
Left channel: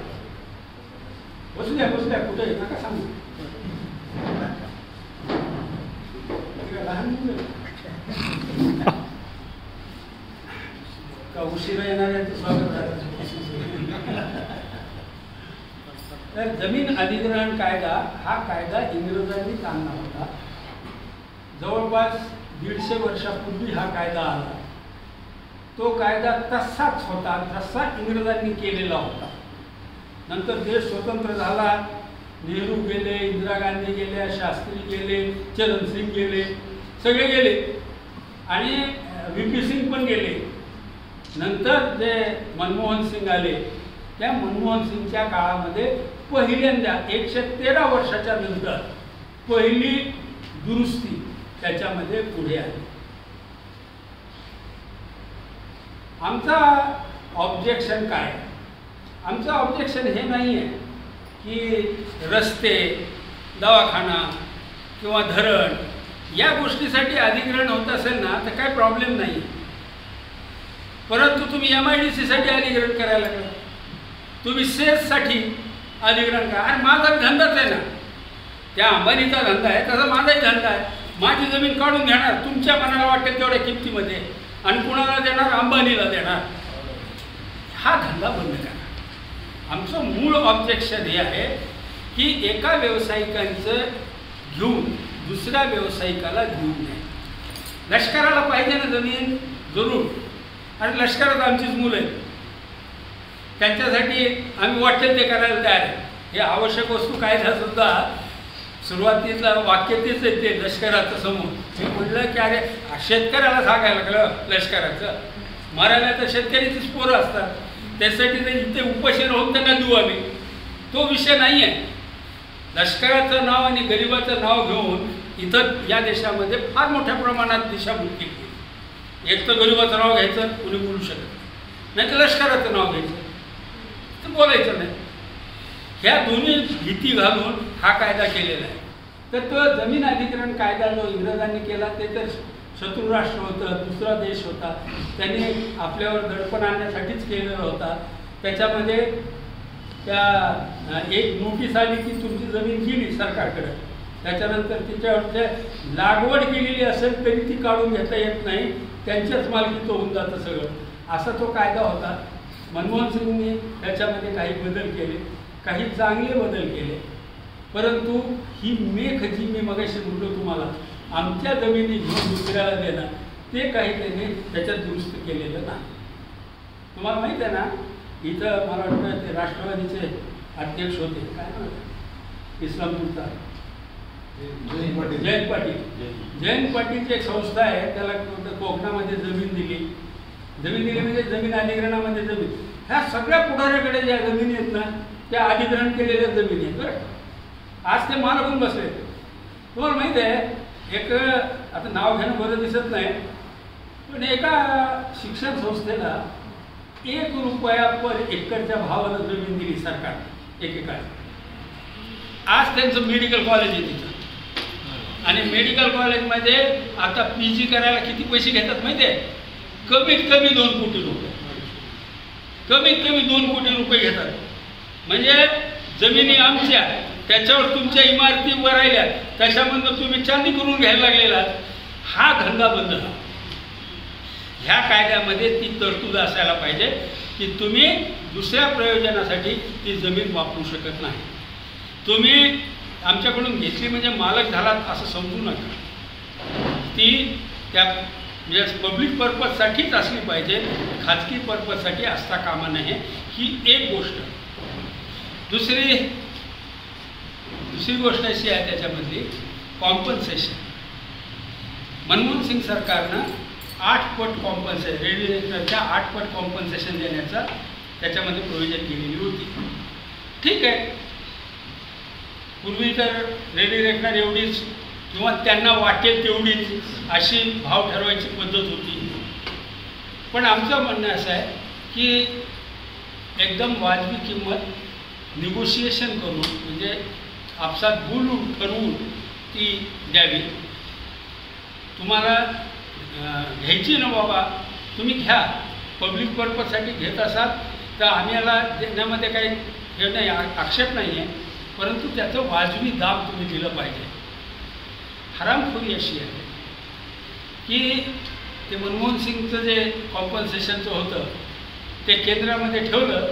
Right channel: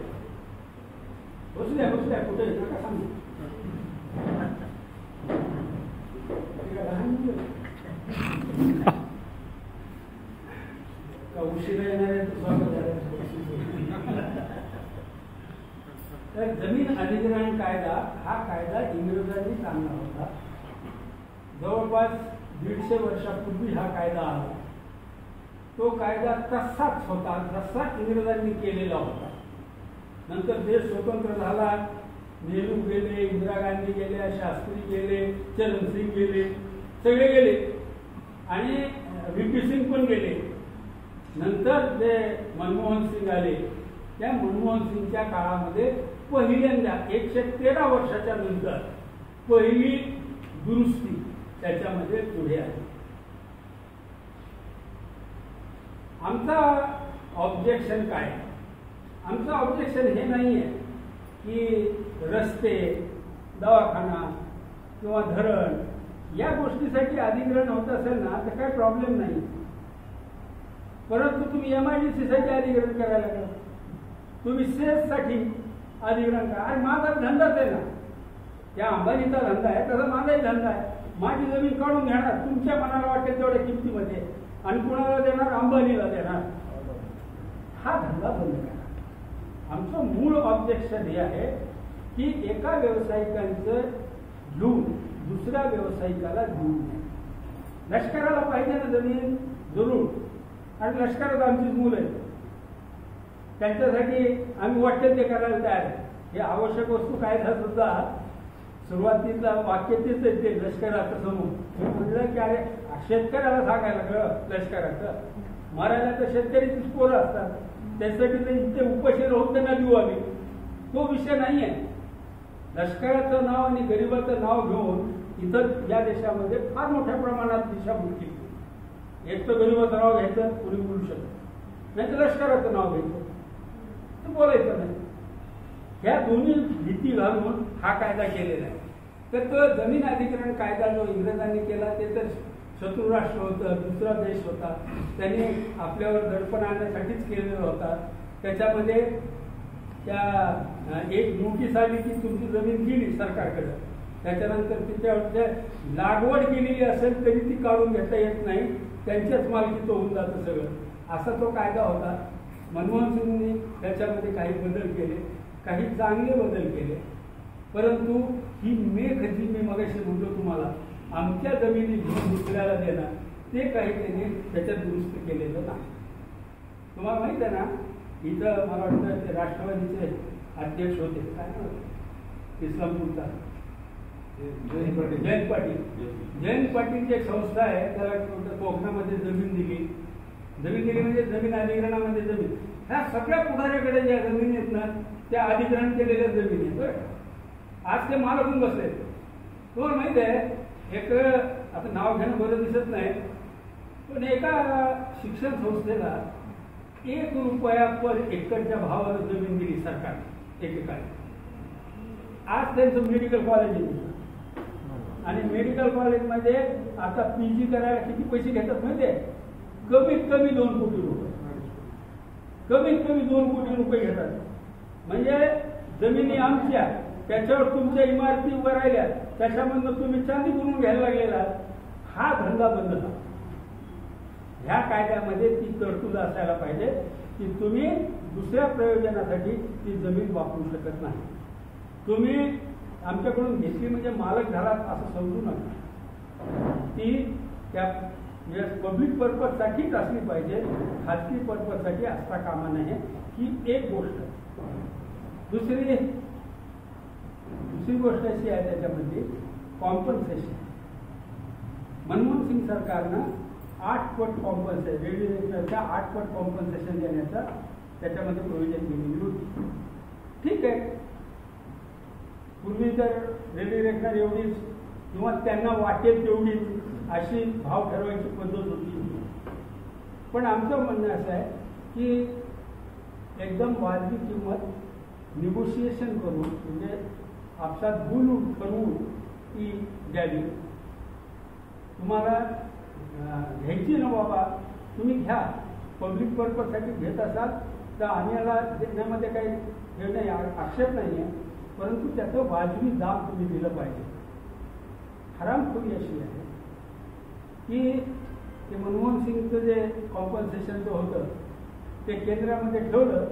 बसल्या कुठे नका सांगू. लहान मुलं का उशिरा येणाऱ्यांचं स्वागत झालं. तर जमीन अधिग्रहण कायदा हा कायदा इंग्रजांनी आणला होता. जवळपास 150 वर्षापूर्वी हा कायदा आला. तो कायदा तसाच होता जसा इंग्रजांनी केलेला होता. नंतर देश स्वतंत्र झाला, नेहरू गेले, इंदिरा गांधी गेल्या, शास्त्री गेले, चरणसिंग गेले, सगळे गेले आणि VP सिंग पण गेले. नंतर जे मनमोहन सिंग आले, त्या मनमोहन सिंगच्या काळामध्ये पहिल्यांदा 113 वर्षाच्या नंतर पहिली दुरुस्ती त्याच्यामध्ये पुढे आली. आमचा ऑब्जेक्शन काय? आमचं ऑब्जेक्शन हे नाही आहे की रस्ते, दवाखाना किंवा धरण या गोष्टीसाठी अधिग्रहण होत असेल ना तर काय प्रॉब्लेम नाही. परंतु तुम्ही MIDC साठी अधिग्रहण करायला लागला, तुम्ही सेससाठी अधिग्रहण करा. अरे माझा धंदाच आहे ना, त्या अंबानीचा धंदा आहे तसा माझाही धंदा आहे. माझी जमीन काढून घेणार तुमच्या मनाला वाटेल तेवढ्या किमतीमध्ये आणि कुणाला देणार? अंबानीला देणार. हा धंदा बंद करा. आमचं मूळ ऑब्जेक्शन हे आहे की एका व्यावसायिकांचं घेऊन दुसऱ्या व्यावसायिकाला घेऊन नये. लष्कराला पाहिजे ना जमीन, जरूर. आणि लष्करात आमचीच मुलं आहेत, त्यांच्यासाठी आम्ही वाटेल ते करायला तयार आहे. हे आवश्यक वस्तू कायदा सुरुवातीला वाक्य तेच आहे ते लष्कराचं समोर. मी म्हटलं की अरे शेतकऱ्याला सांगायला लागलं लष्कराचं, मरायला तर शेतकरीचीच पोरं असतात, त्यासाठी ते इथे उपाशी राहून त्यांना देऊ आम्ही. तो विषय नाही आहे. लष्कराचं नाव आणि गरिबाचं नाव घेऊन इथं या देशामध्ये फार मोठ्या प्रमाणात दिशाभूल केली. एक तर गरिबाचं नाव घ्यायचं, कुणी बोलू शकत नाही, तर लष्कराचं नाव घ्यायचं, तर बोलायचं नाही. ह्या दोन्ही भीती घालून हा कायदा केलेला आहे. तर तो जमीन अधिग्रहण कायदा जो इंग्रजांनी केला ते तर शत्रू राष्ट्र होतं, दुसरा देश होता, त्यांनी आपल्यावर दडपण आणण्यासाठीच केलेला होता. त्याच्यामध्ये त्या एक नोटीस आली की तुमची जमीन गेली सरकारकडे, त्याच्यानंतर तिच्यावरच्या लागवड केलेली असेल तरी ती काढून घेता येत नाही, त्यांच्याच मालकीचं होऊन जातं सगळं, असा तो कायदा होता. मनमोहन सिंगनी त्याच्यामध्ये काही बदल केले, काही चांगले बदल केले, परंतु ही मेख जी मी मगाशी म्हणलो तुम्हाला आमच्या जमिनी घेऊन दुसऱ्याला देणं, ते काही त्याने त्याच्यात दुरुस्त केलेलं नाही. तुम्हाला माहीत आहे ना, इथं मला वाटतं ते राष्ट्रवादीचे अध्यक्ष होते, काय म्हणतात इस्लामपूरचा, जयंत पाटीलची एक संस्था आहे, त्याला कोकणामध्ये जमीन दिली म्हणजे जमीन अधिग्रहणामध्ये जमीन, ह्या सगळ्या पुढाऱ्याकडे ज्या जमिनी आहेत ना त्या अधिग्रहण केलेल्या जमिनी आहेत बरं. आज ते मालकून बसले. तुम्हाला माहिती आहे एक आता नाव घेणं बरं दिसत नाही, पण एका शिक्षण संस्थेला 1 रुपया पर एकरच्या भावानं जमीन दिली सरकारने एकेकाळी. आज त्यांचं मेडिकल कॉलेज आहे तिथं, आणि मेडिकल कॉलेजमध्ये आता PG करायला किती पैसे घेतात माहिती आहे? कमीत कमी 2 कोटी रुपये, कमीत कमी 2 कोटी रुपये घेतात. म्हणजे जमिनी आमच्या, त्याच्यावर तुमच्या इमारती उभं राहिल्या, त्याच्यामधून तुम्ही चांदी करून घ्यायला लागलेला. हा धंदा बंद झाला. ह्या कायद्यामध्ये ती तरतूद असायला पाहिजे की तुम्ही दुसऱ्या प्रयोजनासाठी ती जमीन वापरू शकत नाही. तुम्ही आमच्याकडून घेतली म्हणजे मालक झालात असं समजू नका. ती त्या म्हणजे पब्लिक पर्पजसाठीच असली पाहिजे, खाजगी पर्पजसाठी असता कामा नये. ही एक गोष्ट. दुसरी गोष्ट अशी आहे त्याच्यामधली कॉम्पन्सेशन. मनमोहन सिंग सरकारनं 8 पट कॉम्पन्सेशन, रेडिएटरच्या 8 पट कॉम्पन्सेशन देण्याचा त्याच्यामध्ये प्रोव्हिजन केलेली होती. ठीक आहे, पूर्वी तर रेडिएटर एवढीच किंवा त्यांना वाटेल तेवढीच अशी भाव ठरवायची पद्धत होती. पण आमचं म्हणणं असं आहे की एकदम वाजवी किंमत निगोशिएशन करून, म्हणजे आपसात बोलून ठरवून ती द्यावी. तुम्हाला घ्यायची ना बाबा, तुम्ही घ्या, पब्लिक पर्पजसाठी घेत असाल तर आम्ही याला देण्यामध्ये काही हे नाही, आक्षेप नाही आहे, परंतु त्याचं वाजवी दाम तुम्ही दिलं पाहिजे. हरामखोरी अशी आहे की ते मनमोहन सिंगचं जे कॉम्पन्सेशनचं होतं ते केंद्रामध्ये ठेवलं,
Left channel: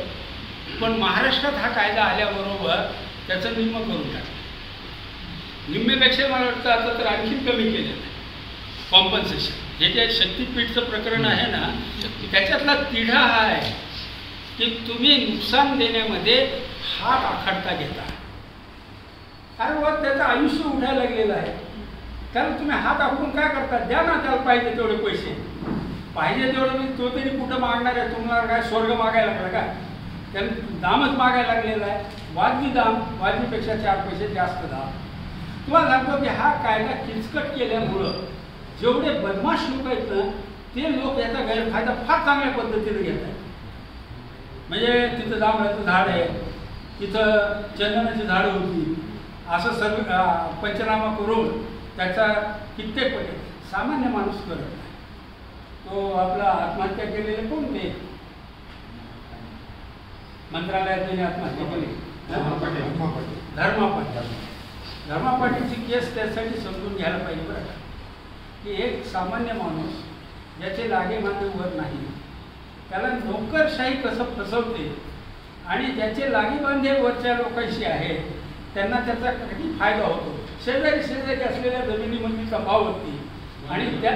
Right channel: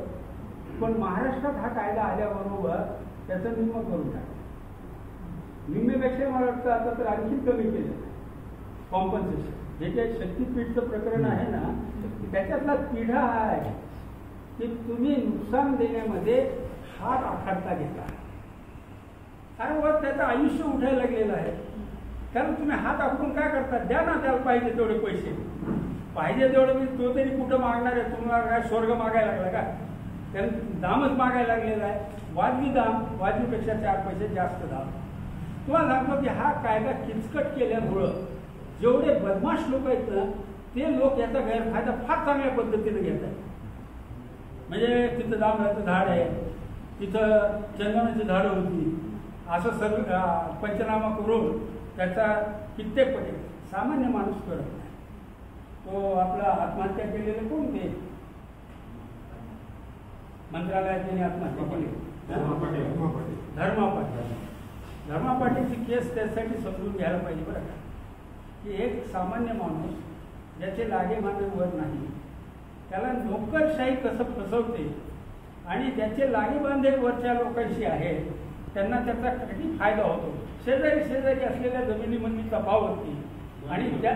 पण महाराष्ट्रात हा कायदा आल्याबरोबर त्याचं निम्म करून टाकलं. निम्मेपेक्षा मला वाटतं आता तर आणखी कमी केलेलं आहे कॉम्पन्सेशन. हे जे शक्तीपीठचं प्रकरण आहे ना, त्याच्यातला तिढा हा आहे की तुम्ही नुकसान देण्यामध्ये हात आखडता घेता. अरे वा, त्याचं आयुष्य उठायला लागलेलं आहे, त्याला तुम्ही हात आखून काय करता? द्या ना त्याला पाहिजे तेवढे पैसे. पाहिजे तेवढे मी तो तरी कुठं मागणार आहे? तुम्हाला काय स्वर्ग मागायला लागला का? त्यानं दामच मागायला लागलेला आहे. वाजवी दाम, वाजवीपेक्षा 4 पैसे जास्त दाम. तुम्हाला सांगतो की हा कायदा किचकट केल्यामुळं जेवढे बदमाश लोक आहेत ना, ते लोक याचा गैरफायदा फार चांगल्या पद्धतीने घेत आहेत. म्हणजे तिथं जांभळाचं झाड आहे, तिथं चंदनाची झाडं होती, असं सर्व पंचनामा करून त्याचा कित्येक पटे सामान्य माणूस करत नाही. तो आपला आत्महत्या केलेले कोण? ते मंत्रालयात त्यांनी आत्महत्या केली, धर्मा पाटीलची केस त्यासाठी समजून घ्यायला पाहिजे बरं का, की एक सामान्य माणूस ज्याचे लागेबांधे वर नाही, त्याला नोकरशाही कसं फसवते आणि ज्याचे लागेबांधे वरच्या लोकांशी आहेत त्यांना त्याचा किती फायदा होतो. शेजारी असलेल्या जमिनीमध्ये तफावती आणि त्या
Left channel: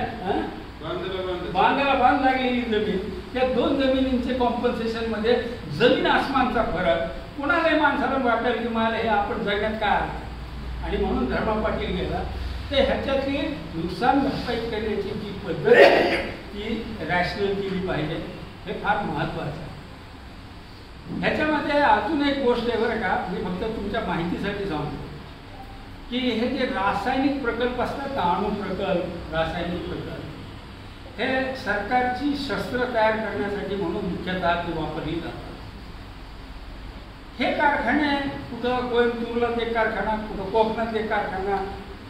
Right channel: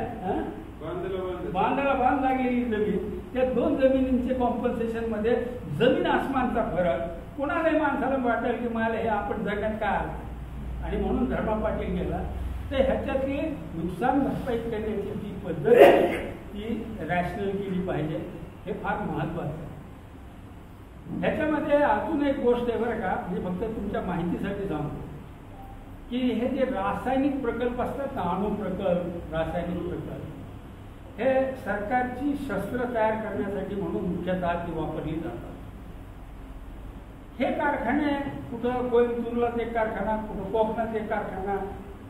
बांधाला बांध लागलेली जमीन, त्या 2 जमिनींचे कॉम्पन्सेशनमध्ये जमीन आसमानचा फरक. कोणालाही माणसाला वाटेल की मला हे आपण जगण्यात काय अर्थ आहे, आणि म्हणून धर्मा पाटील गेला. तर ह्याच्यातली नुकसान भरपाई करण्याची जी पद्धत आहे ती रॅशनल केली पाहिजे, हे फार महत्त्वाचं आहे. ह्याच्यामध्ये अजून एक गोष्ट आहे बरं का, मी फक्त तुमच्या माहितीसाठी सांगतो की हे जे रासायनिक प्रकल्प असतात ना, अणु प्रकल्प, रासायनिक प्रकल्प, हे सरकारची शस्त्र तयार करण्यासाठी म्हणून मुख्यतः ते वापरली जातात. हे कारखाने कुठं कोइंबतूरला एक कारखाना, कुठं कोकणात एक कारखाना,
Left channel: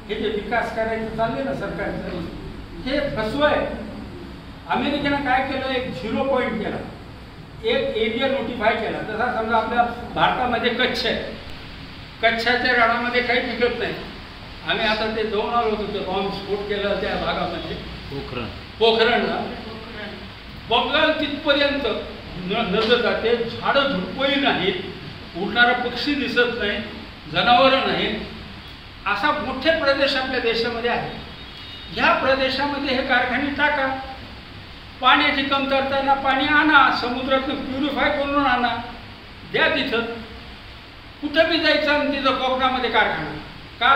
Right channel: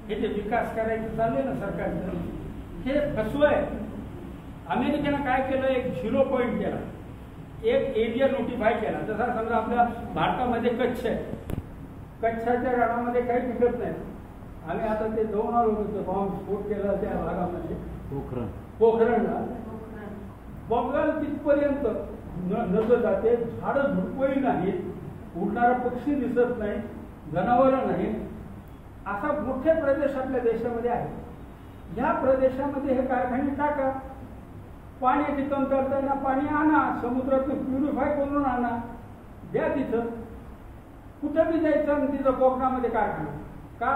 हे जे विकास करायचं चालले ना सरकारचं, हे फसवं आहे. अमेरिकेनं काय केलं? एक 0 पॉईंट केला, एक एरिया नोटिफाय केला. जसा समजा आपल्या भारतामध्ये कच्छ आहे, कच्छच्या रणामध्ये काही पिकत नाही. आम्ही आता ते जाऊन आलो होतो, ते बॉम्ब स्फोट केला त्या भागामध्ये, पोखरणला. बघाल तिथपर्यंत नजर जाते, झाडं झुडपही नाहीत, उडणारा पक्षी दिसत नाही, जनावरं नाहीत. असा मोठे प्रदेश आपल्या देशामध्ये आहे. ह्या प्रदेशामध्ये हे कारखाने टाका, पाण्याची कमतरता ना, पाणी आणा, समुद्रातून प्युरिफाय करून आणा, द्या तिथं. कुठं बी जायचं आणि तिथं कोकणामध्ये कारखाना का?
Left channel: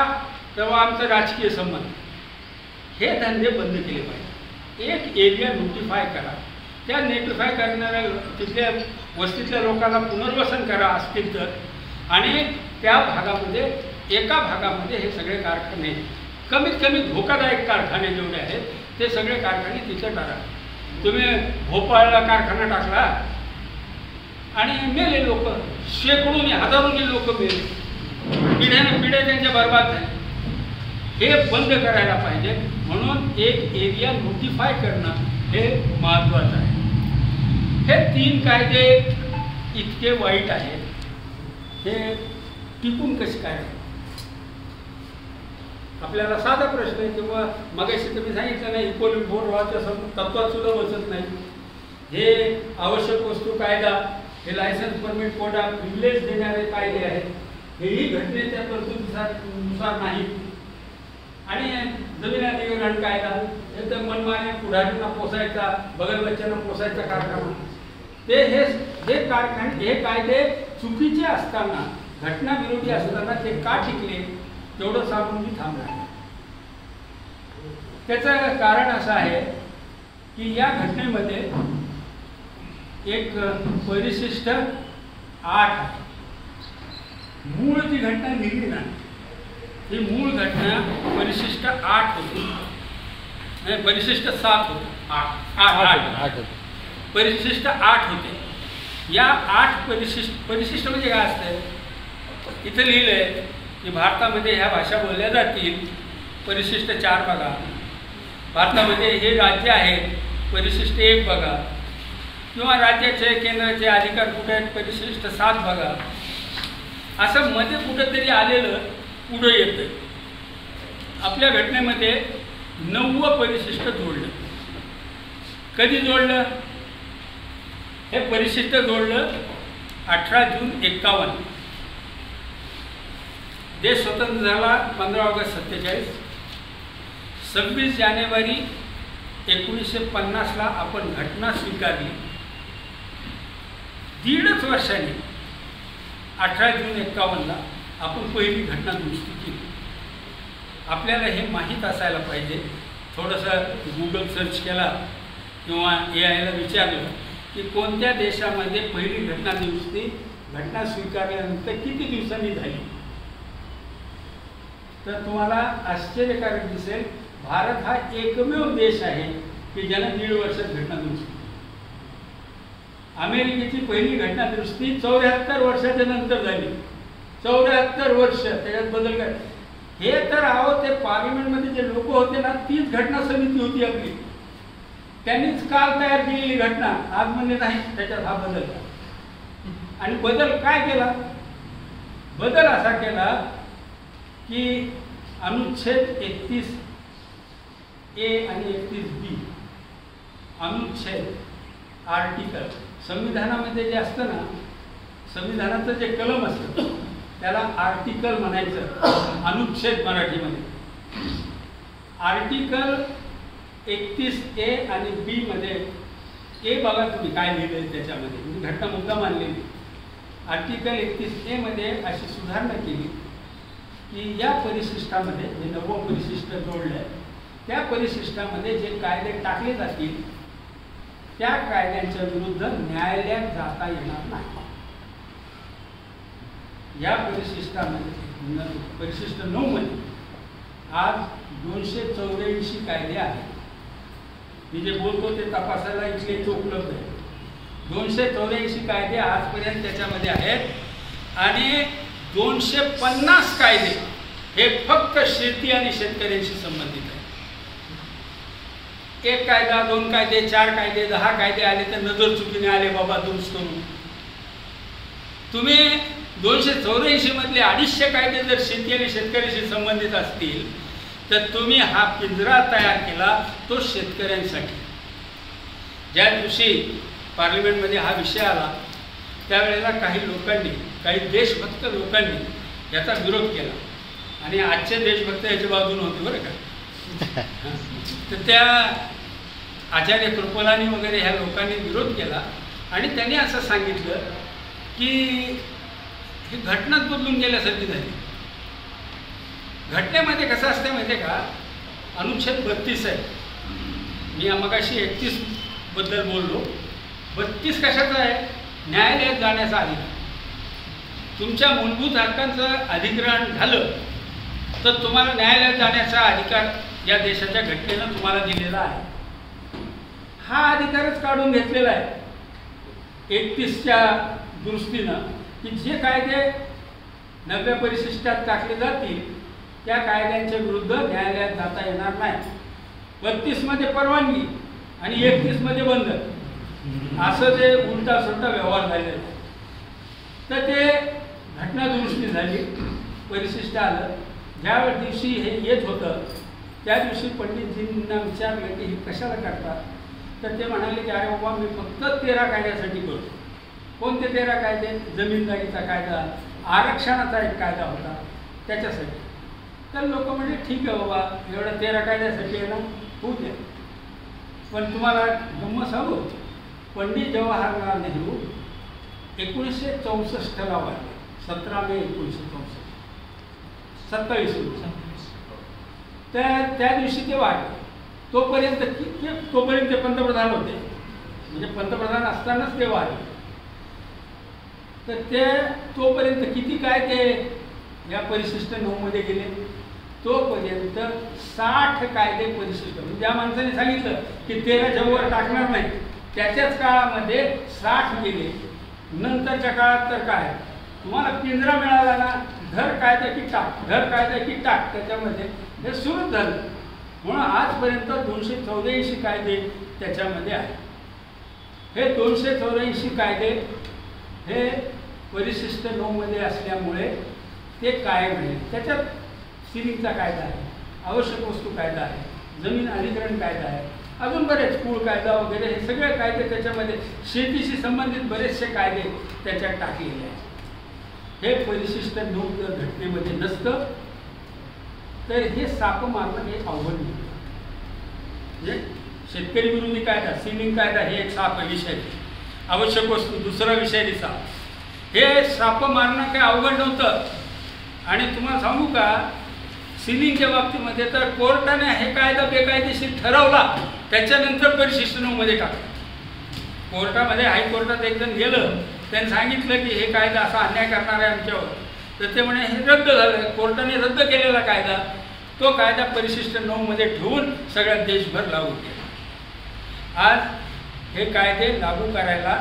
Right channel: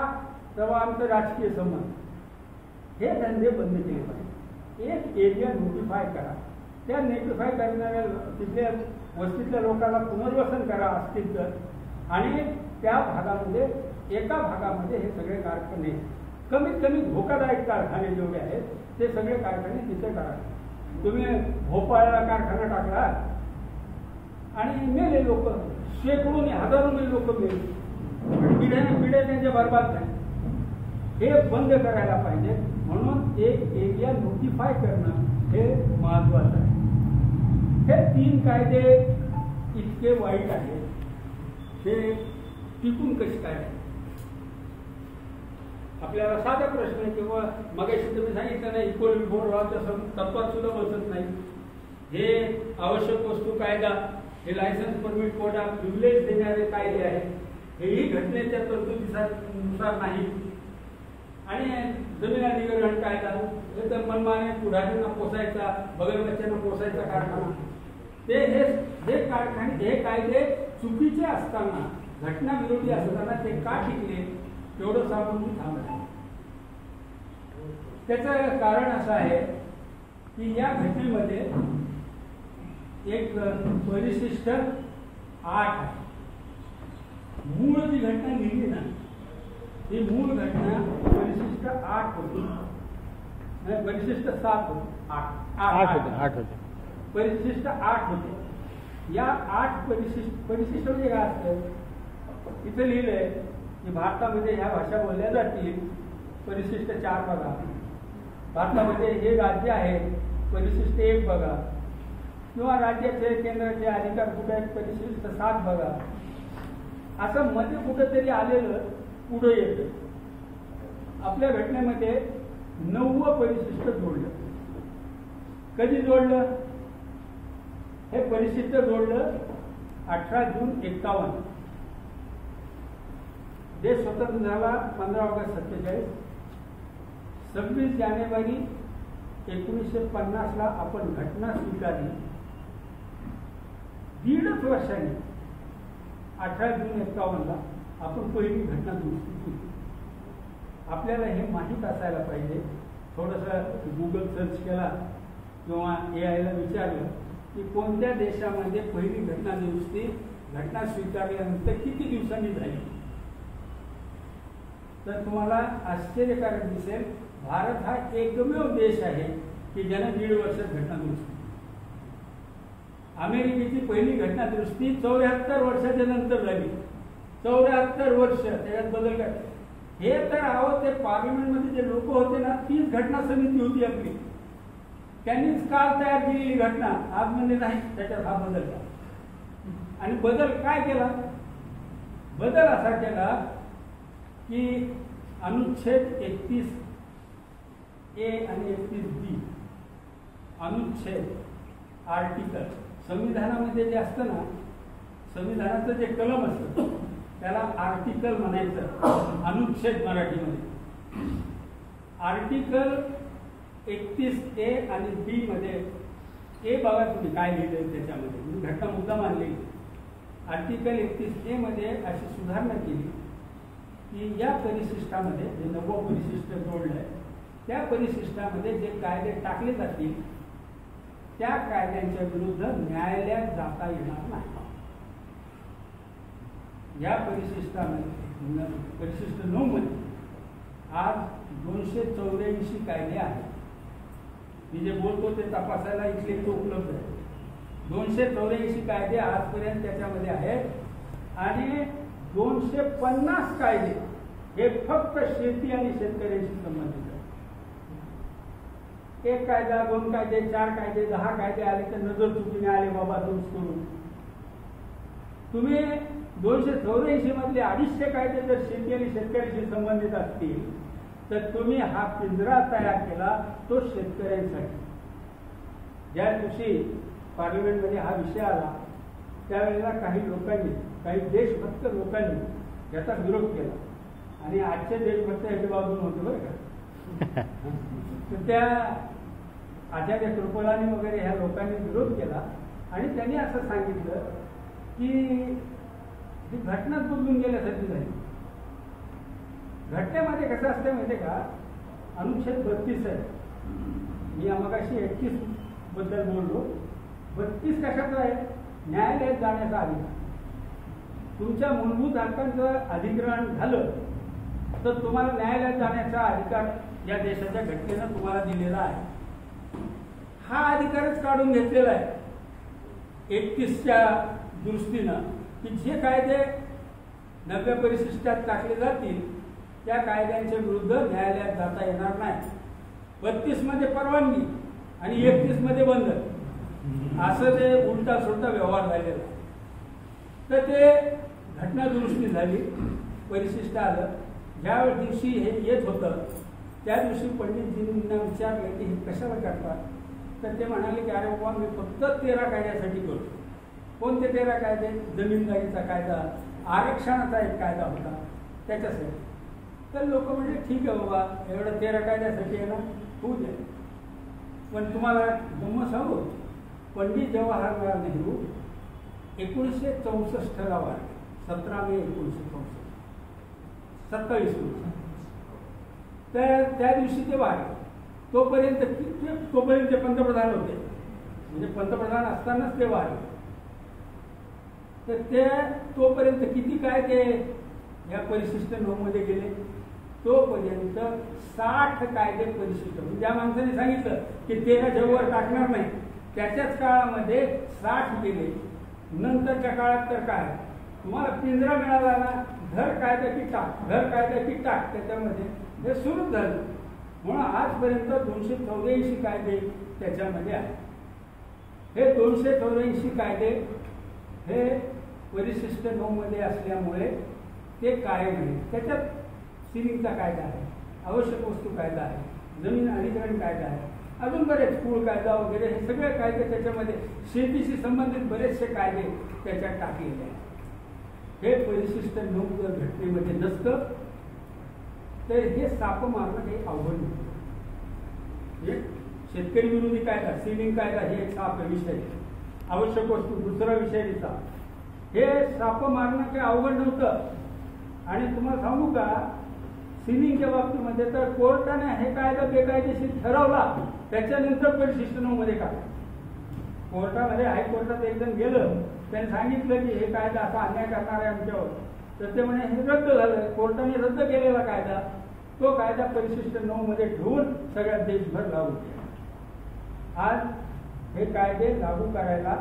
तेव्हा आमचं राजकीय संबंध. हे धंदे बंद केले पाहिजे. एक एरिया नोटिफाय करा, त्या नोटिफाय करणाऱ्या तिथल्या वस्तीतल्या लोकांना पुनर्वसन करा असतील तर, आणि त्या भागामध्ये एका भागामध्ये हे सगळे कारखाने कमीत कमी धोकादायक कारखाने जेवढे आहेत ते सगळे कारखाने तिथं टाका. तुम्ही भोपाळला कारखाना टाकला आणि मेले लोक, शेकडोनी हजारोनी लोक मेले, पिढ्या त्यांच्या बर्बाद झाले. हे बंद करायला पाहिजे. म्हणून एक एरिया नोटिफाय करणं हे महत्त्वाचं आहे. हे 3 कायदे इतके वाईट आहेत, हे टिकून कसे काय आहे? आपल्याला साधा प्रश्न आहे. किंवा मगाशी तुम्ही सांगितलं नाही, इक्वली फोर लॉच्या तत्वात सुद्धा बसत नाही. हे आवश्यक वस्तू कायदा, हे लायसन्स परमिट कोडा प्रिव्हिलेज देणारे कायदे आहेत, हेही घटनेच्या तरतुदीनुसार नाही. आणि जमीन अधिग्रहण कायदा हे तर मनमाने पुढारींना पोसायचा, बगलबच्च्यांना पोसायचा कारखाना. हे कारखाने, हे कायदे चुकीचे असताना, घटनाविरोधी असताना ते का टिकले तेवढं सांगून मी थांबणार. त्याचं कारण असं आहे की या घटनेमध्ये एक परिशिष्ट 8 आहे. मूळ जी घटना लिहिली ना, ही मूळ घटना परिशिष्ट 8 होती, नाही परिशिष्ट 7 होते. 8 परिशिष्ट 8 होते. या 8 परिशिष्ट म्हणजे काय असते? इथे लिहिलंय की भारतामध्ये ह्या भाषा बोलल्या जातील, परिशिष्ट 4 बघा. भारतामध्ये हे राज्य आहेत, परिशिष्ट 1 बघा. किंवा राज्याचे केंद्राचे अधिकार कुठे आहेत, परिशिष्ट 7 बघा. असं मध्ये कुठंतरी आलेलं पुढं येतं. आपल्या घटनेमध्ये 9वं परिशिष्ट जोडलं. कधी जोडलं? हे परिशिष्ट जोडलं 18 जून 51. देश स्वतंत्र झाला 15 ऑगस्ट 47. 26 जानेवारी 1950ला आपण घटना स्वीकारली. 1.5 वर्षांनी 18 जून 51ला आपण पहिली घटना दुरुस्ती केली. आपल्याला हे माहीत असायला पाहिजे. थोडंसं गुगल सर्च केला किंवा AIला विचारलं की कोणत्या देशामध्ये पहिली घटना दुरुस्ती घटना स्वीकारल्यानंतर किती दिवसांनी झाली, तर तुम्हाला आश्चर्यकारक दिसेल. भारत हा एकमेव देश आहे की ज्याने 1.5 वर्षात घटना दुरुस्ती. अमेरिकेची पहिली घटना दुरुस्ती 74 वर्षाच्या नंतर झाली. 74 वर्ष. त्याच्यात बदल काय? हे तर ते पार्लमेंटमध्ये जे लोक होते ना, तीच घटना समिती होती आपली, त्यांनीच काल तयार केलेली घटना. आज म्हणजे नाही, त्याच्यात हा बदल. आणि बदल काय केला? बदल असा केला की अनुच्छेद 31A आणि 31B, अनुच्छेद, आर्टिकल, संविधानामध्ये जे असतं ना, संविधानाचं जे कलम असतं त्याला आर्टिकल म्हणायचं, अनुच्छेद मराठीमध्ये. आर्टिकल 31A आणि B मध्ये, ए बघा तुम्ही काय लिहिलंय त्याच्यामध्ये, मी घटना मुद्दा मानलेली. आर्टिकल 31A मध्ये अशी सुधारणा केली की या परिशिष्टामध्ये जे 9वं परिशिष्ट जोडलंय त्या परिशिष्टामध्ये जे कायदे टाकले जातील त्या कायद्यांच्या विरुद्ध न्यायालयात जाता येणार नाही. या परिशिष्टामध्ये, परिशिष्ट 9 मध्ये आज 284 कायदे आहेत. मी जे बोलतो ते तपासायला इथले इथे उपलब्ध आहे. 284 कायदे आजपर्यंत त्याच्यामध्ये आहेत आणि 250 कायदे हे फक्त शेती आणि शेतकऱ्यांशी संबंधित आहे. 1 कायदा, 2 कायदे, 4 कायदे, 10 कायदे आले तर नजर चुकीने आले बाबा दुरुस्त करून. तुम्ही 284 मधले 250 कायदे जर शेती आणि शेतकऱ्याशी संबंधित असतील तर तुम्ही हा पिंजरा तयार केला तो शेतकऱ्यांसाठी. ज्या दिवशी पार्लमेंटमध्ये हा विषय आला त्यावेळेला काही लोकांनी, काही देशभक्त लोकांनी याचा विरोध केला आणि आजचे देशभक्त याच्या बाजूने होते बरं का. तर त्या आचार्य कृपलानी वगैरे ह्या लोकांनी विरोध केला आणि त्यांनी असं सांगितलं की ही घटनाच बदलून गेल्यासारखी झाली. घटनेमध्ये कसं असतं माहिती आहे का, अनुच्छेद 32 आहे. मी मगाशी 31 बद्दल बोललो. 32 कशाचा आहे? न्यायालयात जाण्याचा अधिकार. तुमच्या मूलभूत हक्कांचं अधिग्रहण झालं तर तुम्हाला न्यायालयात जाण्याचा अधिकार या देशाच्या घटनेनं तुम्हाला दिलेला आहे. हा अधिकारच काढून घेतलेला आहे 31च्या दुरुस्तीनं, की जे कायदे 90 परिशिष्टात टाकले जातील त्या कायद्यांच्या विरुद्ध न्यायालयात जाता येणार नाही. 32मध्ये परवानगी आणि 31मध्ये बंद, असं ते उलटा सुलटा व्यवहार झालेला आहे. तर ते घटना दुरुस्ती झाली, परिशिष्ट आलं. ज्या दिवशी हे येत होतं त्या दिवशी पंडितजींना विचारलं की हे कशाला करतात, तर ते म्हणाले की अरे बाबा मी फक्त 13 कायद्यासाठी करतो. कोणते 13 कायदे? जमीनदारीचा कायदा, आरक्षणाचा एक कायदा होता त्याच्यासाठी. तर लोक म्हणजे ठीक आहे बाबा, एवढं 13 कायद्यासाठी आहे ना, होऊ द्या. पण तुम्हाला गंमत सांगू, पंडित जवाहरलाल नेहरू 1964ला वारले, 17 मे 1964, 27 वर्ष. त्या दिवशी ते वारले. तोपर्यंत ते पंतप्रधान होते, म्हणजे पंतप्रधान असतानाच ते वारले. तर ते तोपर्यंत किती काय ते या परिशिष्ट 9मध्ये गेले, तोपर्यंत 60 कायदे परिशिष्ट, म्हणजे ज्या माणसाने सांगितलं की 13च्या वर टाकणार नाही त्याच्याच काळामध्ये 60 गेले. नंतरच्या काळात तर काय, तुम्हाला पिंजरा मिळाला ना, घर कायदा की टाक, घर कायदा की टाक, त्याच्यामध्ये हे सुरूच झालं. म्हणून आजपर्यंत 284 कायदे त्याच्यामध्ये आहेत. हे 284 कायदे हे परिशिष्ट 9मध्ये असल्यामुळे ते कायम आहे. त्याच्यात सिलिंगचा कायदा आहे, आवश्यक वस्तू कायदा आहे, जमीन अधिग्रहण कायदा आहे, अजून बरेच कुळ कायदा वगैरे, हे सगळे कायदे त्याच्यामध्ये, शेतीशी संबंधित बरेचसे कायदे त्याच्यात टाकलेले आहेत. हे परिशिष्ट 9 जर घटनेमध्ये नसतं तर हे साप मारणं हे अवघड होतं. म्हणजे शेतकरी विरोधी कायदा, सिलिंग कायदा हे एक साप विषय, आवश्यक वस्तू दुसरा विषय साप, हे साप मारणं काही अवघड नव्हतं. आणि तुम्हाला सांगू का, सिलिंगच्या बाबतीमध्ये तर कोर्टाने हे कायदा बेकायदेशीर ठरवला, त्याच्यानंतर परिशिष्ट 9मध्ये टाकलं. कोर्टामध्ये, हायकोर्टात एक जण गेलं, त्यांनी सांगितलं की हे कायदा असा अन्याय करणार आहे आमच्यावर, तर ते म्हणे हे रद्द झालं. कोर्टाने रद्द केलेला कायदा, तो कायदा परिशिष्ट 9मध्ये ठेवून सगळ्या देशभर लागू केला. आज हे कायदे लागू करायला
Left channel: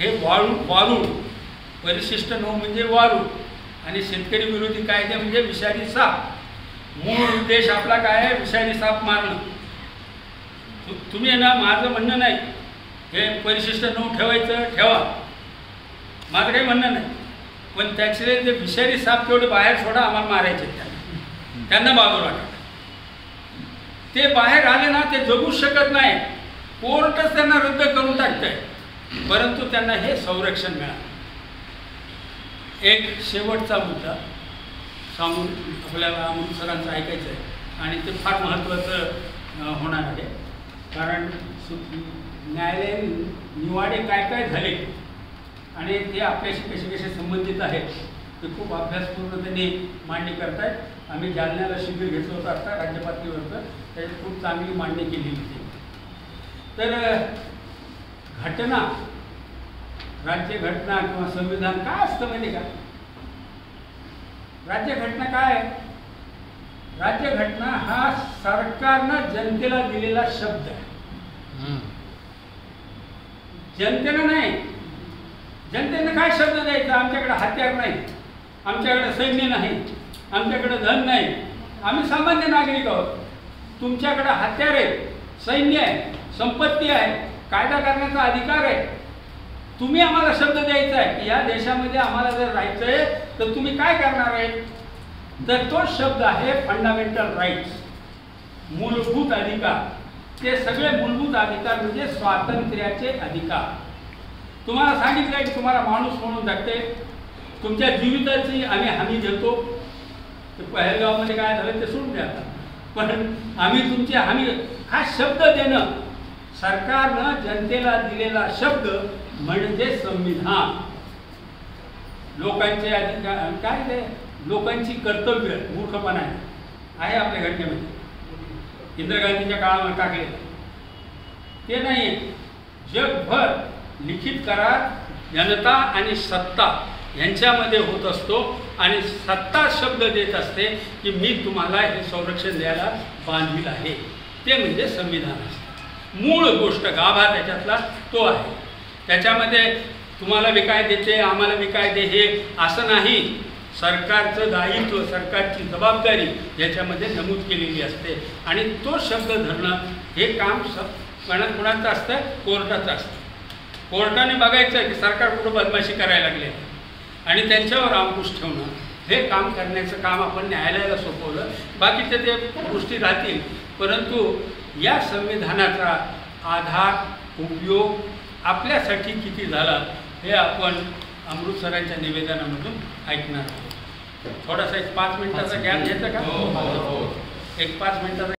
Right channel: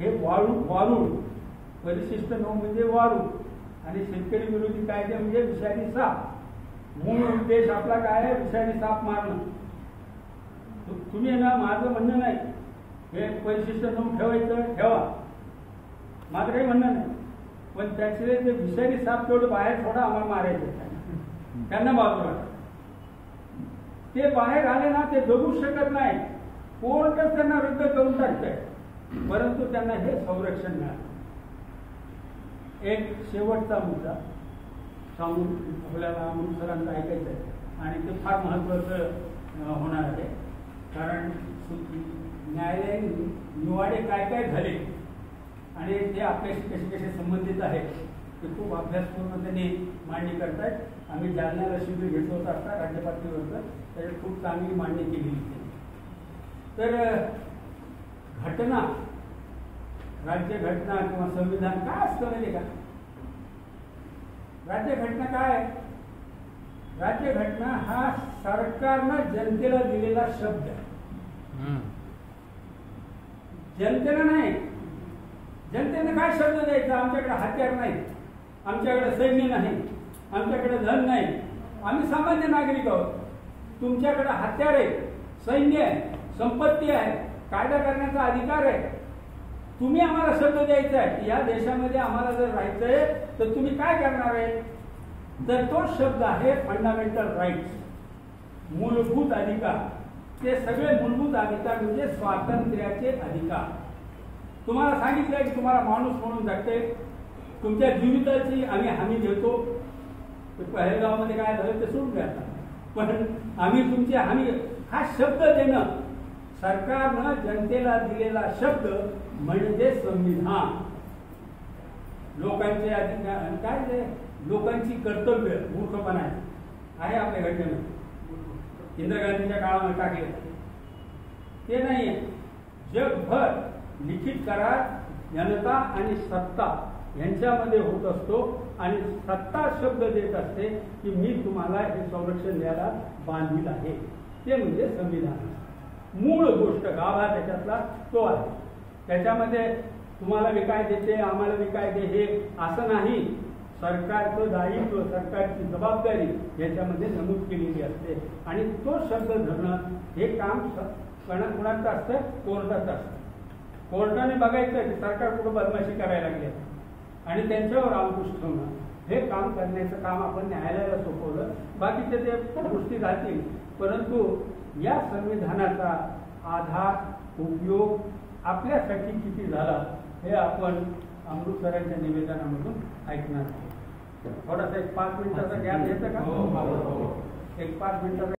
हे वाळू परिशिष्ट 9 म्हणजे वाळू, आणि शेतकरी विरोधी कायदे म्हणजे विषारी साप. मूळ उद्देश आपला काय आहे? विषारी साप मारणं. तुम्ही ना, माझं म्हणणं नाही हे परिशिष्ट 9 ठेवायचं, ठेवा, माझं काही म्हणणं नाही. पण त्याचे जे विषारी साप तेवढे बाहेर सोडा, आम्हाला मारायचे त्यांना बाजूला टाका. ते बाहेर आले ना, ते जगू शकत नाही, कोर्टच त्यांना रद्द करून टाकतंय, परंतु त्यांना हे संरक्षण मिळालं. एक शेवटचा मुद्दा सांगून आपल्याला अमृत सरांचं ऐकायचं आहे, आणि ते फार महत्त्वाचं होणार आहे. कारण न्यायालयीन निवाडे काय काय झाले आणि ते आपल्याशी कसे कसे संबंधित आहेत ते खूप अभ्यासपूर्णतेने मांडणी करतायत. आम्ही जालन्याला शिबिर घेतलं होतं आता राज्य पातळीवरचं, त्याच्यात खूप चांगली मांडणी केलेली होती. तर घटना, राज्यघटना किंवा संविधान काय असतं माहिती का? राज्यघटना काय आहे? राज्यघटना हा सरकारनं जनतेला दिलेला शब्द आहे. जनतेनं नाही. जनतेनं काय शब्द द्यायचा? आमच्याकडे हत्यार नाही, आमच्याकडे सैन्य नाही, आमच्याकडे धन नाही, आम्ही सामान्य नागरिक आहोत. तुमच्याकडे हत्यार आहे, सैन्य आहे, संपत्ती आहे, कायदा करण्याचा अधिकार आहे. तुम्ही आम्हाला शब्द द्यायचा आहे की या देशामध्ये आम्हाला जर राहायचं आहे तर तुम्ही काय करणार आहे? तर तो शब्द आहे फंडामेंटल राईट्स, मूलभूत अधिकार. ते सगळे मूलभूत अधिकार म्हणजे स्वातंत्र्याचे अधिकार. तुम्हाला सांगितलं की तुम्हाला माणूस म्हणून जगते, तुमच्या जीविताची आम्ही हमी देतो. ते पहलगावमध्ये काय झालं ते सोडून द्या, पण आम्ही तुमची हमी, हा शब्द देणं, सरकारनं जनतेला दिलेला शब्द म्हणजे संविधान. लोकांचे अधिकार काय, ते लोकांची कर्तव्य मूर्खपणा आहे आपल्या घटनेमध्ये. इंदिरा गांधीच्या काळामध्ये टाकलेलं ते नाही. जगभर लिखित करार, जनता आणि सत्ता यांच्यामध्ये होत असतो आणि सत्ता शब्द देत असते की मी तुम्हाला हे संरक्षण द्यायला बांधील आहे, ते म्हणजे संविधान असते। मूळ गोष्ट गाभा त्याच्यातला तो आहे। त्याच्यामध्ये तुम्हाला विकाय देते, आम्हाला विकाय दे हे असं नाही। सरकारचं दायित्व, सरकारची जबाबदारी याच्यामध्ये नमूद केलेली असते आणि तो शब्द धरणं हे काम कोणाचं असतं? कोर्टाचं असतं। कोर्टाने बघायचं की सरकार कुठं बदमाशी करायला लागली आणि त्यांच्यावर अंकुश ठेवणं, हे काम करण्याचं काम आपण न्यायालयाला सोपवलं। बाकीचे ते गोष्टी राहतील, परंतु या संविधानाचा आधार उपयोग आपल्यासाठी किती झाला हे आपण अमृतसरांच्या निवेदनामधून ऐकणार आहोत। थोडासा एक 5 मिनिटाचा गॅप घ्यायचा का? एक 5 मिनिटाचा